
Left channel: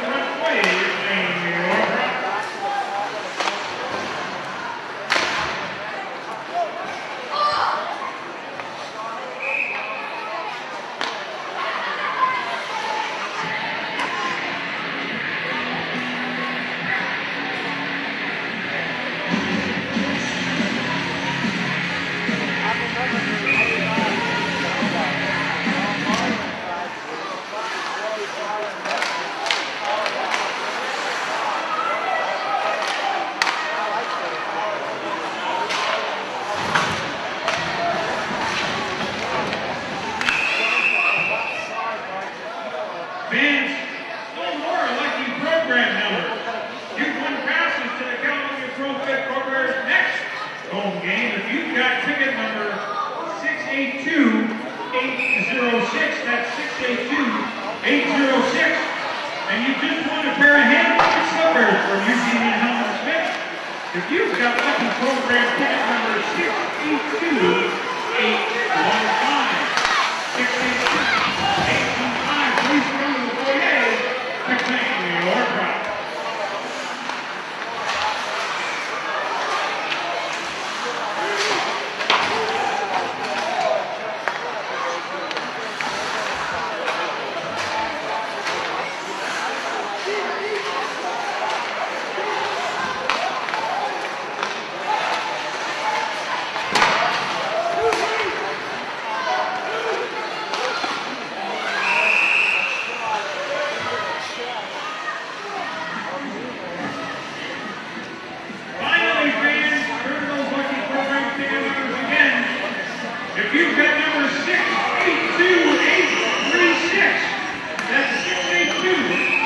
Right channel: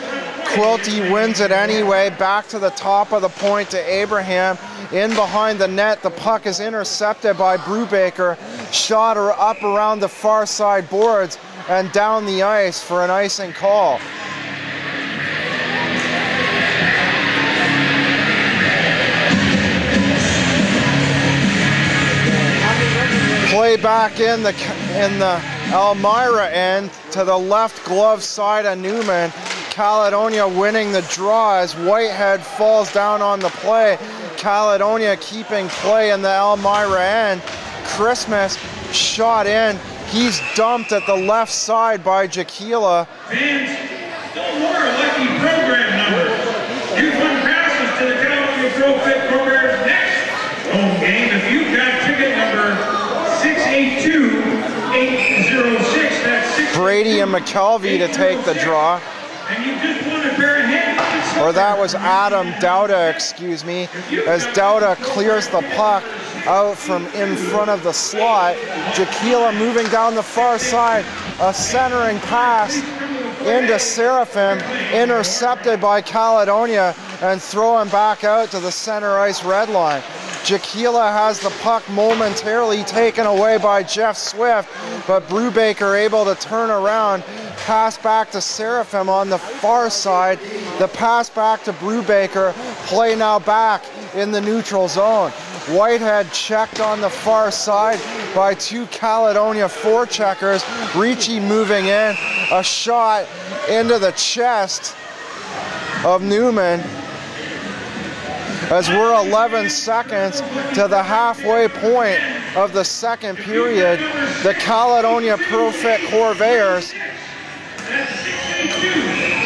Quilty wins it anyway, back to the top of the point to Abraham. In behind the net, the puck is intercepted by Brubaker. Shot up around the far side boards and down the ice for an icing call. Play back in the Elmira end to the left glove side of Newman. Caledonia winning the draw as Whitehead falls down on the play. Caledonia keeping play in the Elmira end. Christmas shot in. He's dumped at the left side by Jaquila. Fans, no more lucky program numbers. You've won passes to the Caledonia Pro-Fit Corvairs next home game. If you've got ticket number 682-806, that's 682. Brady and McKelvey to take the draw. And you just won a pair of hands. Or that was Adam Dauda, excuse me, as Dauda clears the puck out from in front of the slot. Jaquila moving down the far side, a centering pass into Seraphim, intercepted by Caledonia and thrown back out to the center ice red line. Jaquila has the puck momentarily taken away by Jeff Swift, but Brubaker able to turn around Pass back to Seraphim on the far side. The pass back to Brubaker. Play now back in the neutral zone. Whitehead checked on the far side by 2 Caledonia forecheckers. Ricci moving in. A shot into the chest of Newman. As we're 11 seconds to the halfway point of the second period, the Caledonia Pro-Fit Corvairs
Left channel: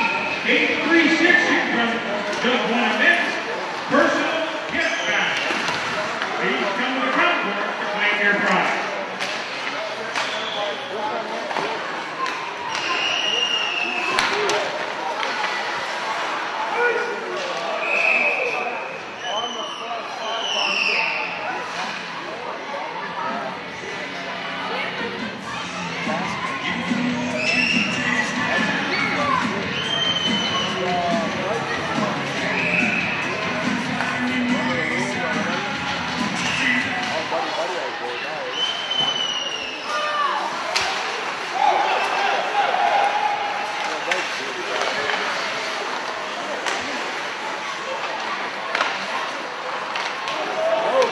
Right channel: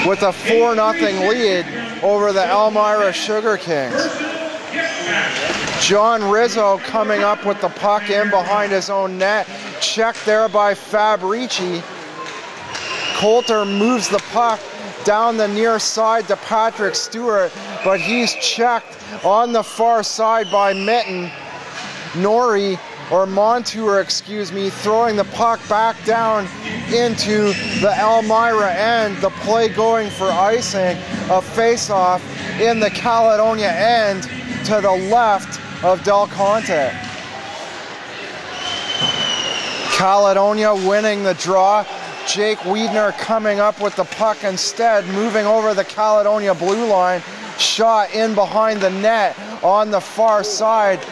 with a 4-0 lead over the Elmira Sugar Kings. John Rizzo coming up with the puck in behind his own net. Checked there by Fabrici. Coulter moves the puck down the near side to Patrick Stewart, but he's checked on the far side by Mitten. Montour, throwing the puck back down into the Elmira end. The play going for icing, a face-off in the Caledonia end to the left of Del Conte. Caledonia winning the draw. Jake Wiedner coming up with the puck instead, moving over the Caledonia blue line. Shot in behind the net on the far side.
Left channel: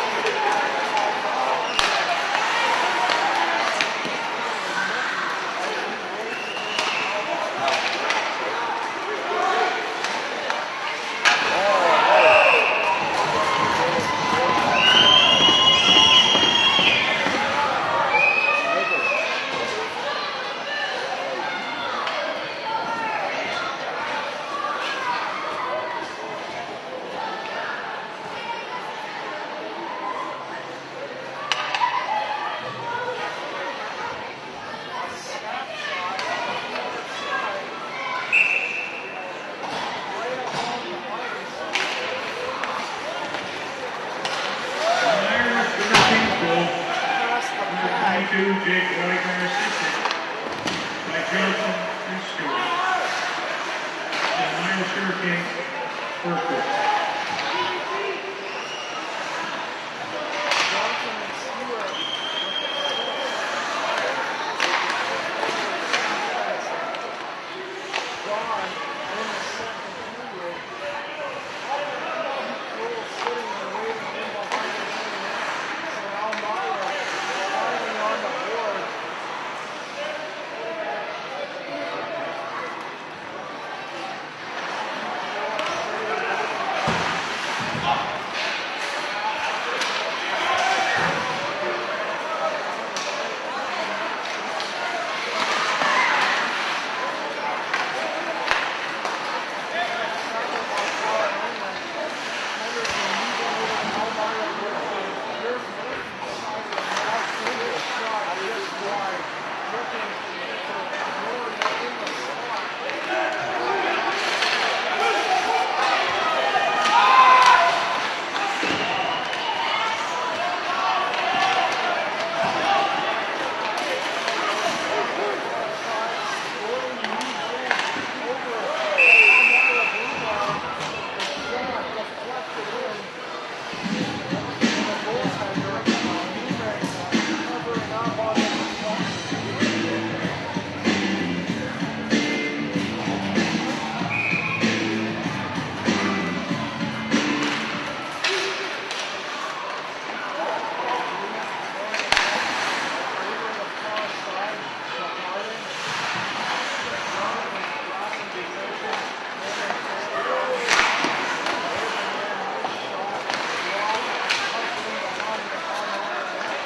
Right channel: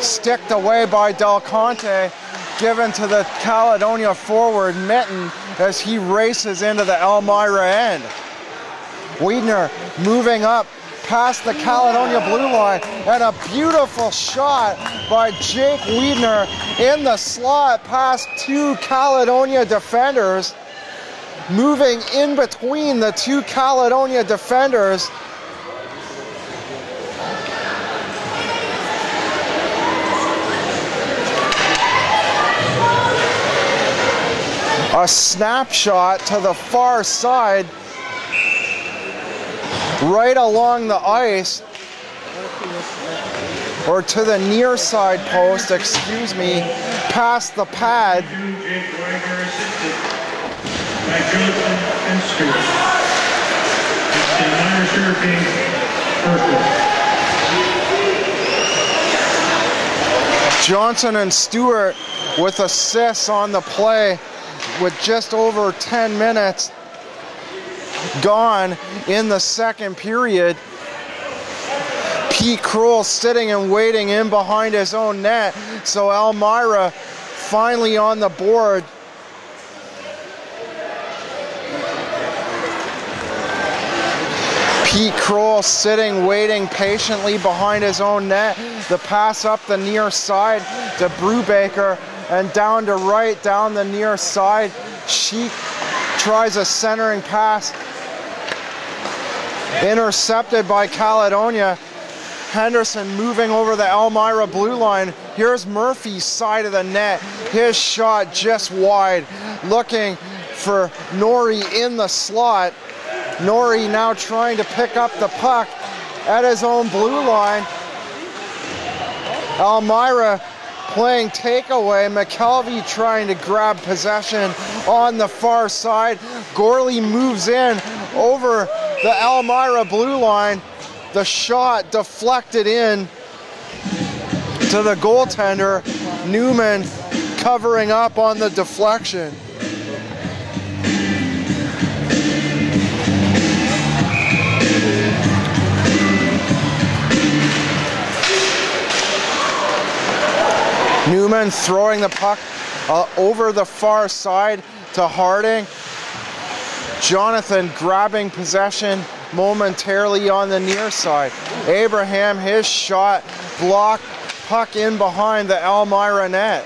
Sticked away by Del Conte. Given to the Caledonia forward, Mitten, as he races into the Elmira end. Wiedner moving up past the Caledonia blue line, and a beautiful shot by Jake Wiedner in the slot past 2 Caledonia defenders. Moving in between the 2 Caledonia defenders. A snapshot to the far side, right along the ice, or to the near side post, past the pad. By Johnson and Stewart. It's the Elmira Sugar Kings first. Johnson and Stewart with assists on the play, with just over 10 minutes gone in the second period. Pete Kroll sitting and waiting in behind his own net. So Elmira finally on the board. Pete Kroll sitting, waiting patiently behind his own net. The pass up the near side to Brubaker, and down to right, down the near side. Sheik tries a centering pass. Intercepted by Caledonia. Henderson moving over the Elmira blue line. Here's Murphy's side of the net. His shot just wide. Looking for Norrie in the slot. Norrie now trying to pick up the puck at his own blue line. Elmira playing takeaway. McKelvey trying to grab possession on the far side. Gorley moves in over the Elmira blue line. The shot deflected in to the goaltender. Newman covering up on the deflection. Newman throwing the puck over the far side to Harding. Jonathan grabbing possession momentarily on the near side. Abraham, his shot blocked, puck in behind the Elmira net.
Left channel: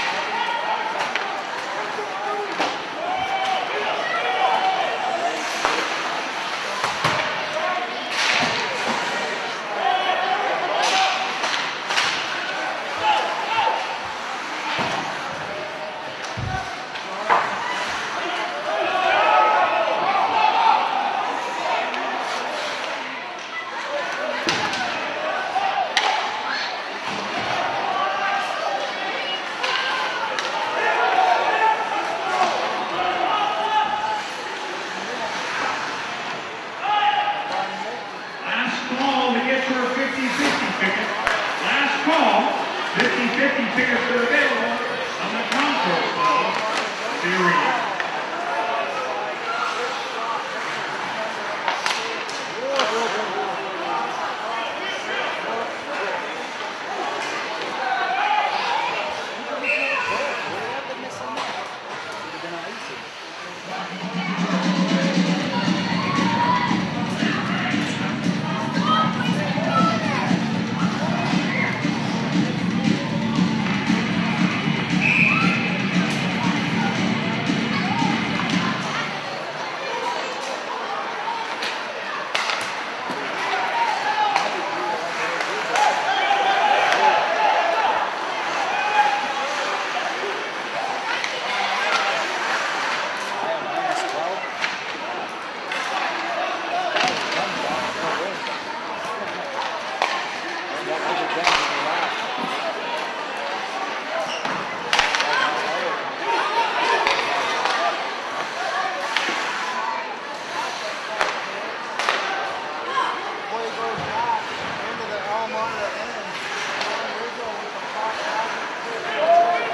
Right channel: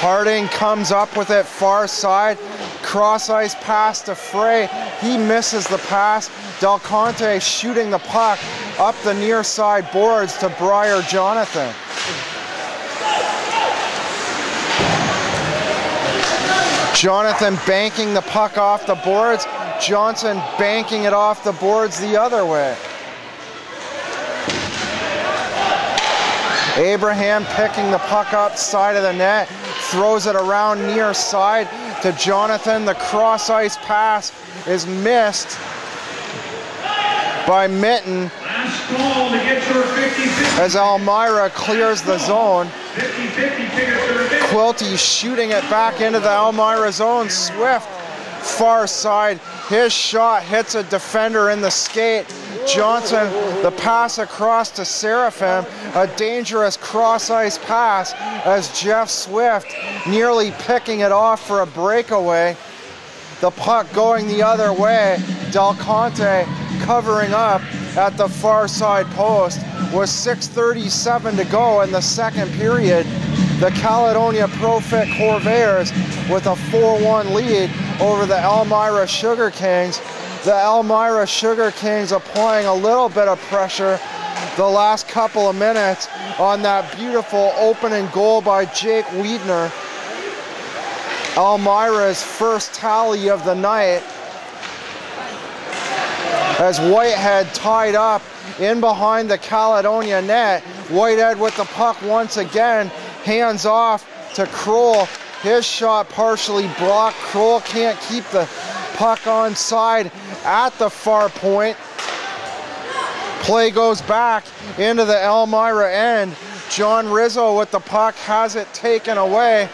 Harding comes up with it far side, cross ice pass to Frey. He misses the pass. Del Conte shooting the puck up the near side boards to Briar Jonathan. Jonathan banking the puck off the boards. Johnson banking it off the boards the other way. Abraham picking the puck up side of the net, throws it around near side to Jonathan. The cross ice pass is missed by Mitten Last call to get your 50-50. as Elmira clears the zone. 50-50 tickets to the bench. Quilty shooting it back into the Elmira zone. Swift, far side. His shot hits a defender in the skate. Johnson, the pass across to Seraphim. A dangerous cross-ice pass as Jeff Swift nearly picking it off for a breakaway. The puck going the other way. Del Conte covering up at the far side post. With 6:37 to go in the second period, the Caledonia Pro-Fit Corvairs with a 4-1 lead over the Elmira Sugar Kings. The Elmira Sugar Kings applying a little bit of pressure the last couple of minutes on that beautiful opening goal by Jake Wiedner. Elmira's first tally of the night as Whitehead tied up in behind the Caledonia net. Whitehead with the puck once again, hands off to Kroll. His shot partially blocked. Kroll can't keep the puck on side at the far point. Play goes back into the Elmira end. John Rizzo with the puck has it taken away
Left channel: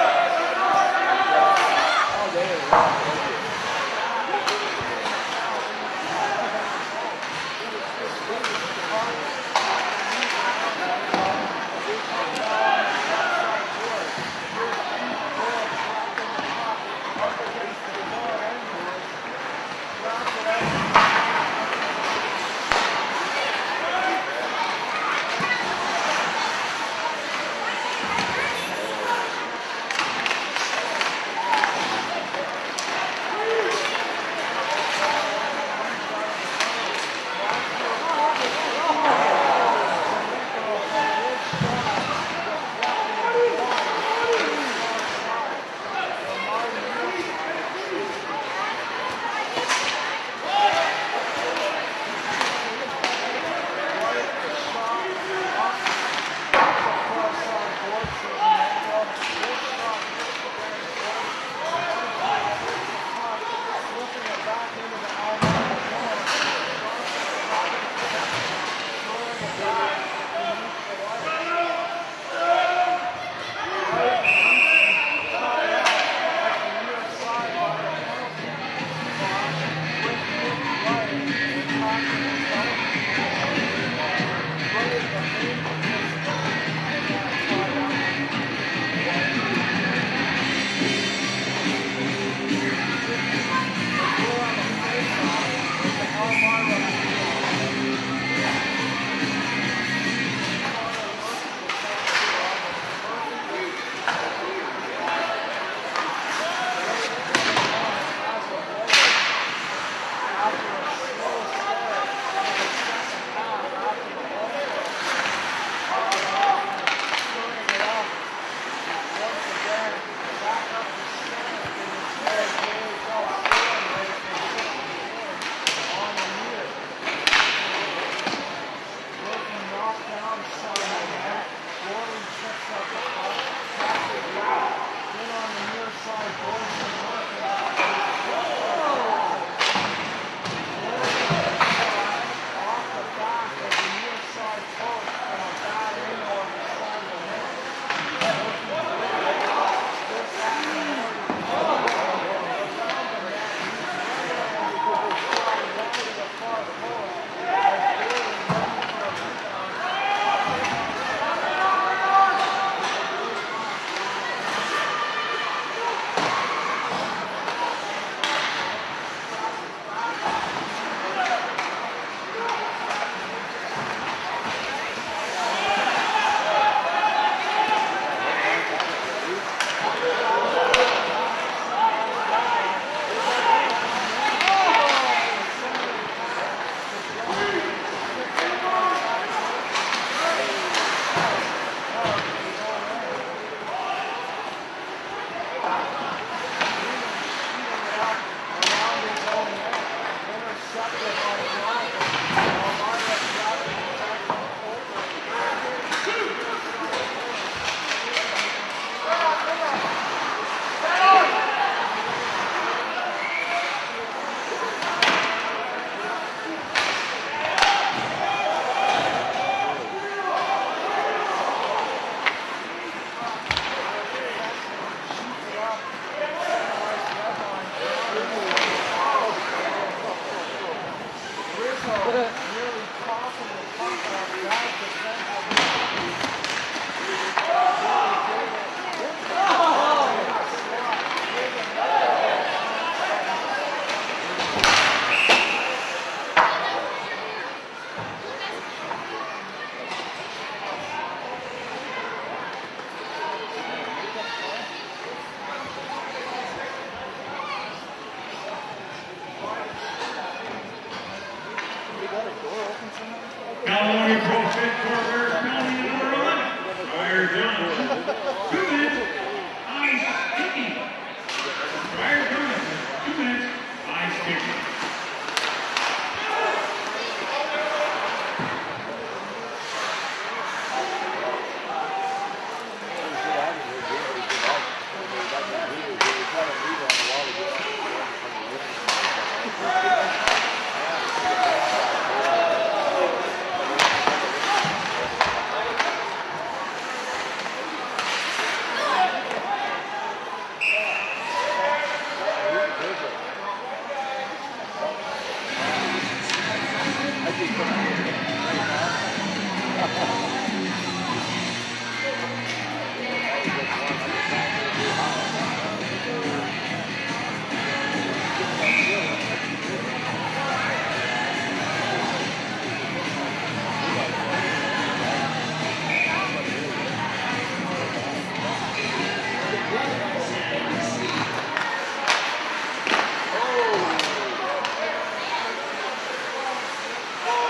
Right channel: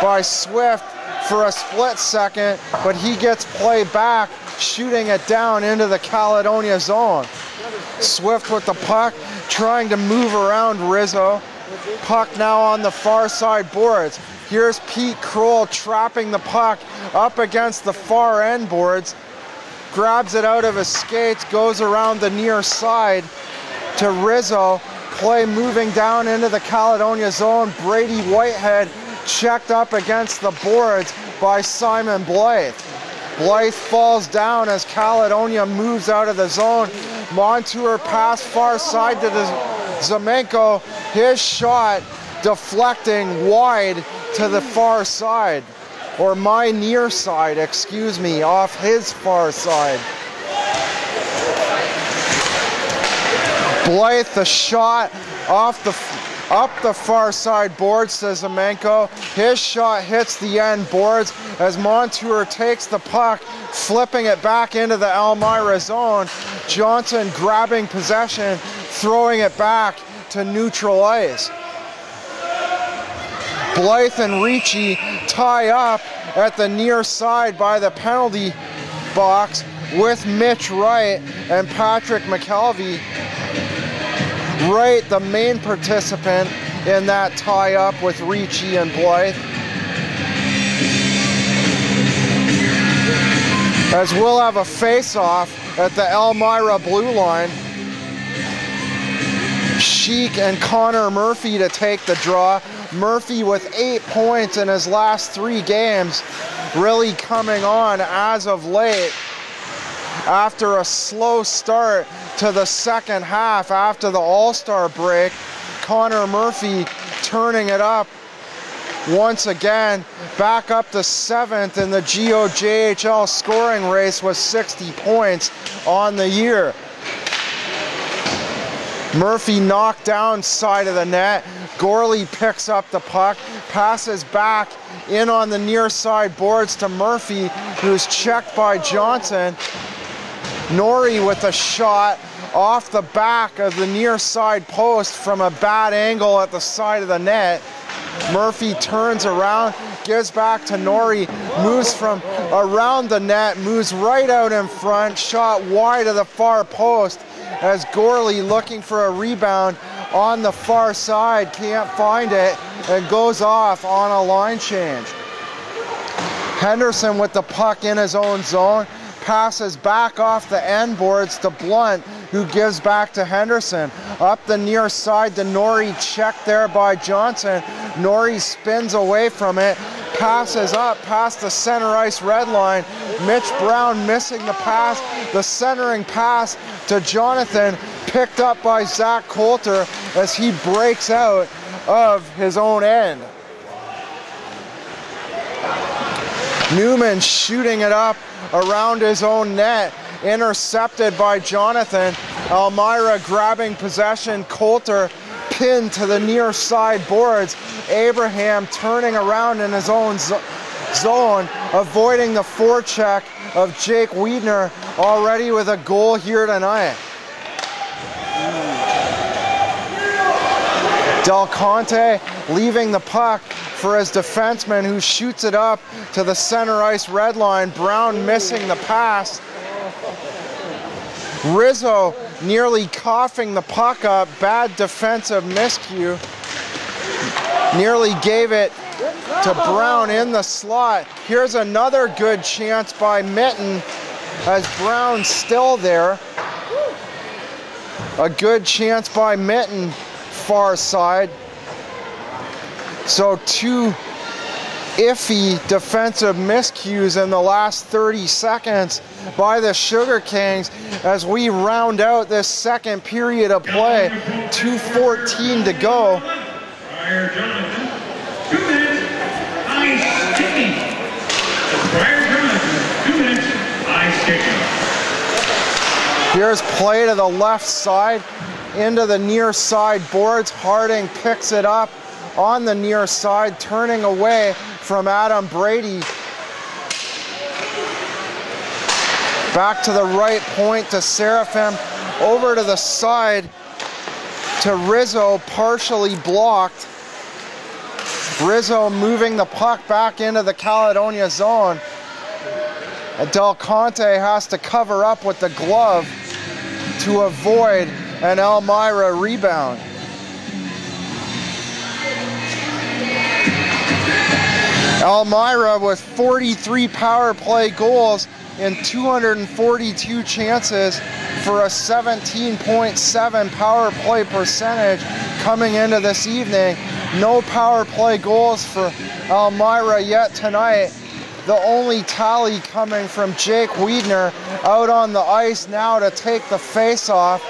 by Swift for a split second, but he gets play back, shooting it down into the Caledonia zone. Swift with the puck, trying to move around Rizzo. Puck now on the far side boards. Here's Pete Kroll trapping the puck up against the far end boards. Grabs it out of his skates, goes around the near side to Rizzo. Play moving down into the Caledonia zone. Brady Whitehead checked up against the boards by Simon Blythe. Blythe falls down as Caledonia moves out of the zone. Montour pass far side to the Zamenko. His shot deflecting wide to the far side, or my near side, excuse me, off his far side. Blythe, the shot up the far side boards to Zamenko. His shot hits the end boards as Montour takes the puck, flipping it back into the Elmira zone. Johnson grabbing possession, throwing it back to neutral ice. Blythe and Ricci tie up at the near side by the penalty box with Mitch Wright and Patrick McKelvey. Wright, the main participant in that tie-up with Ricci and Blythe. As we'll have a face-off at the Elmira blue line. Sheik and Connor Murphy to take the draw. Murphy with 8 points in his last 3 games, really coming on as of late after a slow start to the second half after the All-Star break. Connor Murphy turning it up once again, back up to 7th in the GOJHL scoring race with 60 points on the year. Murphy knocked down side of the net. Gorley picks up the puck, passes back in on the near side boards to Murphy, who's checked by Johnson. Norrie with a shot off the back of the near side post from a bad angle at the side of the net. Murphy turns around, gives back to Norrie, moves from around the net, moves right out in front, shot wide of the far post as Gorley looking for a rebound on the far side, can't find it, and goes off on a line change. Henderson with the puck in his own zone, passes back off the end boards to Blunt, who gives back to Henderson. Up the near side to Norrie, checked there by Johnson. Norrie spins away from it, passes up past the center ice red line. Mitch Brown missing the pass, the centering pass to Jonathan, picked up by Zach Coulter as he breaks out of his own end. Newman shooting it up around his own net, intercepted by Jonathan. Elmira grabbing possession, Coulter pinned to the near side boards. Abraham turning around in his own zone, avoiding the forecheck of Jake Wiedner already with a goal here tonight. Del Conte leaving the puck for his defenseman, who shoots it up to the center ice red line. Brown missing the pass. Rizzo nearly coughing the puck up. Bad defensive miscue. Nearly gave it to Brown in the slot. Here's another good chance by Mitten as Brown's still there. A good chance by Mitten, far side. So two iffy defensive miscues in the last 30 seconds by the Sugar Kings as we round out this second period of play. 2:14 to go. Here's play to the left side into the near side boards. Harding picks it up on the near side, turning away from Adam Brady. Back to the right point to Seraphim, over to the side to Rizzo, partially blocked. Rizzo moving the puck back into the Caledonia zone. Del Conte has to cover up with the glove to avoid an Elmira rebound. Elmira with 43 power play goals and 242 chances for a 17.7 power play percentage coming into this evening. No power play goals for Elmira yet tonight. The only tally coming from Jake Wiedner out on the ice now to take the face-off.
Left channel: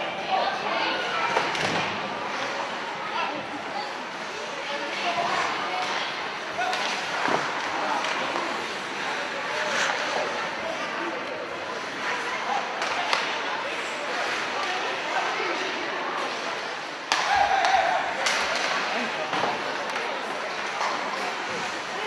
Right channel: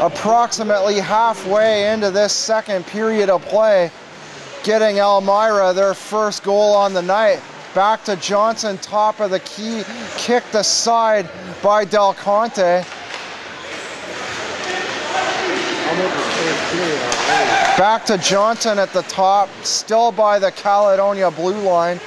Approximately halfway into this second period of play, getting Elmira their first goal on the night. Back to Johnson, top of the key, kicked aside by Del Conte. Back to Johnson at the top, still by the Caledonia blue line.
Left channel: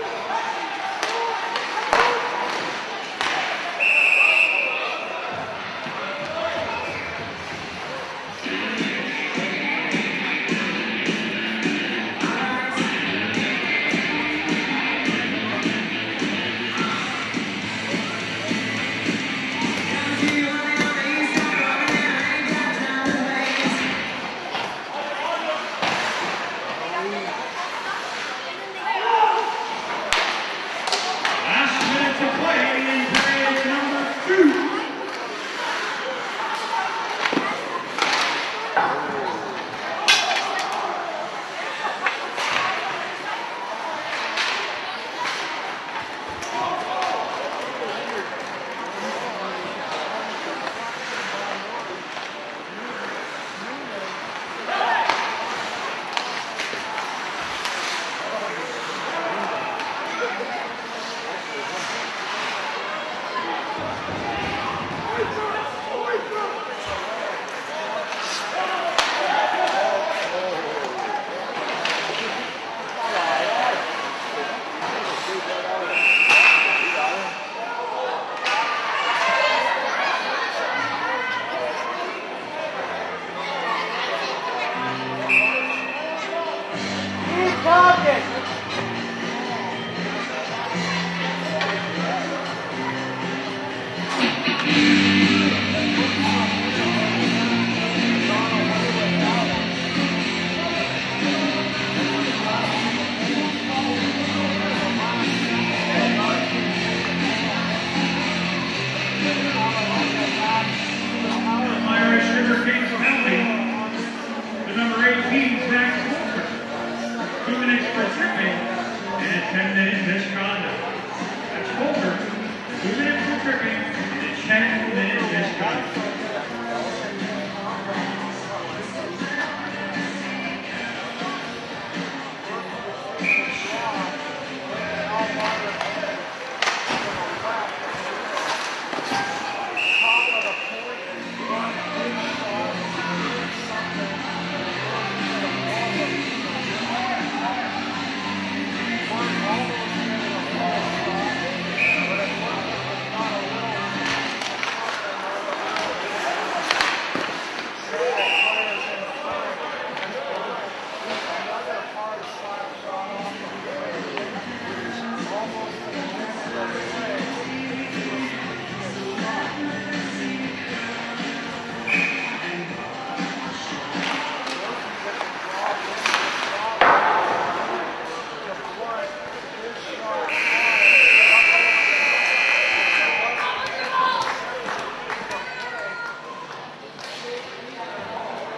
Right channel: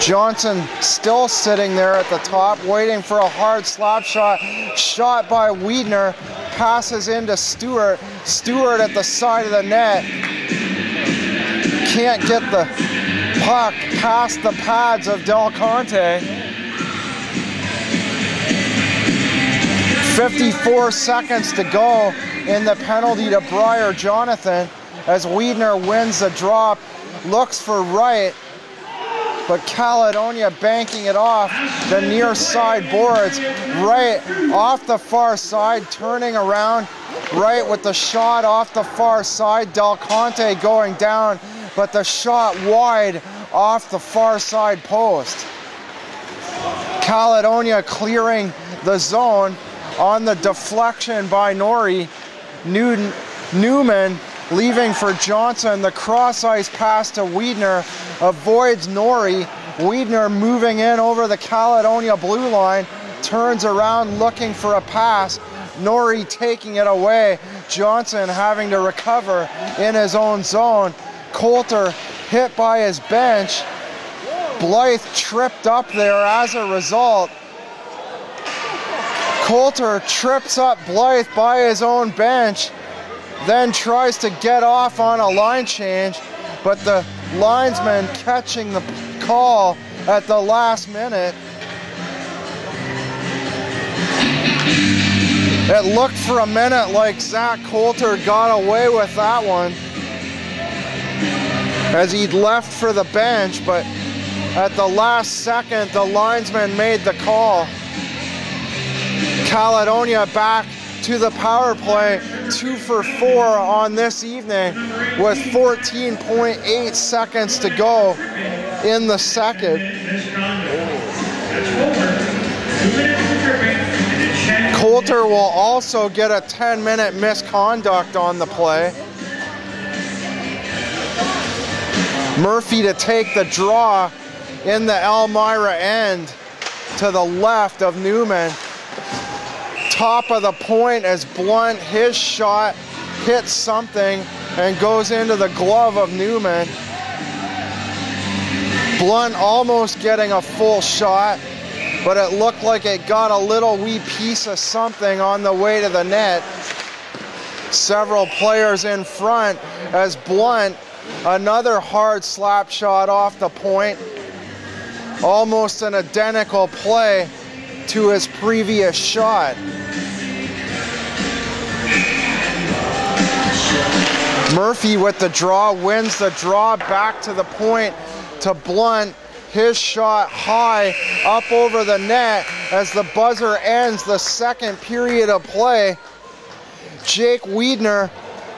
Johnson still sitting there at the top, waiting for a hard slap shot. Shot by Wiedner, passes into Stewart. Stewart at the side of the net. Can't get the puck past the pads of Del Conte. 54 seconds to go in the penalty to Briar Jonathan as Wiedner wins the drop, looks for right, but Caledonia banking it off the near side boards, right off the far side, turning around, right with the shot off the far side. Del Conte going down, but the shot wide off the far side post. Caledonia clearing the zone on the deflection by Norrie. Newman leaving for Johnson. The cross ice pass to Wiedner avoids Norrie. Wiedner moving in over the Caledonia blue line, turns around looking for a pass. Norrie taking it away. Johnson having to recover in his own zone. Coulter hit by his bench. Blythe tripped up there as a result. Coulter trips up Blythe by his own bench, then tries to get off on a line change, but the linesman catching the call at the last minute. It looked for a minute like Zach Coulter got away with that one as he'd left for the bench, but at the last second, the linesman made the call. Caledonia back to the power play, 2 for 4 on this evening with 14.8 seconds to go in the second. Coulter will also get a 10-minute misconduct on the play. Murphy to take the draw in the Elmira end to the left of Newman. Top of the point as Blunt, his shot hits something and goes into the glove of Newman. Blunt almost getting a full shot, but it looked like it got a little wee piece of something on the way to the net. Several players in front as Blunt, another hard slap shot off the point. Almost an identical play to his previous shot. Murphy with the draw, wins the draw back to the point to Blunt. His shot high up over the net as the buzzer ends the second period of play. Jake Wiedner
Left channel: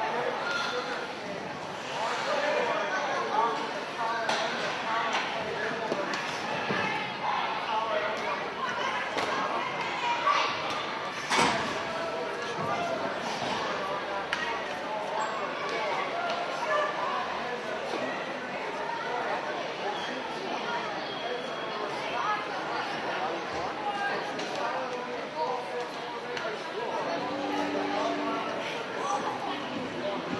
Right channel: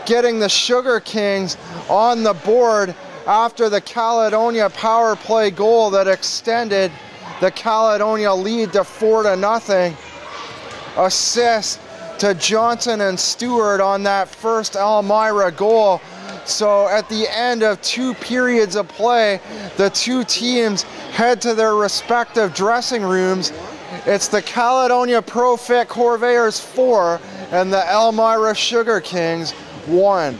getting the Sugar Kings on the board after the Caledonia power play goal that extended the Caledonia lead to 4-0. Assist to Johnson and Stewart on that first Elmira goal. So at the end of 2 periods of play, the 2 teams head to their respective dressing rooms. It's the Caledonia Pro-Fit Corvairs 4 and the Elmira Sugar Kings 1.